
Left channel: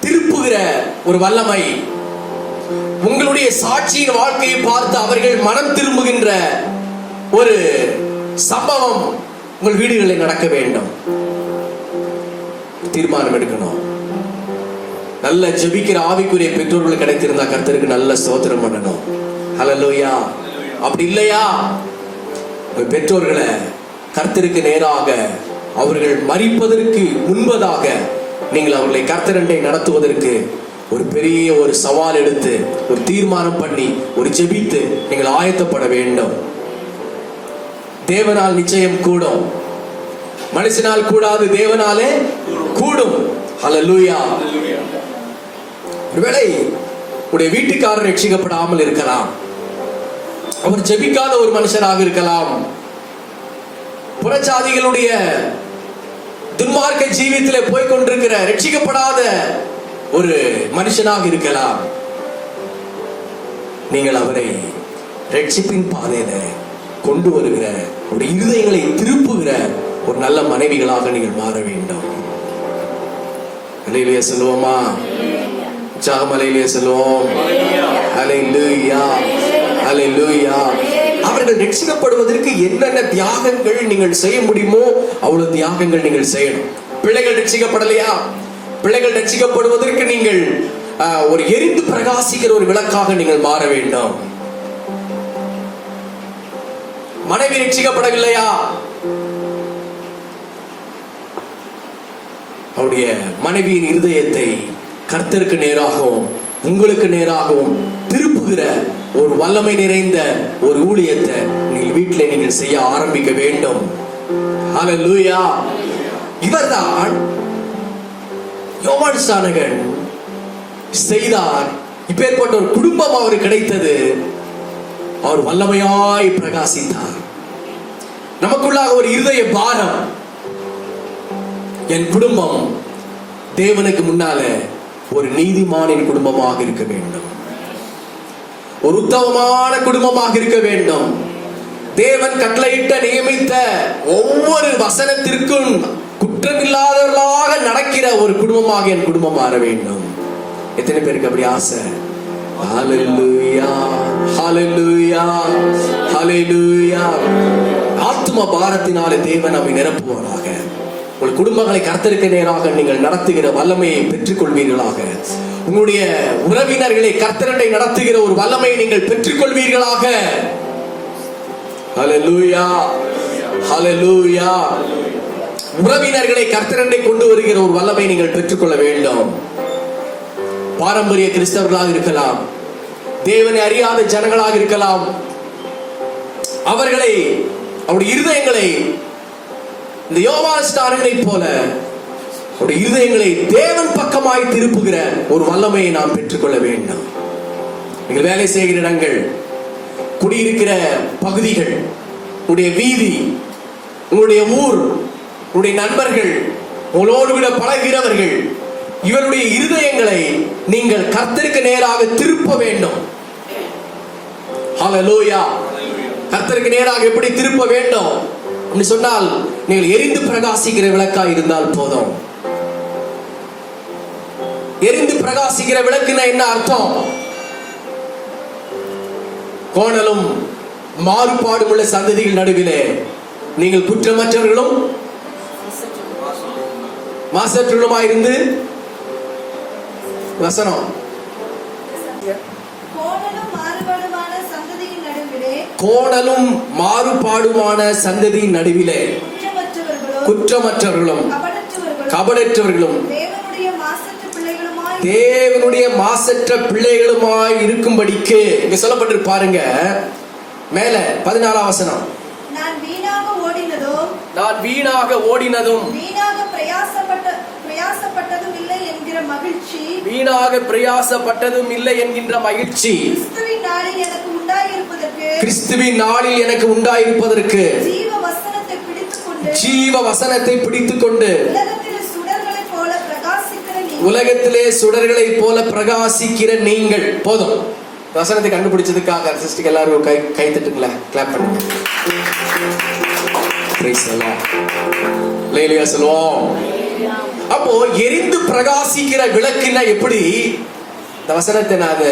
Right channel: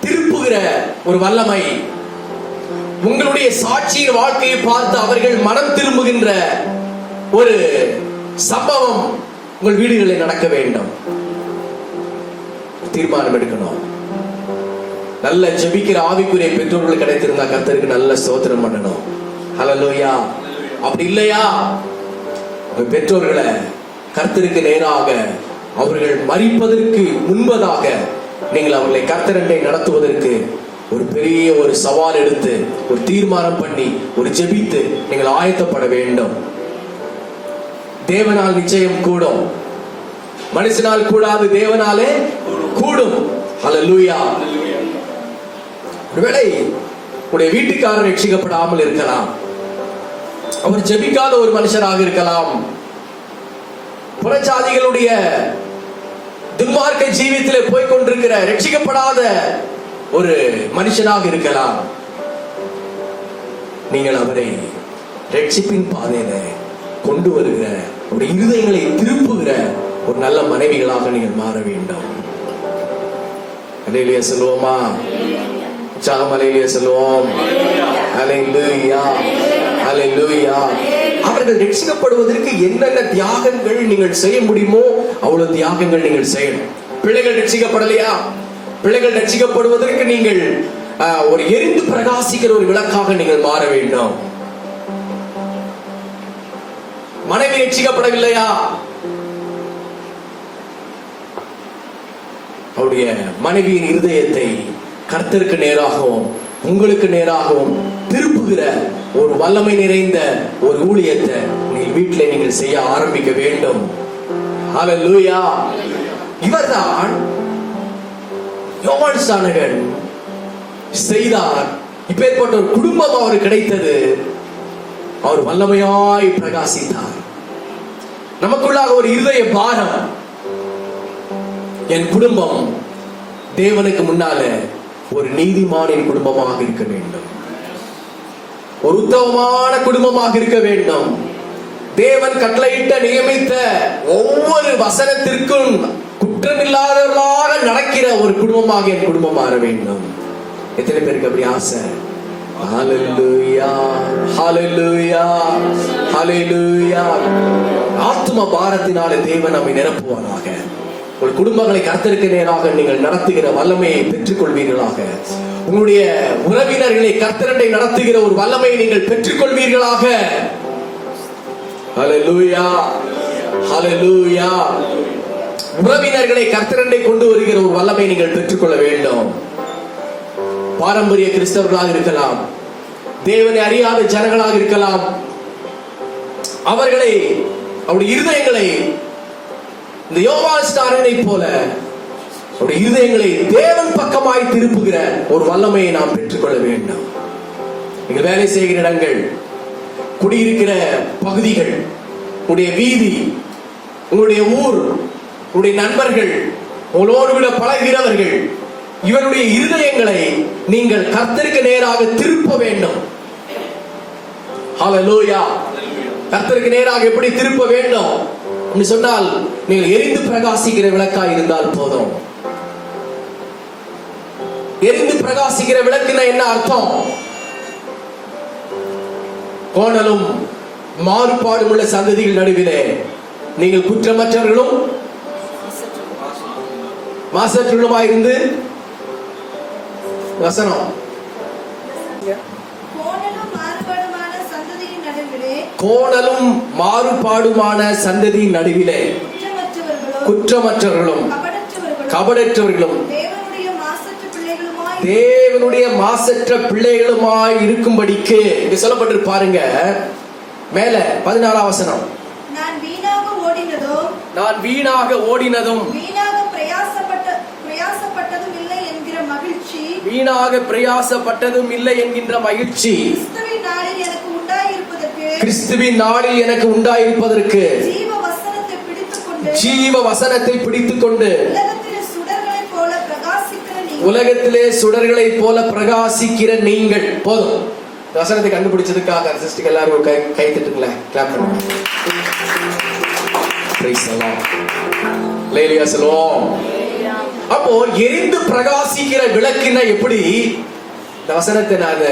திருப்புகிற ஒரு வல்லமை, உங்களுடைய சாட்சியின் வாழ்க்கையை பார்த்து அவர்கள் மனம் திரும்புகின்ற ஒரு சம்பவம் உங்கள் வீடுகளில் நடக்க வேண்டும். தீர்மானம் எடுக்கணும். நல்ல ஜெபிக்கிற ஆவிக்குரிய பெற்றோர்கள் கிடைத்திருந்தா கர்த்தருக்கு நல்ல ஸ்தோத்திரம் பண்ணணும். ஹல்லேலூயா. அப்படி இல்லையா, பெற்றோர்களை கர்த்தருக்கு நேராக அவர்கள் மரிப்பதற்கு முன்பதாக நீங்கள் அவர்களை கர்த்தரண்டை நடத்துவதற்கு ஒரு பெரிய ஒரு சவால் எடுத்து, ஒரு தீர்மானம் பண்ணி, ஒரு ஜெபித்து நீங்கள் ஆயத்தப்பட வேண்டும். தேவனால் நிச்சயம் கூடும், மனுஷனால் கூடாது, தேவனாலே கூடும். ஹல்லேலூயா. ஒருவேளை உடைய வீட்டுக்காரர் ரட்சிக்கப்படாமல் இருக்கலாம், அவர் ஜெபிக்காத ஒரு மனுஷனாக இருக்கலாம், புறச்சாதிகளுடைய துன்மார்க்க ஜீவியத்திலே போய்கொண்டிருக்கிற ரட்சிக்கப்படாத ஒரு மனுஷனாக இருக்கலாம். நீங்கள் அவரை ரட்சிப்பின் பாதையில கொண்டு வருகிற, அவருடைய இருதயங்களை திருப்புகிற ஒரு நல்ல மனைவிகளாக நீங்கள் மாற வேண்டும். அல்லேலூயா சொல்லுவோமா? சாமலையிலே சொல்லுவோம். அல்லேலூயா, அல்லேலூயா. அவர்கள் ரட்சிக்கப்படுவதற்கு என்னென்ன தியாகங்கள் நீங்கள் செய்ய முடியுமோ அவ்வளவு தியாகங்கள் நீங்கள் செய்யணும். பிள்ளைகள் ரட்சிக்கப்படலையா? பிள்ளைகள் ரட்சிக்கப்படுவதற்கு நீங்கள் ஒரு எரிந்து பிரகாசிக்கிற ஒரு விளக்காக நீங்கள் மாற வேண்டும். மனைவி ரட்சிக்கப்படவில்லையா? அவருடைய மனைவியின் இருதயத்தை கர்த்தருக்கு நேராகவும் உங்களுக்கு நேராகவும் திருப்புகிற ஒரு வல்லமை நிறைந்த ஒரு ஊழியத்தை நீங்கள் வீட்டிலே நீங்கள் செய்ய ஆரம்பிக்க வேண்டும். ஹல்லேலூயா. இவர்தான் யோவான் ஸ்நானகன் செய்தார். இப்பேற்பட்ட ஒரு குடும்பம் அவருக்கு கிடைத்தது. அவர் வல்லமையாய் பிரகாசித்தார். நமக்குள்ளாக ஒரு இருதய பாரம், என் குடும்பம் தேவனுக்கு முன்னால ஒரு நீதிமானின் குடும்பமாக இருக்க வேண்டும். ஒரு உத்தமமான குடும்பமாக இருக்க வேண்டும். தேவன் கட்டளையிட்ட நியமித்த ஒவ்வொரு வசனத்திற்கும் குற்றமில்லாதவர்களாக நடக்கிற ஒரு குடும்பமாக என் குடும்பம் மாற வேண்டும். எத்தனை பேருக்கு அப்படி ஆசை? ஹல்லேலூயா, ஹல்லேலூயா, ஹல்லேலூயா. ஆத்தும பாரத்தினாலே தேவன் நம்மை நிரப்புவாராக. உங்கள் குடும்பங்களை கர்த்தருக்கு நேராக நீங்கள் நடத்துகிற வல்லமையை பெற்றுக் கொள்வீர்களாக. உங்களுடைய உறவினர்களை கர்த்தரண்டை நடத்துகிற ஒரு வல்லமையை நீங்கள் பெற்றுக் கொள்வீர்களாக. ஹல்லேலூயா, ஹல்லேலூயா. உறவினர்களை கர்த்தரண்டை கொண்டு வருகிற ஒரு வல்லமை நீங்கள் பெற்றுக்கொள்ள வேண்டும். பாரம்பரிய கிறிஸ்தவர்களாக இருக்கலாம், தேவனை அறியாத ஜனங்களாக இருக்கலாம். அவர்களை, அவருடைய இருதயங்களை இந்த யோவான் ஸ்நானனை போல அவருடைய இருதயங்களை தேவன் பக்கமாய் திருப்புகிற ஒரு வல்லமையை நாம் பெற்றுக்கொள்ள வேண்டும். நீங்கள் வேலை செய்கிற இடங்கள், குடியிருக்கிற பகுதிகள், உங்களுடைய வீதி, உங்களுடைய ஊர், உங்களுடைய நண்பர்கள், உங்களோடு விட பழகிறவர்கள், இவருடைய இருதயங்களை நீங்கள் கர்த்தருக்கு நேராக திருப்ப வேண்டும். ஹல்லேலூயா. கர்த்தருக்கு நேராக எப்படி திருப்ப வேண்டும் என்று சொன்னால், நீங்கள் எரிந்து பிரகாசிக்கிற விளக்காய் இருந்தால் போதும். எரிந்து பிரகாசிக்கிற விளக்குனா என்ன அர்த்தம்? கோணலும் மாறுபாடும் உள்ள சந்ததிகள் நடுவிலே நீங்கள் குற்றமற்றவர்களும் மாசற்றவர்களுமாயிருந்து, வசனம், கோணலும் மாறுபாடுமான சந்ததியின் நடுவிலே குற்றமற்றவர்களும் கபடற்றவர்களும் தேவனுடைய மாசற்ற பிள்ளைகளுமாய் இருக்கும்படிக்கு இங்க சொல்லப்பட்டிருக்கு பாருங்க. மேல 14ஆம் வசனம், நான் வீணாக ஓடினதும் வீணாக பிரயாசப்பட்டதும் இல்லை என்கிற மகிழ்ச்சி கிறிஸ்துவின் நாளில் எனக்கு உண்டாயிருப்பதற்கு ஜீவ வசனத்தை பிடித்துக்கொண்டு உலகத்திலே சுடர்களைப் போல பிரகாசிக்கிற நீங்கள். போதும். வசனத்தை கண்டுபிடிச்சதுக்காக சிஸ்டர் எல்லாரும் கை தட்டுங்களே, கிளாப் பண்ணுங்க. Praise the Lord. ஹல்லேலூயா சொல்லுவோம். அப்போ எரிந்து பிரகாசிக்கிற விளக்குன்னா எப்படி? இந்த வசனத்தை நான்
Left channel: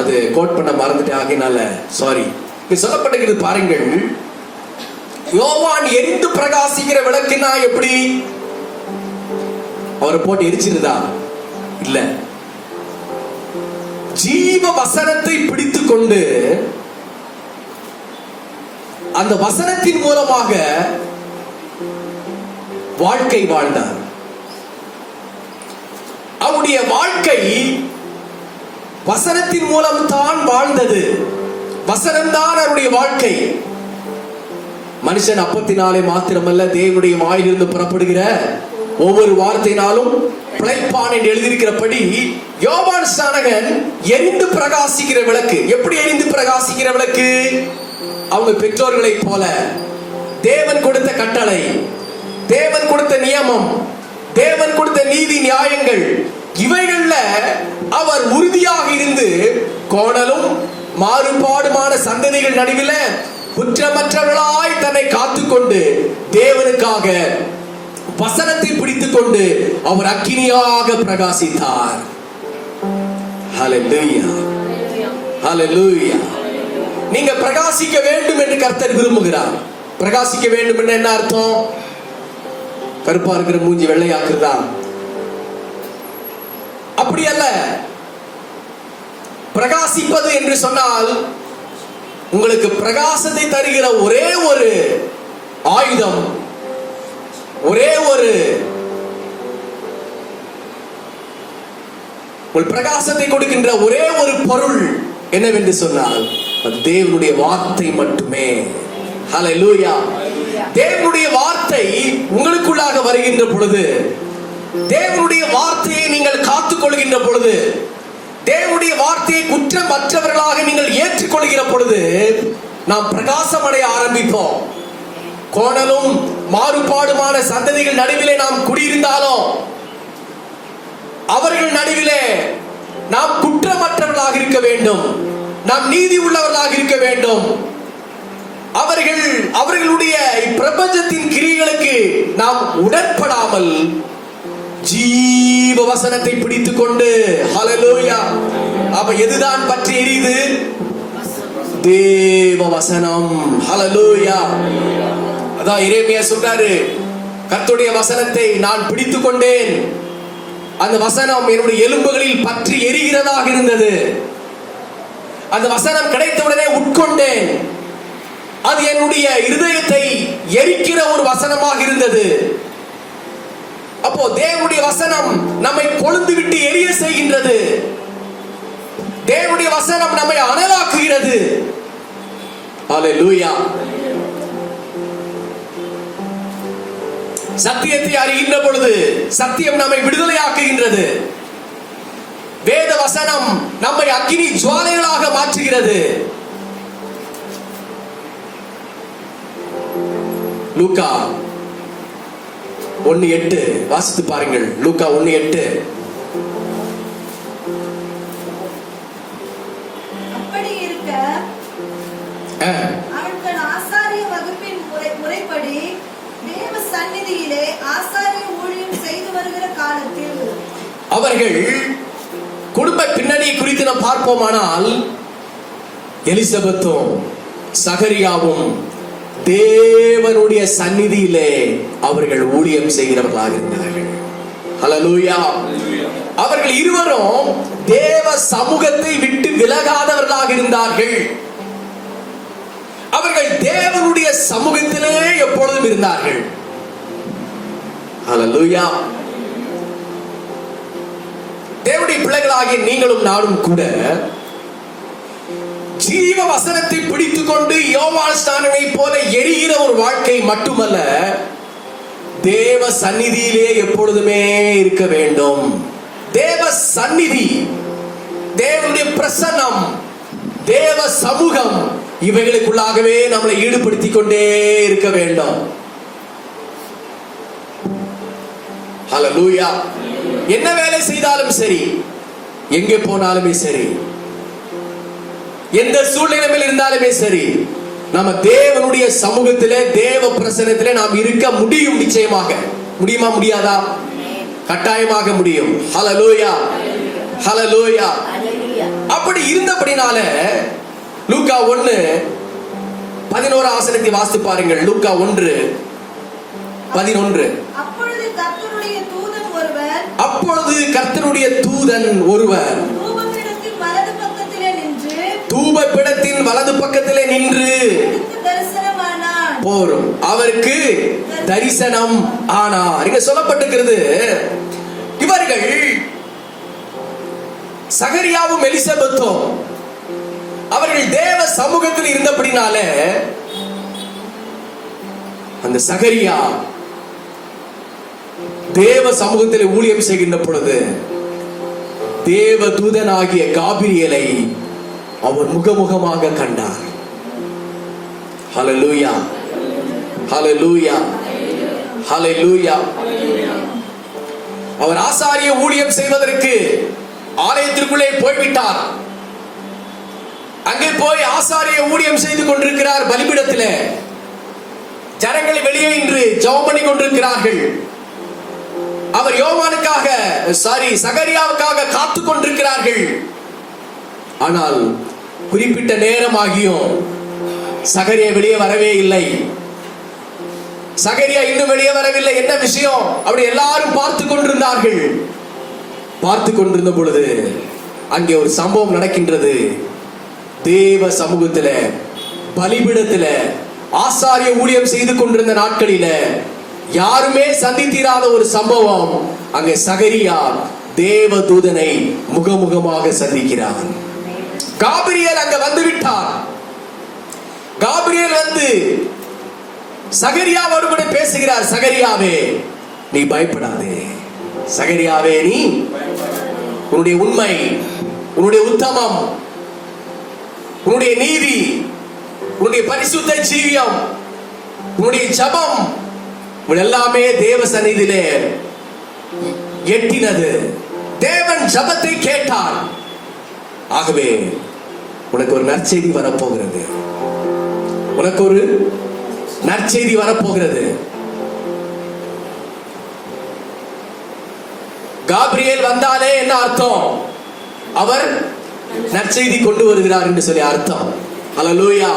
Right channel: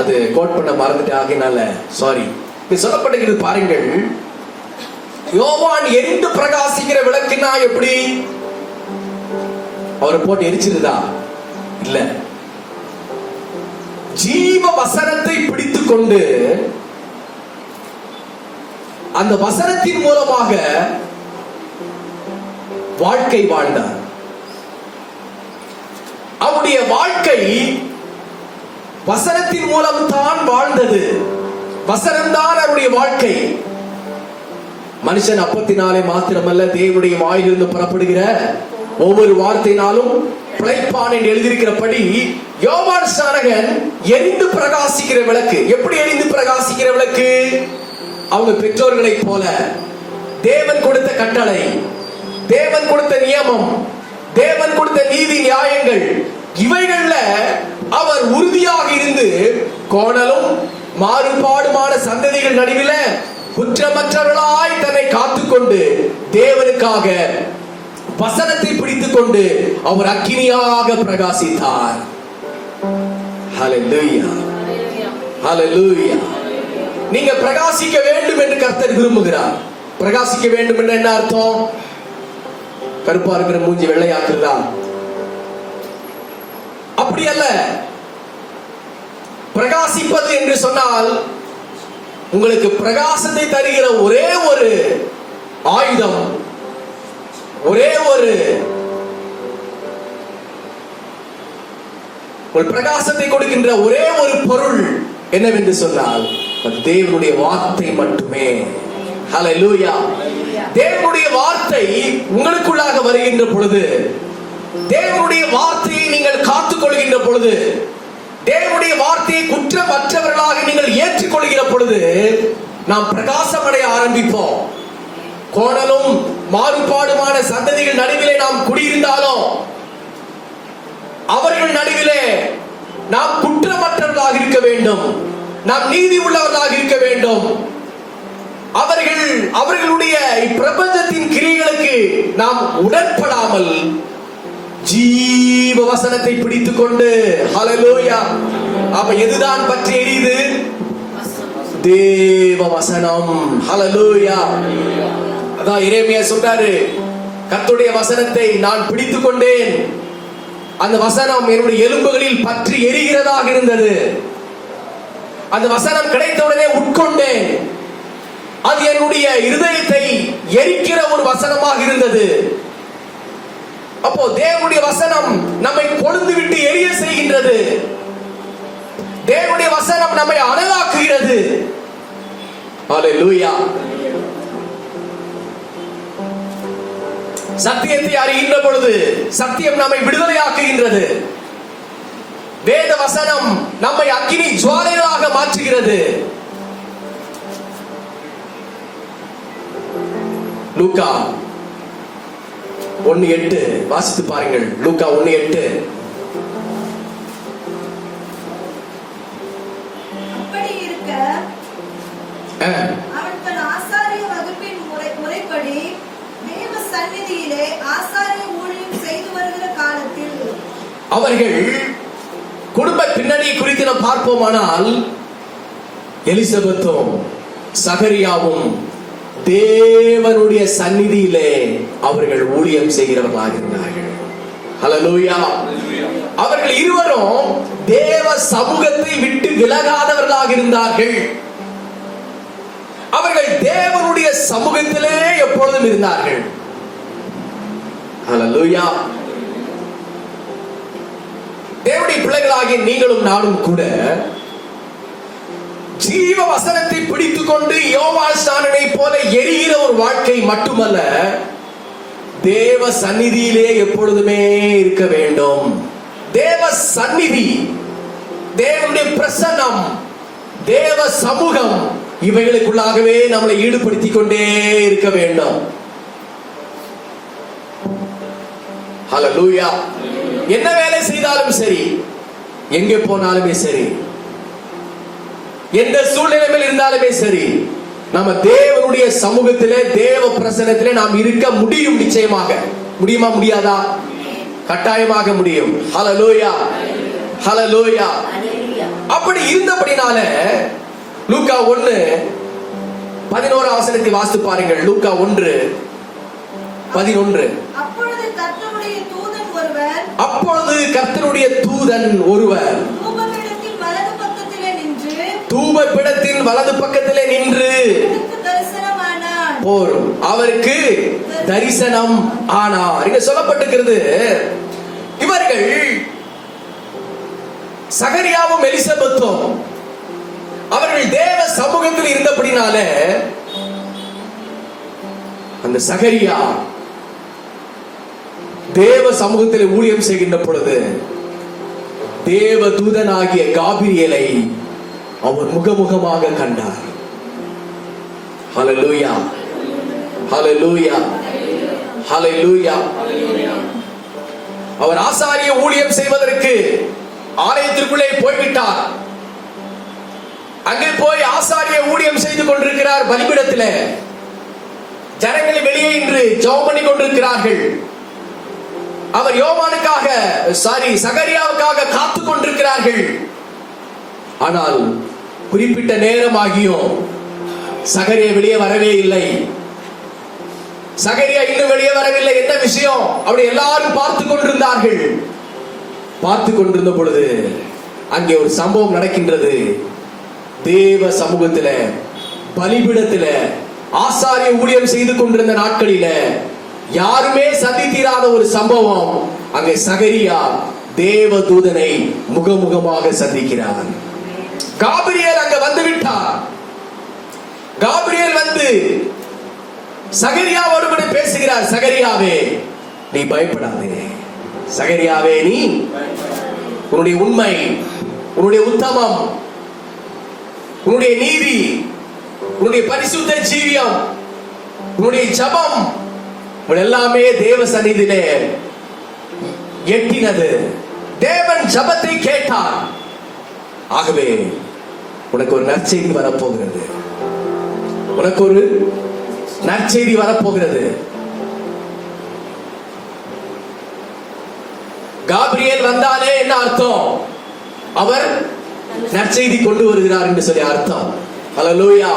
அது கோட் பண்ண மறந்துட்டேன், ஆகையினால சாரி. இது சொல்லப்பட்டிருக்கிறது பாருங்கள். யோவான் எரிந்து பிரகாசிக்கிற விளக்குன்னா எப்படி? அவரை போட்டு எரிச்சிருதா? இல்ல. ஜீவ வசனத்தை பிடித்துக் கொண்டு அந்த வசனத்தின் மூலமாக வாழ்க்கை வாழ்ந்தார். அவருடைய வாழ்க்கை வசனத்தின் மூலம் தான் வாழ்ந்தது. வசனம்தான் அவருடைய வாழ்க்கை. மனுஷன் அப்பத்தினாலே மாத்திரமல்ல, தேவனுடைய வாயிலிருந்து புறப்படுகிற ஒவ்வொரு வார்த்தையினாலும் பிழைப்பான் என்று எழுதியிருக்கிறபடி யோவான் ஸ்நானகன் எரிந்து பிரகாசிக்கிற விளக்கு. எப்படி எரிந்து பிரகாசிக்கிற விளக்கு? அவங்க பெற்றோர்களை போல தேவன் கொடுத்த கட்டளை, தேவன் கொடுத்த நியமம், தேவன் கொடுத்த நீதி நியாயங்கள், இவைகள்ல அவர் உறுதியாக இருந்து கோணலும் மாறுபாடுமான சந்ததிகள் நடுவில குற்றமற்றவர்களாய் தன்னை காத்துக்கொண்டு தேவனுக்காக வசனத்தை பிடித்துக் கொண்டு அவர் அக்கினியாக பிரகாசித்தார். ஹல்லேலூயா, ஹல்லேலூயா. நீங்க பிரகாசிக்க வேண்டும் என்று கர்த்தர் விரும்புகிறார். பிரகாசிக்க வேண்டும் என்று என்ன அர்த்தம்? கருப்பா இருக்கிற மூஞ்சி வெள்ளையாக்குறதா? அப்படி அல்ல. பிரகாசிப்பது என்று சொன்னால் உங்களுக்கு பிரகாசத்தை தருகிற ஒரே ஒரு ஆயுதம், ஒரே ஒரு பிரகாசத்தை கொடுக்கின்ற ஒரே ஒரு பொருள் என்னவென்று சொன்னால் தேவனுடைய வார்த்தை மட்டுமே. ஹல்லேலூயா. தேவனுடைய வார்த்தை உங்களுக்குள்ளாக வருகின்ற பொழுது, தேவனுடைய வார்த்தையை நீங்கள் காத்துக் கொள்கின்ற பொழுது, தேவனுடைய வார்த்தையை குற்றமற்றவர்களாக நீங்கள் ஏற்றுக்கொள்கிற பொழுது நாம் பிரகாசம் அடைய ஆரம்பிப்போம். கோணலும் மாறுபாடுமான சந்ததிகள் நடுவிலே நாம் குடியிருந்தாலும் அவர்கள் நடுவிலே நாம் குற்றமற்றவர்களாக இருக்க வேண்டும். நாம் நீதி உள்ளவர்களாக இருக்க வேண்டும். அவர்களுடைய இப்பிரபஞ்சத்தின் கிரியைகளுக்கு நாம் உடன்படாமல் ஜீவ வசனத்தை பிடித்துக் கொண்டு, ஹல்லேலூயா, அப்ப எதுதான் பற்றி எரியுது? தேவ வசனம். ஹல்லேலூயா. அதான் எரேமியா சொல்றாரு, கர்த்தருடைய வசனத்தை நான் பிடித்துக் கொண்டேன், அந்த வசனம் என்னுடைய எலும்புகளில் பற்றி எரிகிறதாக இருந்தது. அந்த வசனம் கிடைத்தவுடனே உட்கொண்டேன், அது என்னுடைய இருதயத்தை எரிக்கிற ஒரு வசனமாக இருந்தது. அப்போ தேவனுடைய வசனம் நம்மை கொழுந்து விட்டு எரிய செய்கின்றது. தேவனுடைய வசனம் நம்மை அனலாக்குகிறது. ஹல்லேலூயா. சத்தியத்தை அறிகின்ற பொழுது சத்தியம் நம்மை விடுதலையாக்குகின்றது. வேத வசனம் நம்மை அக்கினி ஜுவாலைகளாக மாற்றுகிறது. லூக்கா 1:8 வாசித்து பாருங்கள். லூக்கா 1:8. அப்படி இருக்க அவன் தன் ஆசாரிய வகுப்பின் முறைப்படி தேவ சந்நிதியிலே ஆசாரிய ஊழியம் செய்து வருகிற காலத்தில் அவர்கள் குடும்ப பின்னணி குறித்து நாம் பார்ப்போமானால், எலிசபெத்தும் சகரியாவும் தேவனுடைய சந்நிதியிலே அவர்கள் ஊழியம் செய்கிறவர்களாக இருந்தார்கள். ஹல்லேலூயா. அவர்கள் இருவரும் தேவ சமூகத்தை விட்டு விலகாதவர்களாக இருந்தார்கள். அவர்கள் தேவனுடைய சமூகத்திலே எப்பொழுதும் இருந்தார்கள். ஹல்லேலூயா. தேவனுடைய பிள்ளைகளாகிய நீங்களும் நானும் கூட ஜீவ வசனத்தை பிடித்துக் கொண்டு யோவான் ஸ்நானனை போல எரிகிற ஒரு வாழ்க்கை மட்டுமல்ல, தேவ சந்நிதியிலே எப்பொழுதுமே இருக்க வேண்டும். தேவ சந்நிதி, தேவனுடைய பிரசன்னம், தேவ சமூகம், இவைகளுக்குள்ளாகவே நம்மளை ஈடுபடுத்திக் கொண்டே இருக்க வேண்டும். ஹல்லேலூயா. என்ன வேலை செய்தாலும் சரி, எங்கே போனாலுமே சரி, எந்த சூழ்நிலையில் இருந்தாலுமே சரி, நம்ம தேவனுடைய சமூகத்திலே, தேவ பிரசன்னத்திலே நாம் இருக்க முடியும். நிச்சயமாக முடியுமா? முடியாதா? கட்டாயமாக முடியும். ஹல்லேலூயா. ஹல்லேலூயா. அப்படி இருந்தபடினால லூக்கா 1:11 வசனத்தை வாசித்து பாருங்கள். லூக்கா 1:11. அப்பொழுது கர்த்தருடைய தூதன் ஒருவர் தூபபீடத்தின் வலது பக்கத்திலே நின்று போரும் அவருக்கு தரிசனம் ஆனார். இங்க சொல்லப்பட்டிருக்கிறது, இவர்கள் சகரியாவும் எலிசபெத்தும் அவர்கள் தேவ சமூகத்தில் இருந்தபடினால, அந்த சகரியா தேவ சமூகத்தில் ஊழியம் செய்கின்ற பொழுது தேவ தூதனாகிய காபிரியலை அவர் முகமுகமாக கண்டார். ஹல்லேலூயா. ஹல்லேலூயா. ஹல்லேலூயா. அவர் ஆசாரிய ஊழியம் செய்வதற்கு ஆலயத்திற்குள்ளே போய்விட்டார். அங்கே போய் ஆசாரிய ஊழியம் செய்து கொண்டிருக்கிறார். பலிபீடத்திலே ஜனங்களை வெளியே நின்று ஜெபம் பண்ணி கொண்டிருக்கிறார்கள். அவர் யோவானுக்காக சகரியாவுக்காக காத்துக் கொண்டிருக்கிறார்கள். ஆனால் குறிப்பிட்ட நேரமாகியும் சகரியா வெளியே வரவே இல்லை. சகரியா இன்னும் வெளியே வரவில்லை. என்ன விஷயம்? அப்படி எல்லாரும் பார்த்து கொண்டிருந்தார்கள். பார்த்து கொண்டிருந்த பொழுது அங்கே ஒரு சம்பவம் நடக்கின்றது. தேவ சமூகத்தில பலிபீடத்தில ஆசாரிய ஊழியம் செய்து கொண்டிருந்த நாட்களில யாருமே சந்தித்திராத ஒரு சம்பவம். அங்கே சகரியா தேவ தூதனை முகமுகமாக சந்திக்கிறார். காபிரியல் அங்க வந்து விட்டார். காபிரியல் வந்து சகரியாவோடு கூட பேசுகிறார். சகரியாவே, நீ பயப்படாதே. சகரியாவே, நீ உன்னுடைய உண்மை, உன்னுடைய உத்தமம், உன்னுடைய நீதி, உன்னுடைய பரிசுத்த ஜீவியம், உன்னுடைய ஜபம் எல்லாமே தேவ சந்நிதியிலே எட்டினது. தேவன் ஜபத்தை கேட்டார். ஆகவே உனக்கு ஒரு நற்செய்தி வரப்போகிறது. உனக்கு ஒரு நற்செய்தி வரப்போகிறது. காபிரியேல் வந்தாலே என்ன அர்த்தம்? அவர் நற்செய்தி கொண்டு வருகிறார் என்று சொல்லி அர்த்தம். அல்லேலூயா.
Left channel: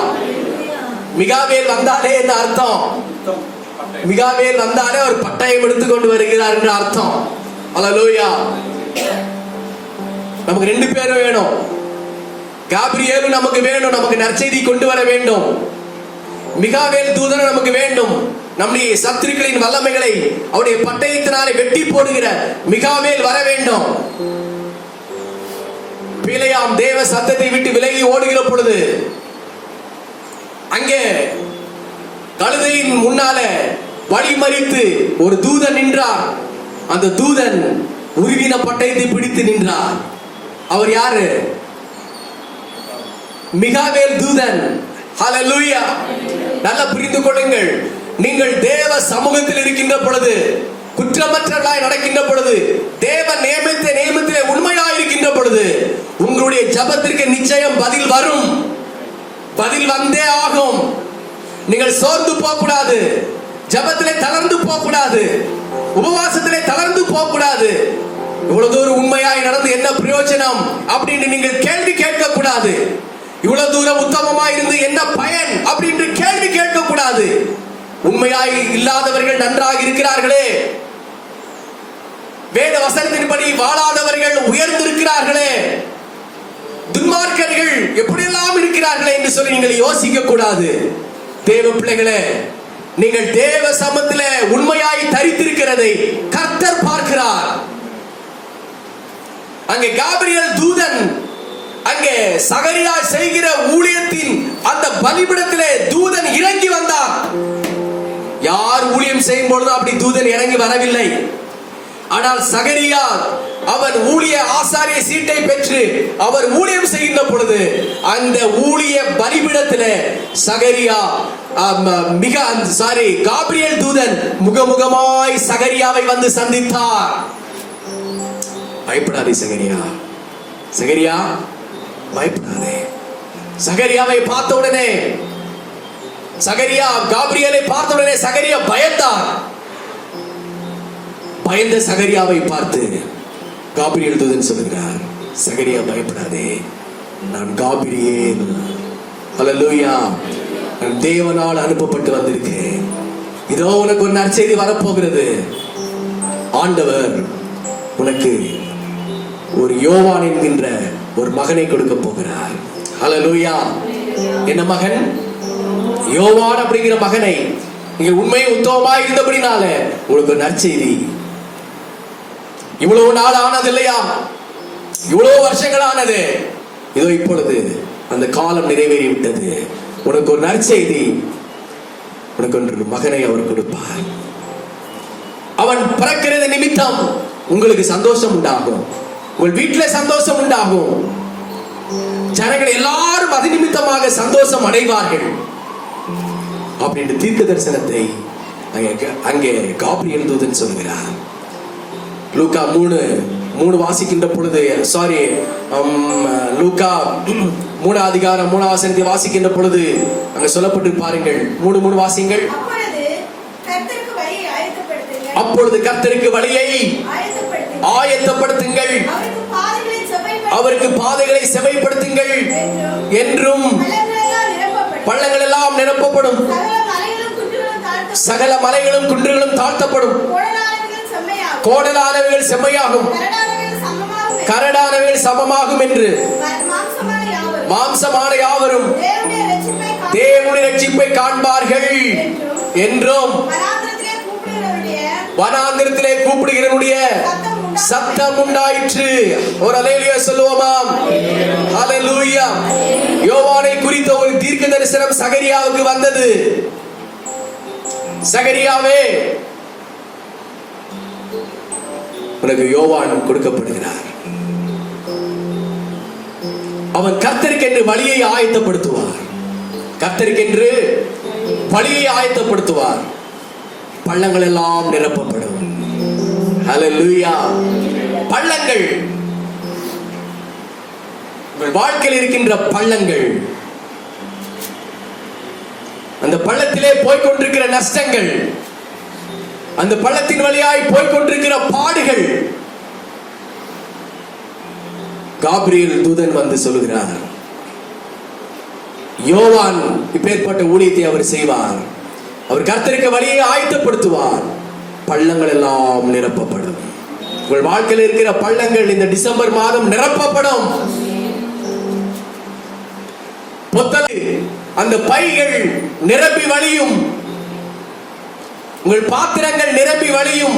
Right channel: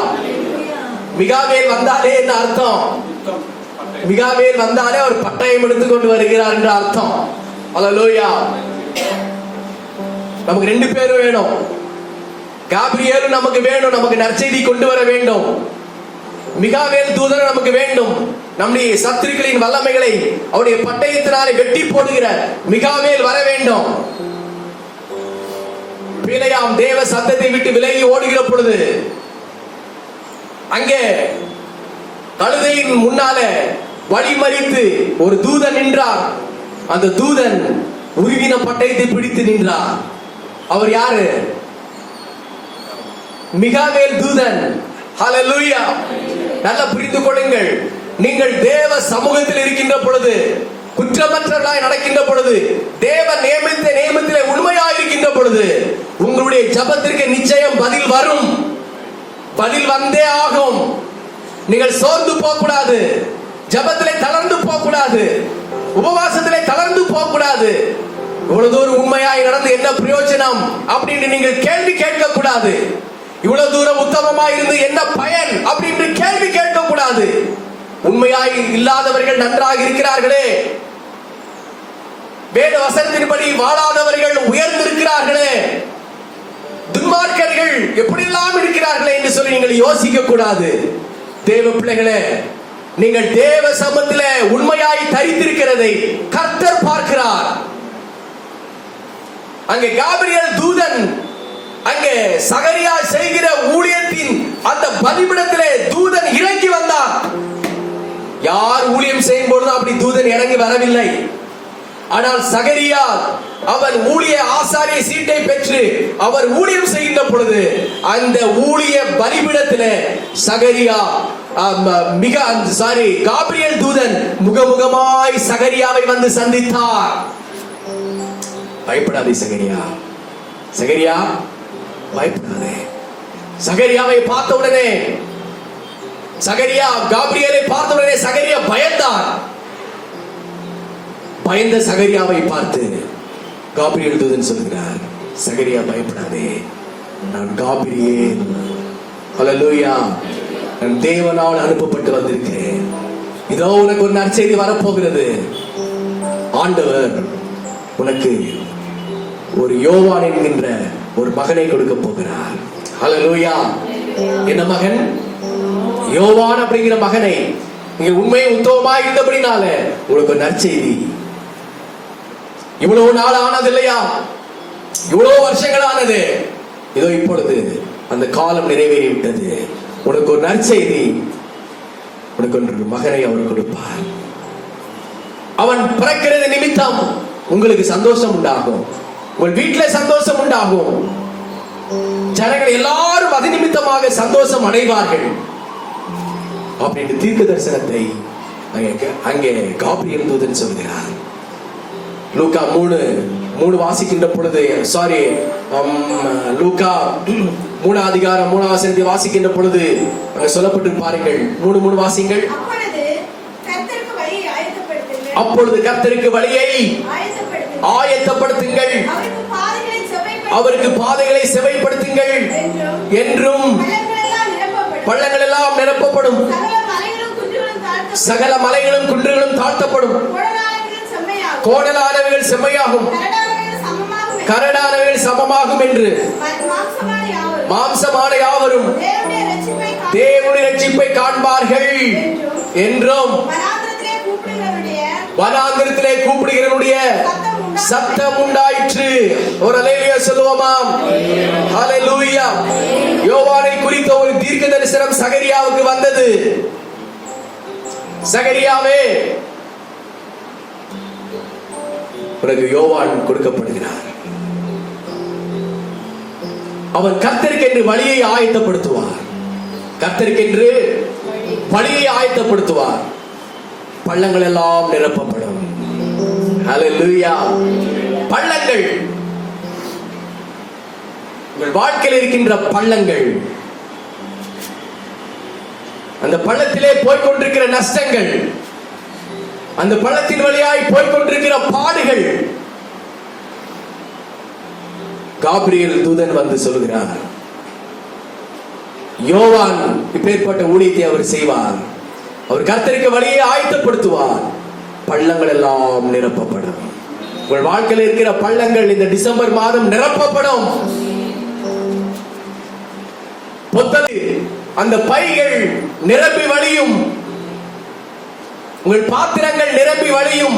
மிகாவேல் வந்தாலே என்ன அர்த்தம்? மிகாவேல் வந்தாலே அவர் பட்டயம் எடுத்துக் கொண்டு வருகிறார் என்ற அர்த்தம். அல்லேலூயா. நமக்கு 2 பேரும் வேணும். காபிரியேலும் நமக்கு வேணும், நமக்கு நற்செய்தி கொண்டு வர வேண்டும். மிகாவேல் தூதன் நமக்கு வேண்டும். நம்முடைய சத்துருக்களின் வல்லமைகளை அவருடைய பட்டயத்தினாலே வெட்டி போடுகிற மிகாவேல் வர வேண்டும். பிலேயாம் தேவ சத்தத்தை விட்டு விலகி ஓடுகிற பொழுது அங்கே கழுதையின் முன்னால வழிமறித்து ஒரு தூதன் நின்றார். அந்த தூதன் உருவின பட்டயத்தை பிடித்து நின்றார். அவர் யாரு? மிகாவேல் தூதன். ஹல்லேலூயா. நல்லா புரிந்து கொள்ளுங்கள். நீங்கள் தேவ சமூகத்தில் இருக்கின்ற பொழுது, குற்றமற்றவர்களாய் நடக்கின்ற பொழுது, தேவ நியமத்திலே உண்மையாய் இருக்கின்ற பொழுது, உங்களுடைய ஜெபத்திற்கு நிச்சயம் பதில் வரும். பதில் வந்தே ஆகும். நீங்கள் சோர்ந்து போக கூடாது. ஜெபத்திலே தளர்ந்து போக கூடாது. உபவாசத்திலே தளர்ந்து போக கூடாது. இவ்வளவு தூரம் உண்மையாய் நடந்து என்ன பிரயோஜனம் அப்படின்னு நீங்கள் கேள்வி கேட்க கூடாது. இவ்வளவு தூரம் உத்தமமாய் இருந்து என்ன பயன் அப்படின்னு கேள்வி கேட்க கூடாது. உண்மையாய் இல்லாதவர்கள் நன்றாக இருக்கிறார்களே, வேத வசனத்தின்படி வாழாதவர்கள் உயர்ந்திருக்கிறார்களே, துன்மார்க்கர்கள் எப்படியெல்லாம் இருக்கிறார்களே என்று சொல்லி நீங்கள் யோசிக்க கூடாது. தேவ பிள்ளைகளே, நீங்கள் தேவ சமூகத்திலே உண்மையாய் தரித்திருக்கிறதை கர்த்தர் பார்க்கிறார். அங்கே காபிரியேல் தூதன் அங்கே சகரியா செய்கிற ஊழியத்தின் அந்த பலிபீடத்திலே தூதன் இறங்கி வந்தார். யார் ஊழியம் செய்யும் பொழுது அப்படி தூதன் இறங்கி வரவில்லை. ஆனால் சகரியா அவன் ஊழிய ஆசாரிய சீட்டை பெற்று அவர் ஊழியம் செய்கின்ற பொழுது அந்த ஊழிய பலிபீடத்திலே சகரியா காபிரியேல் தூதன் முகமுகமாய் சகரியாவை வந்து சந்தித்தார். பயப்படாதே சகரியா, சகரியா பயப்படாதே. சகரியாவை பார்த்த உடனே, சகரியா காபிரியேலை பார்த்த உடனே சகரியா பயந்தார். பயந்த சகரியாவை பார்த்து காபிரியேல் தூதன் சொல்கிறார், சகரியா பயப்படாதே, நான் காபிரியேல். அல்லேலூயா. நான் தேவனால் அனுப்பப்பட்டு வந்திருக்கேன். இதோ உனக்கு ஒரு நற்செய்தி வரப்போகிறது. ஆண்டவர் உனக்கு ஒரு யோவான் என்கின்ற ஒரு மகனை கொடுக்க போகிறார். அல்லேலூயா. என்ன மகன்? யோவான் அப்படிங்கிற மகனை. நீங்க உண்மை உத்தமமாய் இருந்தபடினால உங்களுக்கு நற்செய்தி. இவ்வளவு நாள் ஆனது இல்லையா? இவ்வளவு வருஷங்கள் ஆனது. இதோ இப்பொழுது அந்த காலம் நிறைவேறிவிட்டது. உனக்கு ஒரு நற்செய்தி. உனக்கு ஒரு மகனை அவர் கொடுப்பார். அவன் பிறக்கிறது நிமித்தம் உங்களுக்கு சந்தோஷம் உண்டாகும். உங்கள் வீட்டில் சந்தோஷம் உண்டாகும். ஜனங்கள் எல்லாரும் அது நிமித்தமாக சந்தோஷம் அடைவார்கள் அப்படின்னு தீர்க்க தரிசனத்தை அங்கே காபிரியேல் தூதன் சொல்கிறார். லூக்கா 3 வாசிக்கின்ற பொழுது, லூக்கா 3 அதிகாரம் 3 வசனத்தை வாசிக்கின்ற பொழுது அங்க சொல்லப்பட்டு பாருங்கள். 3 வாசிங்கள். அப்பொழுது கர்த்தருக்கு வழியை ஆயத்தப்படுத்துங்கள், அவருக்கு பாதைகளை செவைப்படுத்துங்கள் என்றும் பள்ளங்கள் எல்லாம் நிரப்பப்படும், சகல மலைகளும் குன்றுகளும் தாழ்த்தப்படும், கோடலானவைகள் செம்மையாகும், கரடானவைகள் சமமாகும் என்று மாம்சமான யாவரும் தேவனுடைய ரட்சிப்பை காண்பார்கள் என்றும் வனாந்திரத்திலே கூப்பிடுகிறவனுடைய சத்தம் உண்டாயிற்று. ஒரு அல்லேலூயா சொல்லுவோமாம். ஹல்லேலூயா. யோவானை குறித்த ஒரு தீர்க்க தரிசனம் சகரியாவுக்கு வந்தது. சகரியாவே, உனக்கு யோவான் கொடுக்கப்படுகிறார். அவன் கர்த்தருக்கென்று வழியை ஆயத்தப்படுத்துவார். கர்த்தருக்கென்று வழியை ஆயத்தப்படுத்துவார். பள்ளங்கள் எல்லாம் நிரப்பப்படும். ஹல்லேலூயா. பள்ளங்கள் உங்கள் வாழ்க்கையில் இருக்கின்ற பள்ளங்கள், அந்த பள்ளத்திலே போய்கொண்டிருக்கிற நஷ்டங்கள், அந்த பள்ளத்தின் வழியாய் போய்கொண்டிருக்கிற பாடுகள், காபிரியேல் தூதன் வந்து சொல்கிறார், யோவான் இப்பேற்பட்ட ஊழியத்தை அவர் செய்வார். அவர் கர்த்தருக்கு வழியை ஆயத்தப்படுத்துவார். பள்ளங்கள் எல்லாம் நிரப்பப்படும். உங்கள் வாழ்க்கையில் இருக்கிற பள்ளங்கள் இந்த டிசம்பர் மாதம் நிரப்பப்படும். அந்த பைகள் நிரம்பி வழியும். உங்கள் பாத்திரங்கள் நிரம்பி வழியும்.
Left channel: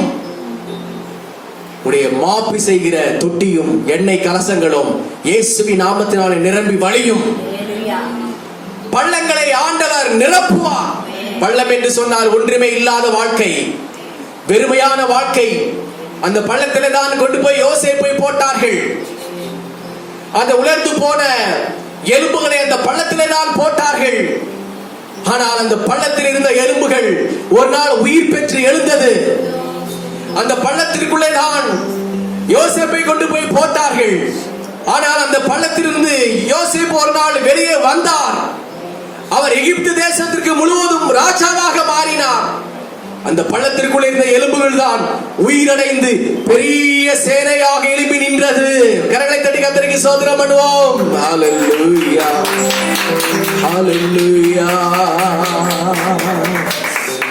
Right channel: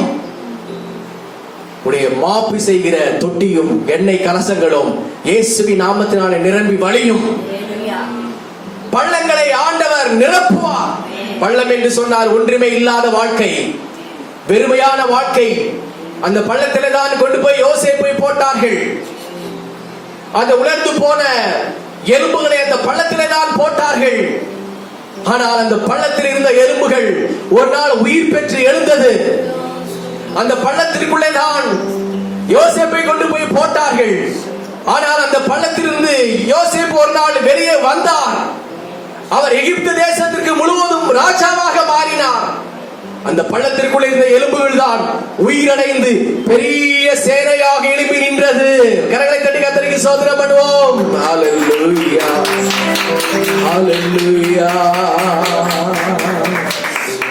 உடைய மாப்பு செய்கிற தொட்டியும் எண்ணெய் கலசங்களும் இயேசுவின் நாமத்தினாலே நிரம்பி வழியும். பள்ளங்களை ஆண்டவர் நிரப்புவார். பள்ளம் என்று சொன்னால் ஒன்றுமே இல்லாத வாழ்க்கை, வெறுமையான வாழ்க்கை. அந்த பள்ளத்திலே தான் கொண்டு போய் யோசேப்பை போட்டார்கள். அந்த உலர்ந்து போன எலும்புகளை அந்த பள்ளத்திலே தான் போட்டார்கள். ஆனால் அந்த பள்ளத்தில் இருந்த எலும்புகள் ஒரு நாள் உயிர் பெற்று எழுந்தது. அந்த பள்ளத்திற்குள்ளே தான் யோசேப்பை கொண்டு போய் போட்டார்கள். ஆனால் அந்த பள்ளத்திலிருந்து யோசேப்பு ஒரு நாள் வெளியே வந்தார். அவர் எகிப்து தேசத்திற்கு முழுவதும் ராஜாவாக மாறினார். அந்த பள்ளத்திற்குள்ளே இருந்த எலும்புகள் தான் உயிரடைந்து பெரிய சேனையாக எழுப்பி நின்றது. கரங்களை தட்டி கர்த்தருக்கு ஸ்தோத்திரம் பண்ணுவோம். ஹல்லேலூயா, ஹல்லேலூயா,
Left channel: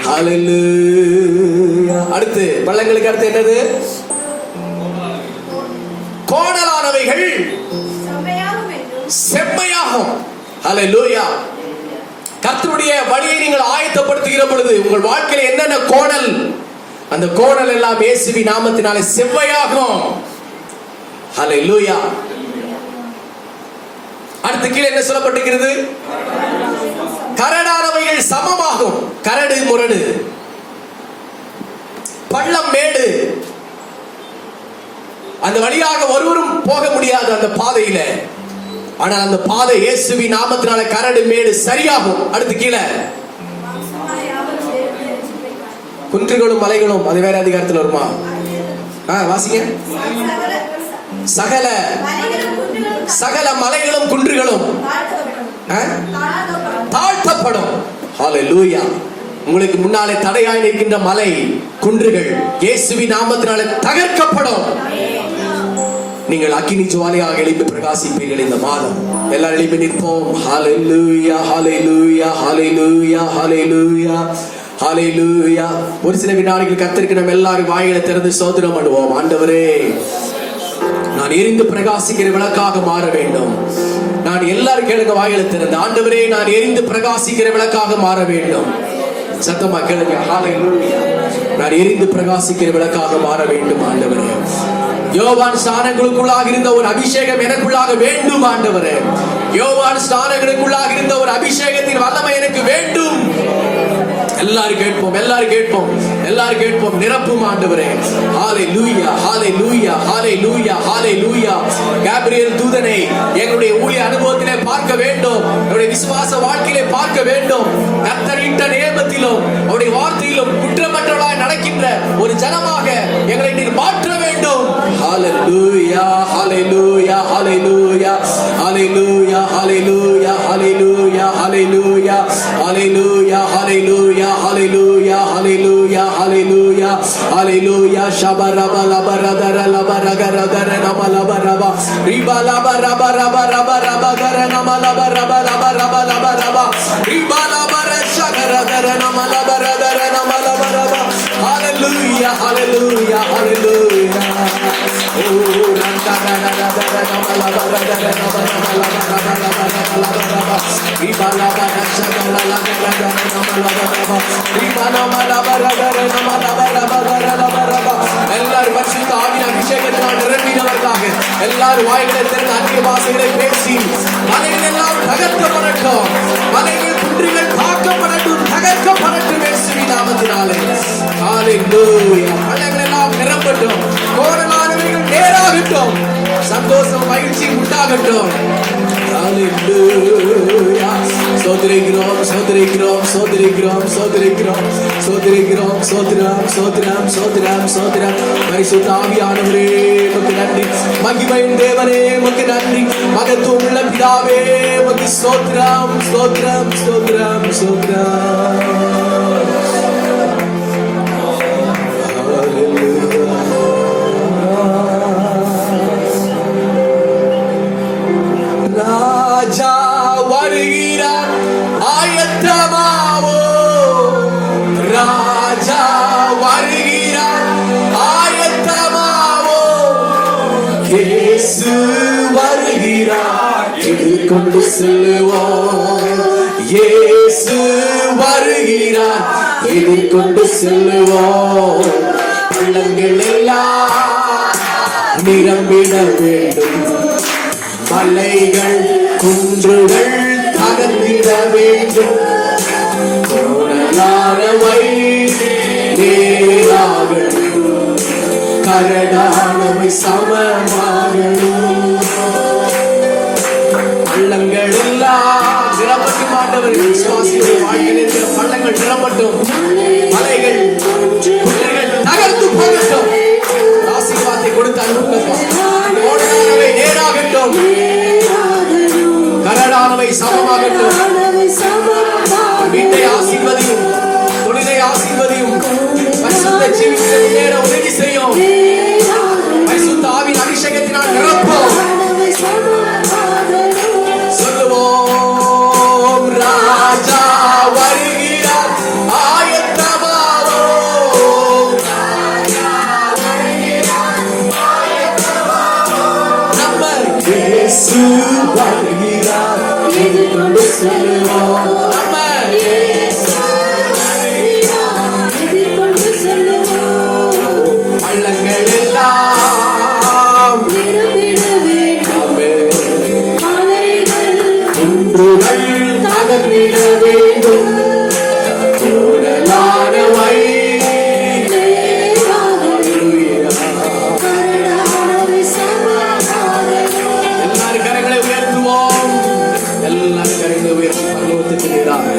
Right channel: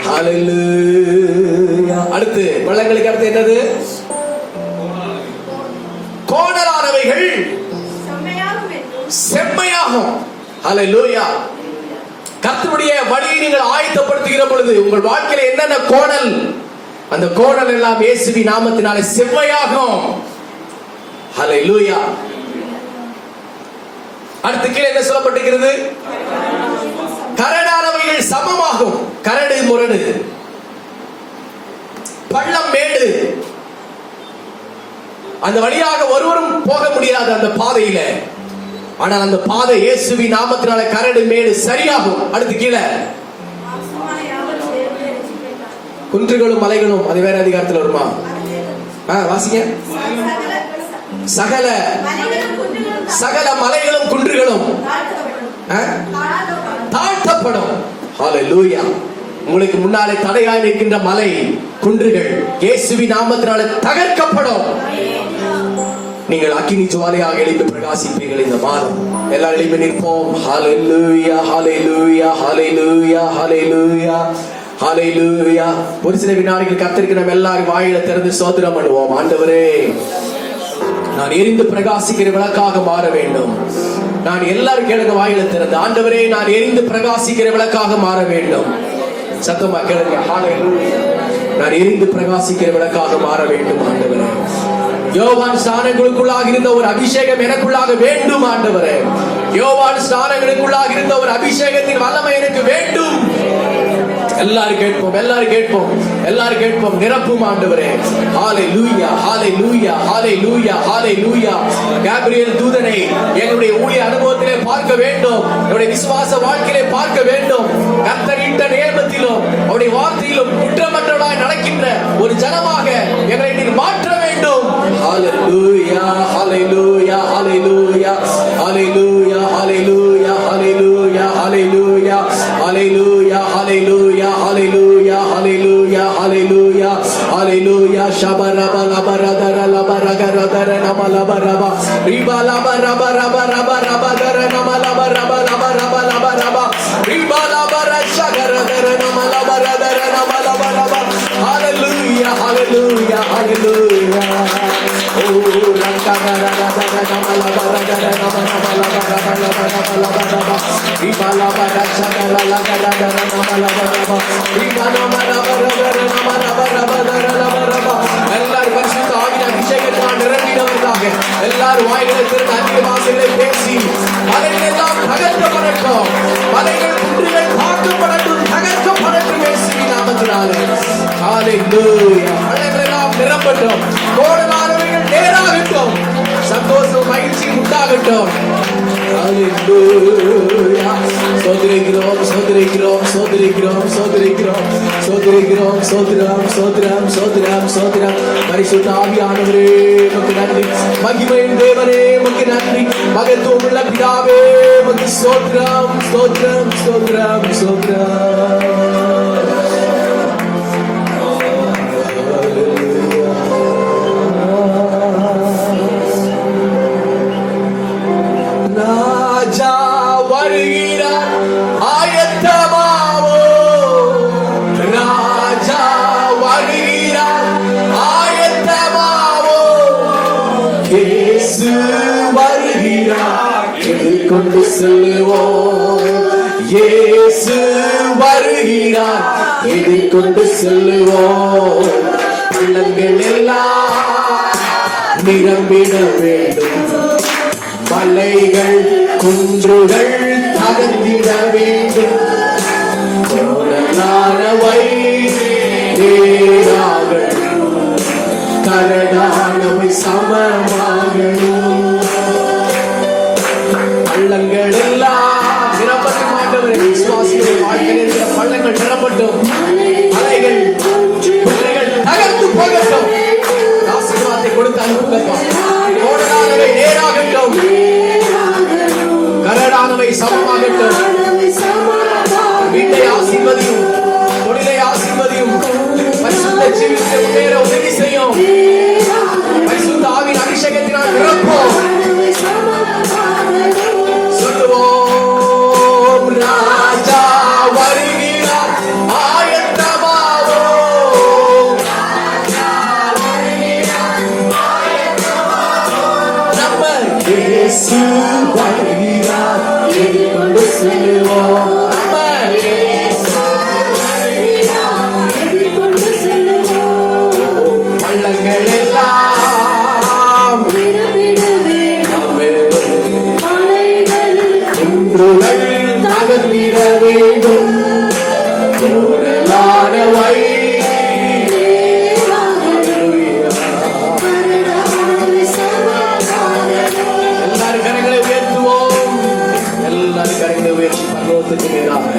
ஹல்லேலூயா. அடுத்து பள்ளங்களுக்கு அடுத்து என்னது? கோணலானவைகள் செம்மையாகும். ஹல்லேலூயா. கர்த்தருடைய வழியை நீங்கள் ஆயத்தப்படுத்துகிற பொழுது உங்கள் வாழ்க்கையில் என்னென்ன கோணல், அந்த கோணல் எல்லாம் இயேசுவின் நாமத்தினாலே செவ்வையாகும். ஹல்லேலூயா. அடுத்து கீழே என்ன சொல்லப்பட்டிருக்கிறது? கரடானவைகள் சமமாகும். கரடு முரடு, பள்ளம் மேடு, அந்த வழியாக ஒருவரும் போக முடியாது அந்த பாதையில. ஆனால் அந்த பாதை இயேசுவின் நாமத்தினால கரடு மேடு சரியாகும். அடுத்து கீழே குன்றுகளும் மலைகளும், அது வேற அதிகாரத்தில் வருமா? வாசிங்க. சகல சகல மலைகளும் குன்றுகளும் தாழ்த்தப்படும். ஹல்லேலூயா. உங்களுக்கு முன்னாலே தடையாய் நிற்கின்ற மலை குன்றுகள் இயேசுவின் நாமத்தினால தகர்க்கப்படும். நீங்கள் அக்கினி ஜுவாலையாக எழுப்பி பிரகாசிப்பீர்கள் இந்த மாதம். எல்லாரும் எழுப்பி நிற்போம். ஹல்லேலூயா, ஹல்லேலூயா, ஹல்லேலூயா, ஹல்லேலூயா, ஹல்லேலூயா. ஒரு சில வினாடிகள் கர்த்தருக்கு நம்ம எல்லாரும் வாயில திறந்து ஸ்தோத்திரம் பண்ணுவோம். ஆண்டவரே, நான் எரிந்து பிரகாசிக்கிற விளக்காக மாற வேண்டும். நான் எல்லாரும் கேளுங்க வாயில திறந்து, ஆண்டவரே நான் எரிந்து பிரகாசிக்கிற விளக்காக மாற வேண்டும். சத்தமா கேளுங்க. ஹல்லேலூயா. நான் எரிந்து பிரகாசிக்கிற விளக்காக மாற வேண்டும் ஆண்டவரே. யோவான் ஸ்நானங்களுக்குள்ளாக இருந்த ஒரு அபிஷேகம் எனக்குள்ளாக வேண்டும் ஆண்டவரே. யோவான் ஸ்நானங்களுக்குள்ளாக இருந்த ஒரு அபிஷேகத்தின் வல்லமை எனக்கு வேண்டும். எல்லாரும் கேட்போம், எல்லாரும் கேட்போம், எல்லாரும் கேட்போம். நிரப்பும் ஆண்டவரே. ஹல்லேலூயா, ஹல்லேலூயா, ஹல்லேலூயா, ஹல்லேலூயா. காபிரியேல் தூதனை எங்களுடைய ஊழிய அனுபவத்திலே பார்க்க வேண்டும். என்னுடைய விசுவாச வாழ்க்கையிலே பார்க்க வேண்டும். கர்த்தர் இட்ட நியமத்திலும் அவருடைய வார்த்தையிலும் குற்றமற்றவர்களாய் நடக்கின்ற ஒரு ஜனமாக எங்களை நீர் மாற்ற வேண்டும். ஹல்லேலூயா, ஹல்லேலூயா, ஹல்லேலூயா, ஹல்லேலூயா, ஹல்லேலூயா, ஹல்லேலூயா, ஹல்லேலூயா, ஹல்லேலூயா, ஹல்லேலூயா, ஹல்லேலூயா, ஹல்லேலூயா, ஹல்லேலூயா, ஹல்லேலூயா. ஷபரபா லபரதர லபரகரதர நமலபரபா ரிபலபரபா ரபரபா ரபகர நமலபரபா ரபரபா ரபரபா ரிபலபர ஷகரதர நமலபரதர நமலபரபா. ஹல்லேலூயா, ஹல்லேலூயா, ஹல்லேலூயா. எல்லாரும் பரிசுத்த ஆவியின் அபிஷேகத்தால் நிரம்பினவர்களாக எல்லாரும் வாய்களை திறந்து அந்நிய பாஷைகளை பேசி மலைகள் எல்லாம் தகர்க்கப்படட்டும். மலைகள் குன்றுகள் தாக்கப்படட்டும், தகர்க்கப்படட்டும் இயேசுவின் நாமத்தினாலே. ஹல்லேலூயா. மலைகள் எல்லாம் நிரம்பட்டும். கோடலானவர்கள் நேராகட்டும். சந்தோஷம் மகிழ்ச்சி உண்டாகட்டும். ஹல்லேலூயா. சோதரிக்கிறோம், சோதரிக்கிறோம் சோதரிக்கிறோம் சோதரிக்கிறோம் சோதரிக்கிறோம் சோதரம் சோதரம் சோதரம் சோதரம் பரிசுத்த ஆவியானவரே உமக்கு நன்றி. மகிமையின் தேவனே உமக்கு நன்றி. மகத்துவம் உள்ள பிதாவே உமக்கு ஸ்தோத்திரம் ஸ்தோத்திரம் ஸ்தோத்திரம் ஸ்தோத்திரம். ராஜா வருகிறார் ஆயத்தமாவோ. ராஜா வருகிறார் ஆயத்தமாவோ. இயேசு வருகிறார் எதிர்கொண்டு செல்லுவோம். இயேசு வருகிறார் எதிர்கொண்டு செல்லுவோம். பள்ளங்கள் எல்லாம் நிரம்பிட வேண்டும். மலைகள் குன்றுகள் தகர்ந்திட வேண்டும். கோணலானவை நேராகணும். கரடானவை சமமாகணும். பள்ளங்கள் எல்லாம் நிரப்பட்டும். ஆண்டவரே விசுவாசிகளின் வாழ்க்கையில் இருக்கிற பள்ளங்கள் நிரப்பட்டும். மலைகள் குன்றுகள் தகர்ந்து போகட்டும். ஆசீர்வாதத்தை கொடுத்து அனுப்பப்பா. கோணலானவை நேராகட்டும். கரடானவை சமமாகட்டும். வீட்டை ஆசீர்வதியும். தொழிலை ஆசீர்வதியும். பரிசுத்த ஜீவிதத்தை நேர உதவி செய்யும். பரிசுத்த ஆவியின் அபிஷேகத்தினால் நிரப்போம். சொல்லுவோம் ராஜா வருகிறார் ஆயத்தமாவோம். நம்ம இயேசு வருகிறார் எதிர்கொண்டு செல்லுவோம். நம்ம இயேசு வருகிறார் எதிர்கொண்டு செல்லுவோம். பள்ளங்கள் எல்லாம் நிரம்பிட வேண்டும். குன்றுகள் தகர்ந்திட வேண்டும். கோணலானவை எல்லாரும் கரங்களை உயர்த்துவோம். எல்லாரும் கரங்களை உயர்த்தி பரலோகத்துக்கு நேராக.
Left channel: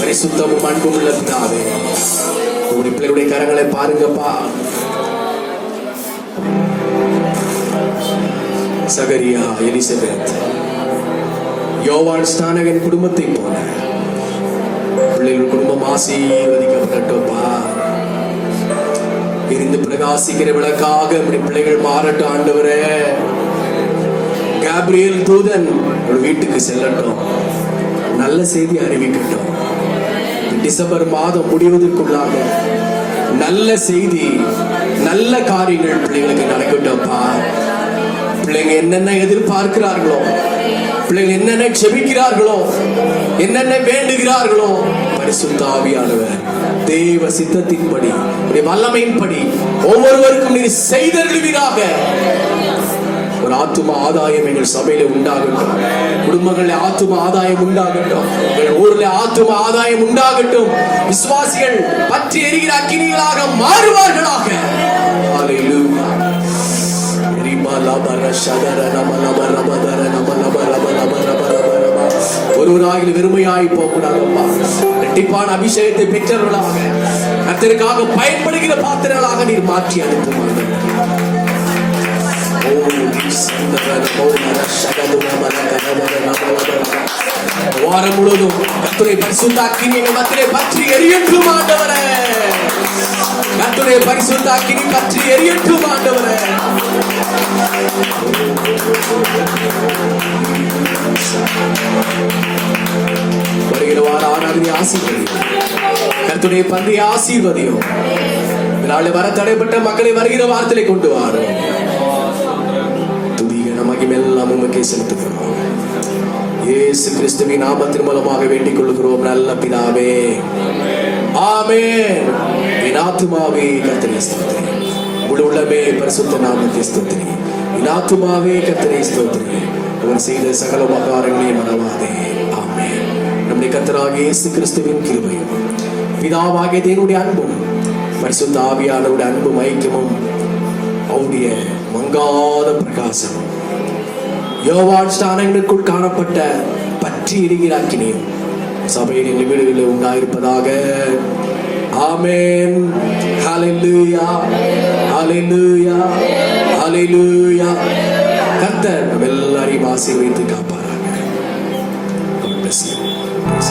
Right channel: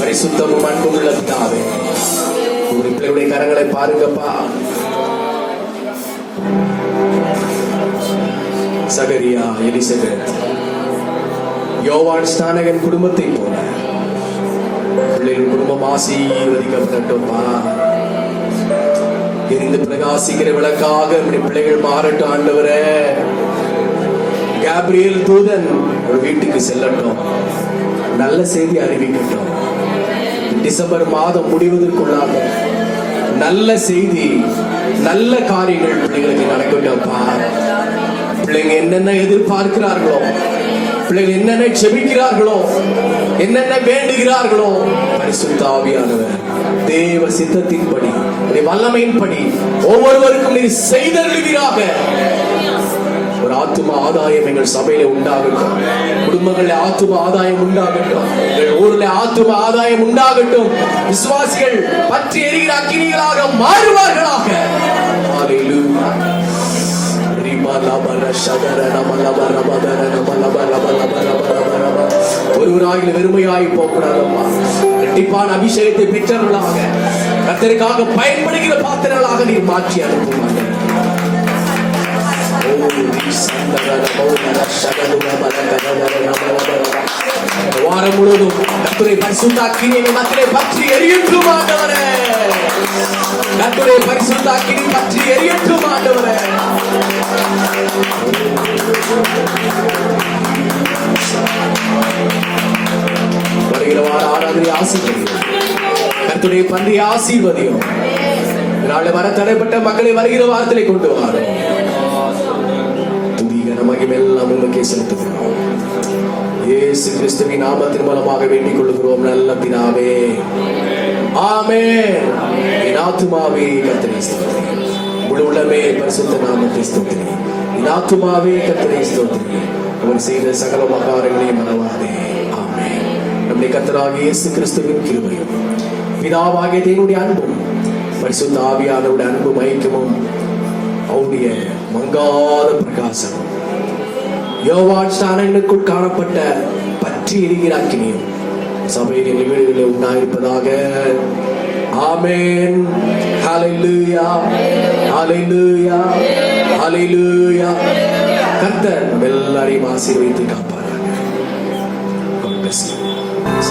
பரிசுத்தமும் அன்பும் உள்ள பிதாவே, உங்க பிள்ளைகளுடைய கரங்களை பாருங்கப்பா. சகரியா, எலிசபெத், யோவான் ஸ்நானகன் குடும்பத்தை போல பிள்ளைகள் குடும்பம் ஆசீர்வதிக்கப்படட்டும்பா. எரிந்து பிரகாசிக்கிற விளக்காக பிள்ளைகள் மாறட்டும். ஆண்டவரே, கேப்ரியல் தூதன் ஒரு வீட்டுக்கு செல்லட்டும். நல்ல செய்தி அறிவிக்கட்டும். டிசம்பர் மாதம் முடிவதற்குள்ளாக நல்ல செய்தி, நல்ல காரியங்கள் பிள்ளைகளுக்கு நடக்கட்டும்பா. பிள்ளைங்க என்னென்ன எதிர்பார்க்கிறார்களோ, பிள்ளைகள் என்னென்ன செபிக்கிறார்களோ, என்னென்ன வேண்டுகிறார்களோ, பரிசுத்த ஆவியானவர் தேவ சித்தத்தின்படி வல்லமையின்படி ஒவ்வொருவருக்கும் நீ செய்தருளுவீராக. ஒரு ஆத்தும ஆதாயம் எங்கள் சபையில உண்டாகட்டும். குடும்பங்களில் ஆத்தும ஆதாயம் உண்டாகட்டும். எங்கள் ஊர்ல ஆத்தும ஆதாயம் உண்டாகட்டும். விசுவாசிகள் பற்றி எரிகிற அக்கினிகளாக மாறுவார்களாக. ஹல்லேலூயா. ஒருவராக வெறுமையாய் போகக்கூடாதப்பா. இரட்டிப்பான அபிஷேகத்தை பெற்றவர்களாக கர்த்தருக்காக பயன்படுகிற பாத்திரங்களாக நீர் மாற்றி அனுப்புவாங்க. வாரம் முழுவதும் கர்த்தருடைய பரிசுத்த அக்கினி எங்கள் மத்தியிலே பற்றி எரியட்டும் ஆண்டவரே. கர்த்தருடைய பரிசுத்த அக்கினி பற்றி எரியட்டும் ஆண்டவரே. வருகிற வார ஆராதனை ஆசீர்வதியும். கர்த்தருடைய பந்தியை ஆசீர்வதியும். இதனால வர தடைப்பட்ட மக்களை வருகிற வாரத்திலே கொண்டு வாரும். துதிகன மகிமையெல்லாம் உமக்கே செலுத்துகிறோம். இயேசு கிறிஸ்துவின் நாமத்தின் மூலமாக வேண்டிக் கொள்கிறோம் நல்ல பிதாவே. ஆமென். என் ஆத்துமாவே கர்த்தரை ஸ்தோத்திரி. முழு உள்ளமே பரிசுத்த நாமத்தை ஸ்தோத்திரி. என் ஆத்துமாவே கர்த்தரை ஸ்தோத்திரி. அவர் செய்த சகல உபகாரங்களையும் மறவாதே. ஆமென். நம்முடைய கர்த்தராகிய இயேசு கிறிஸ்துவின் கிருபையும் பிதாவாகிய தேவனுடைய அன்பும் பரிசுத்த ஆவியானவருடைய அன்பும் ஐக்கியமும் அவருடைய மங்காத பிரகாசம் யோவான் ஸ்நானங்களுக்குள் காணப்பட்ட பற்றி எரிகிற அக்கினியும் சபையின் எங்கள் வீடுகளில் உண்டாயிருப்பதாக. ஆமென். ஹல்லேலூயா, ஹல்லேலூயா, ஹல்லேலூயா. கர்த்தர் நம்ம எல்லாரையும் ஆசீர்வதித்து காப்பாராக. God bless you.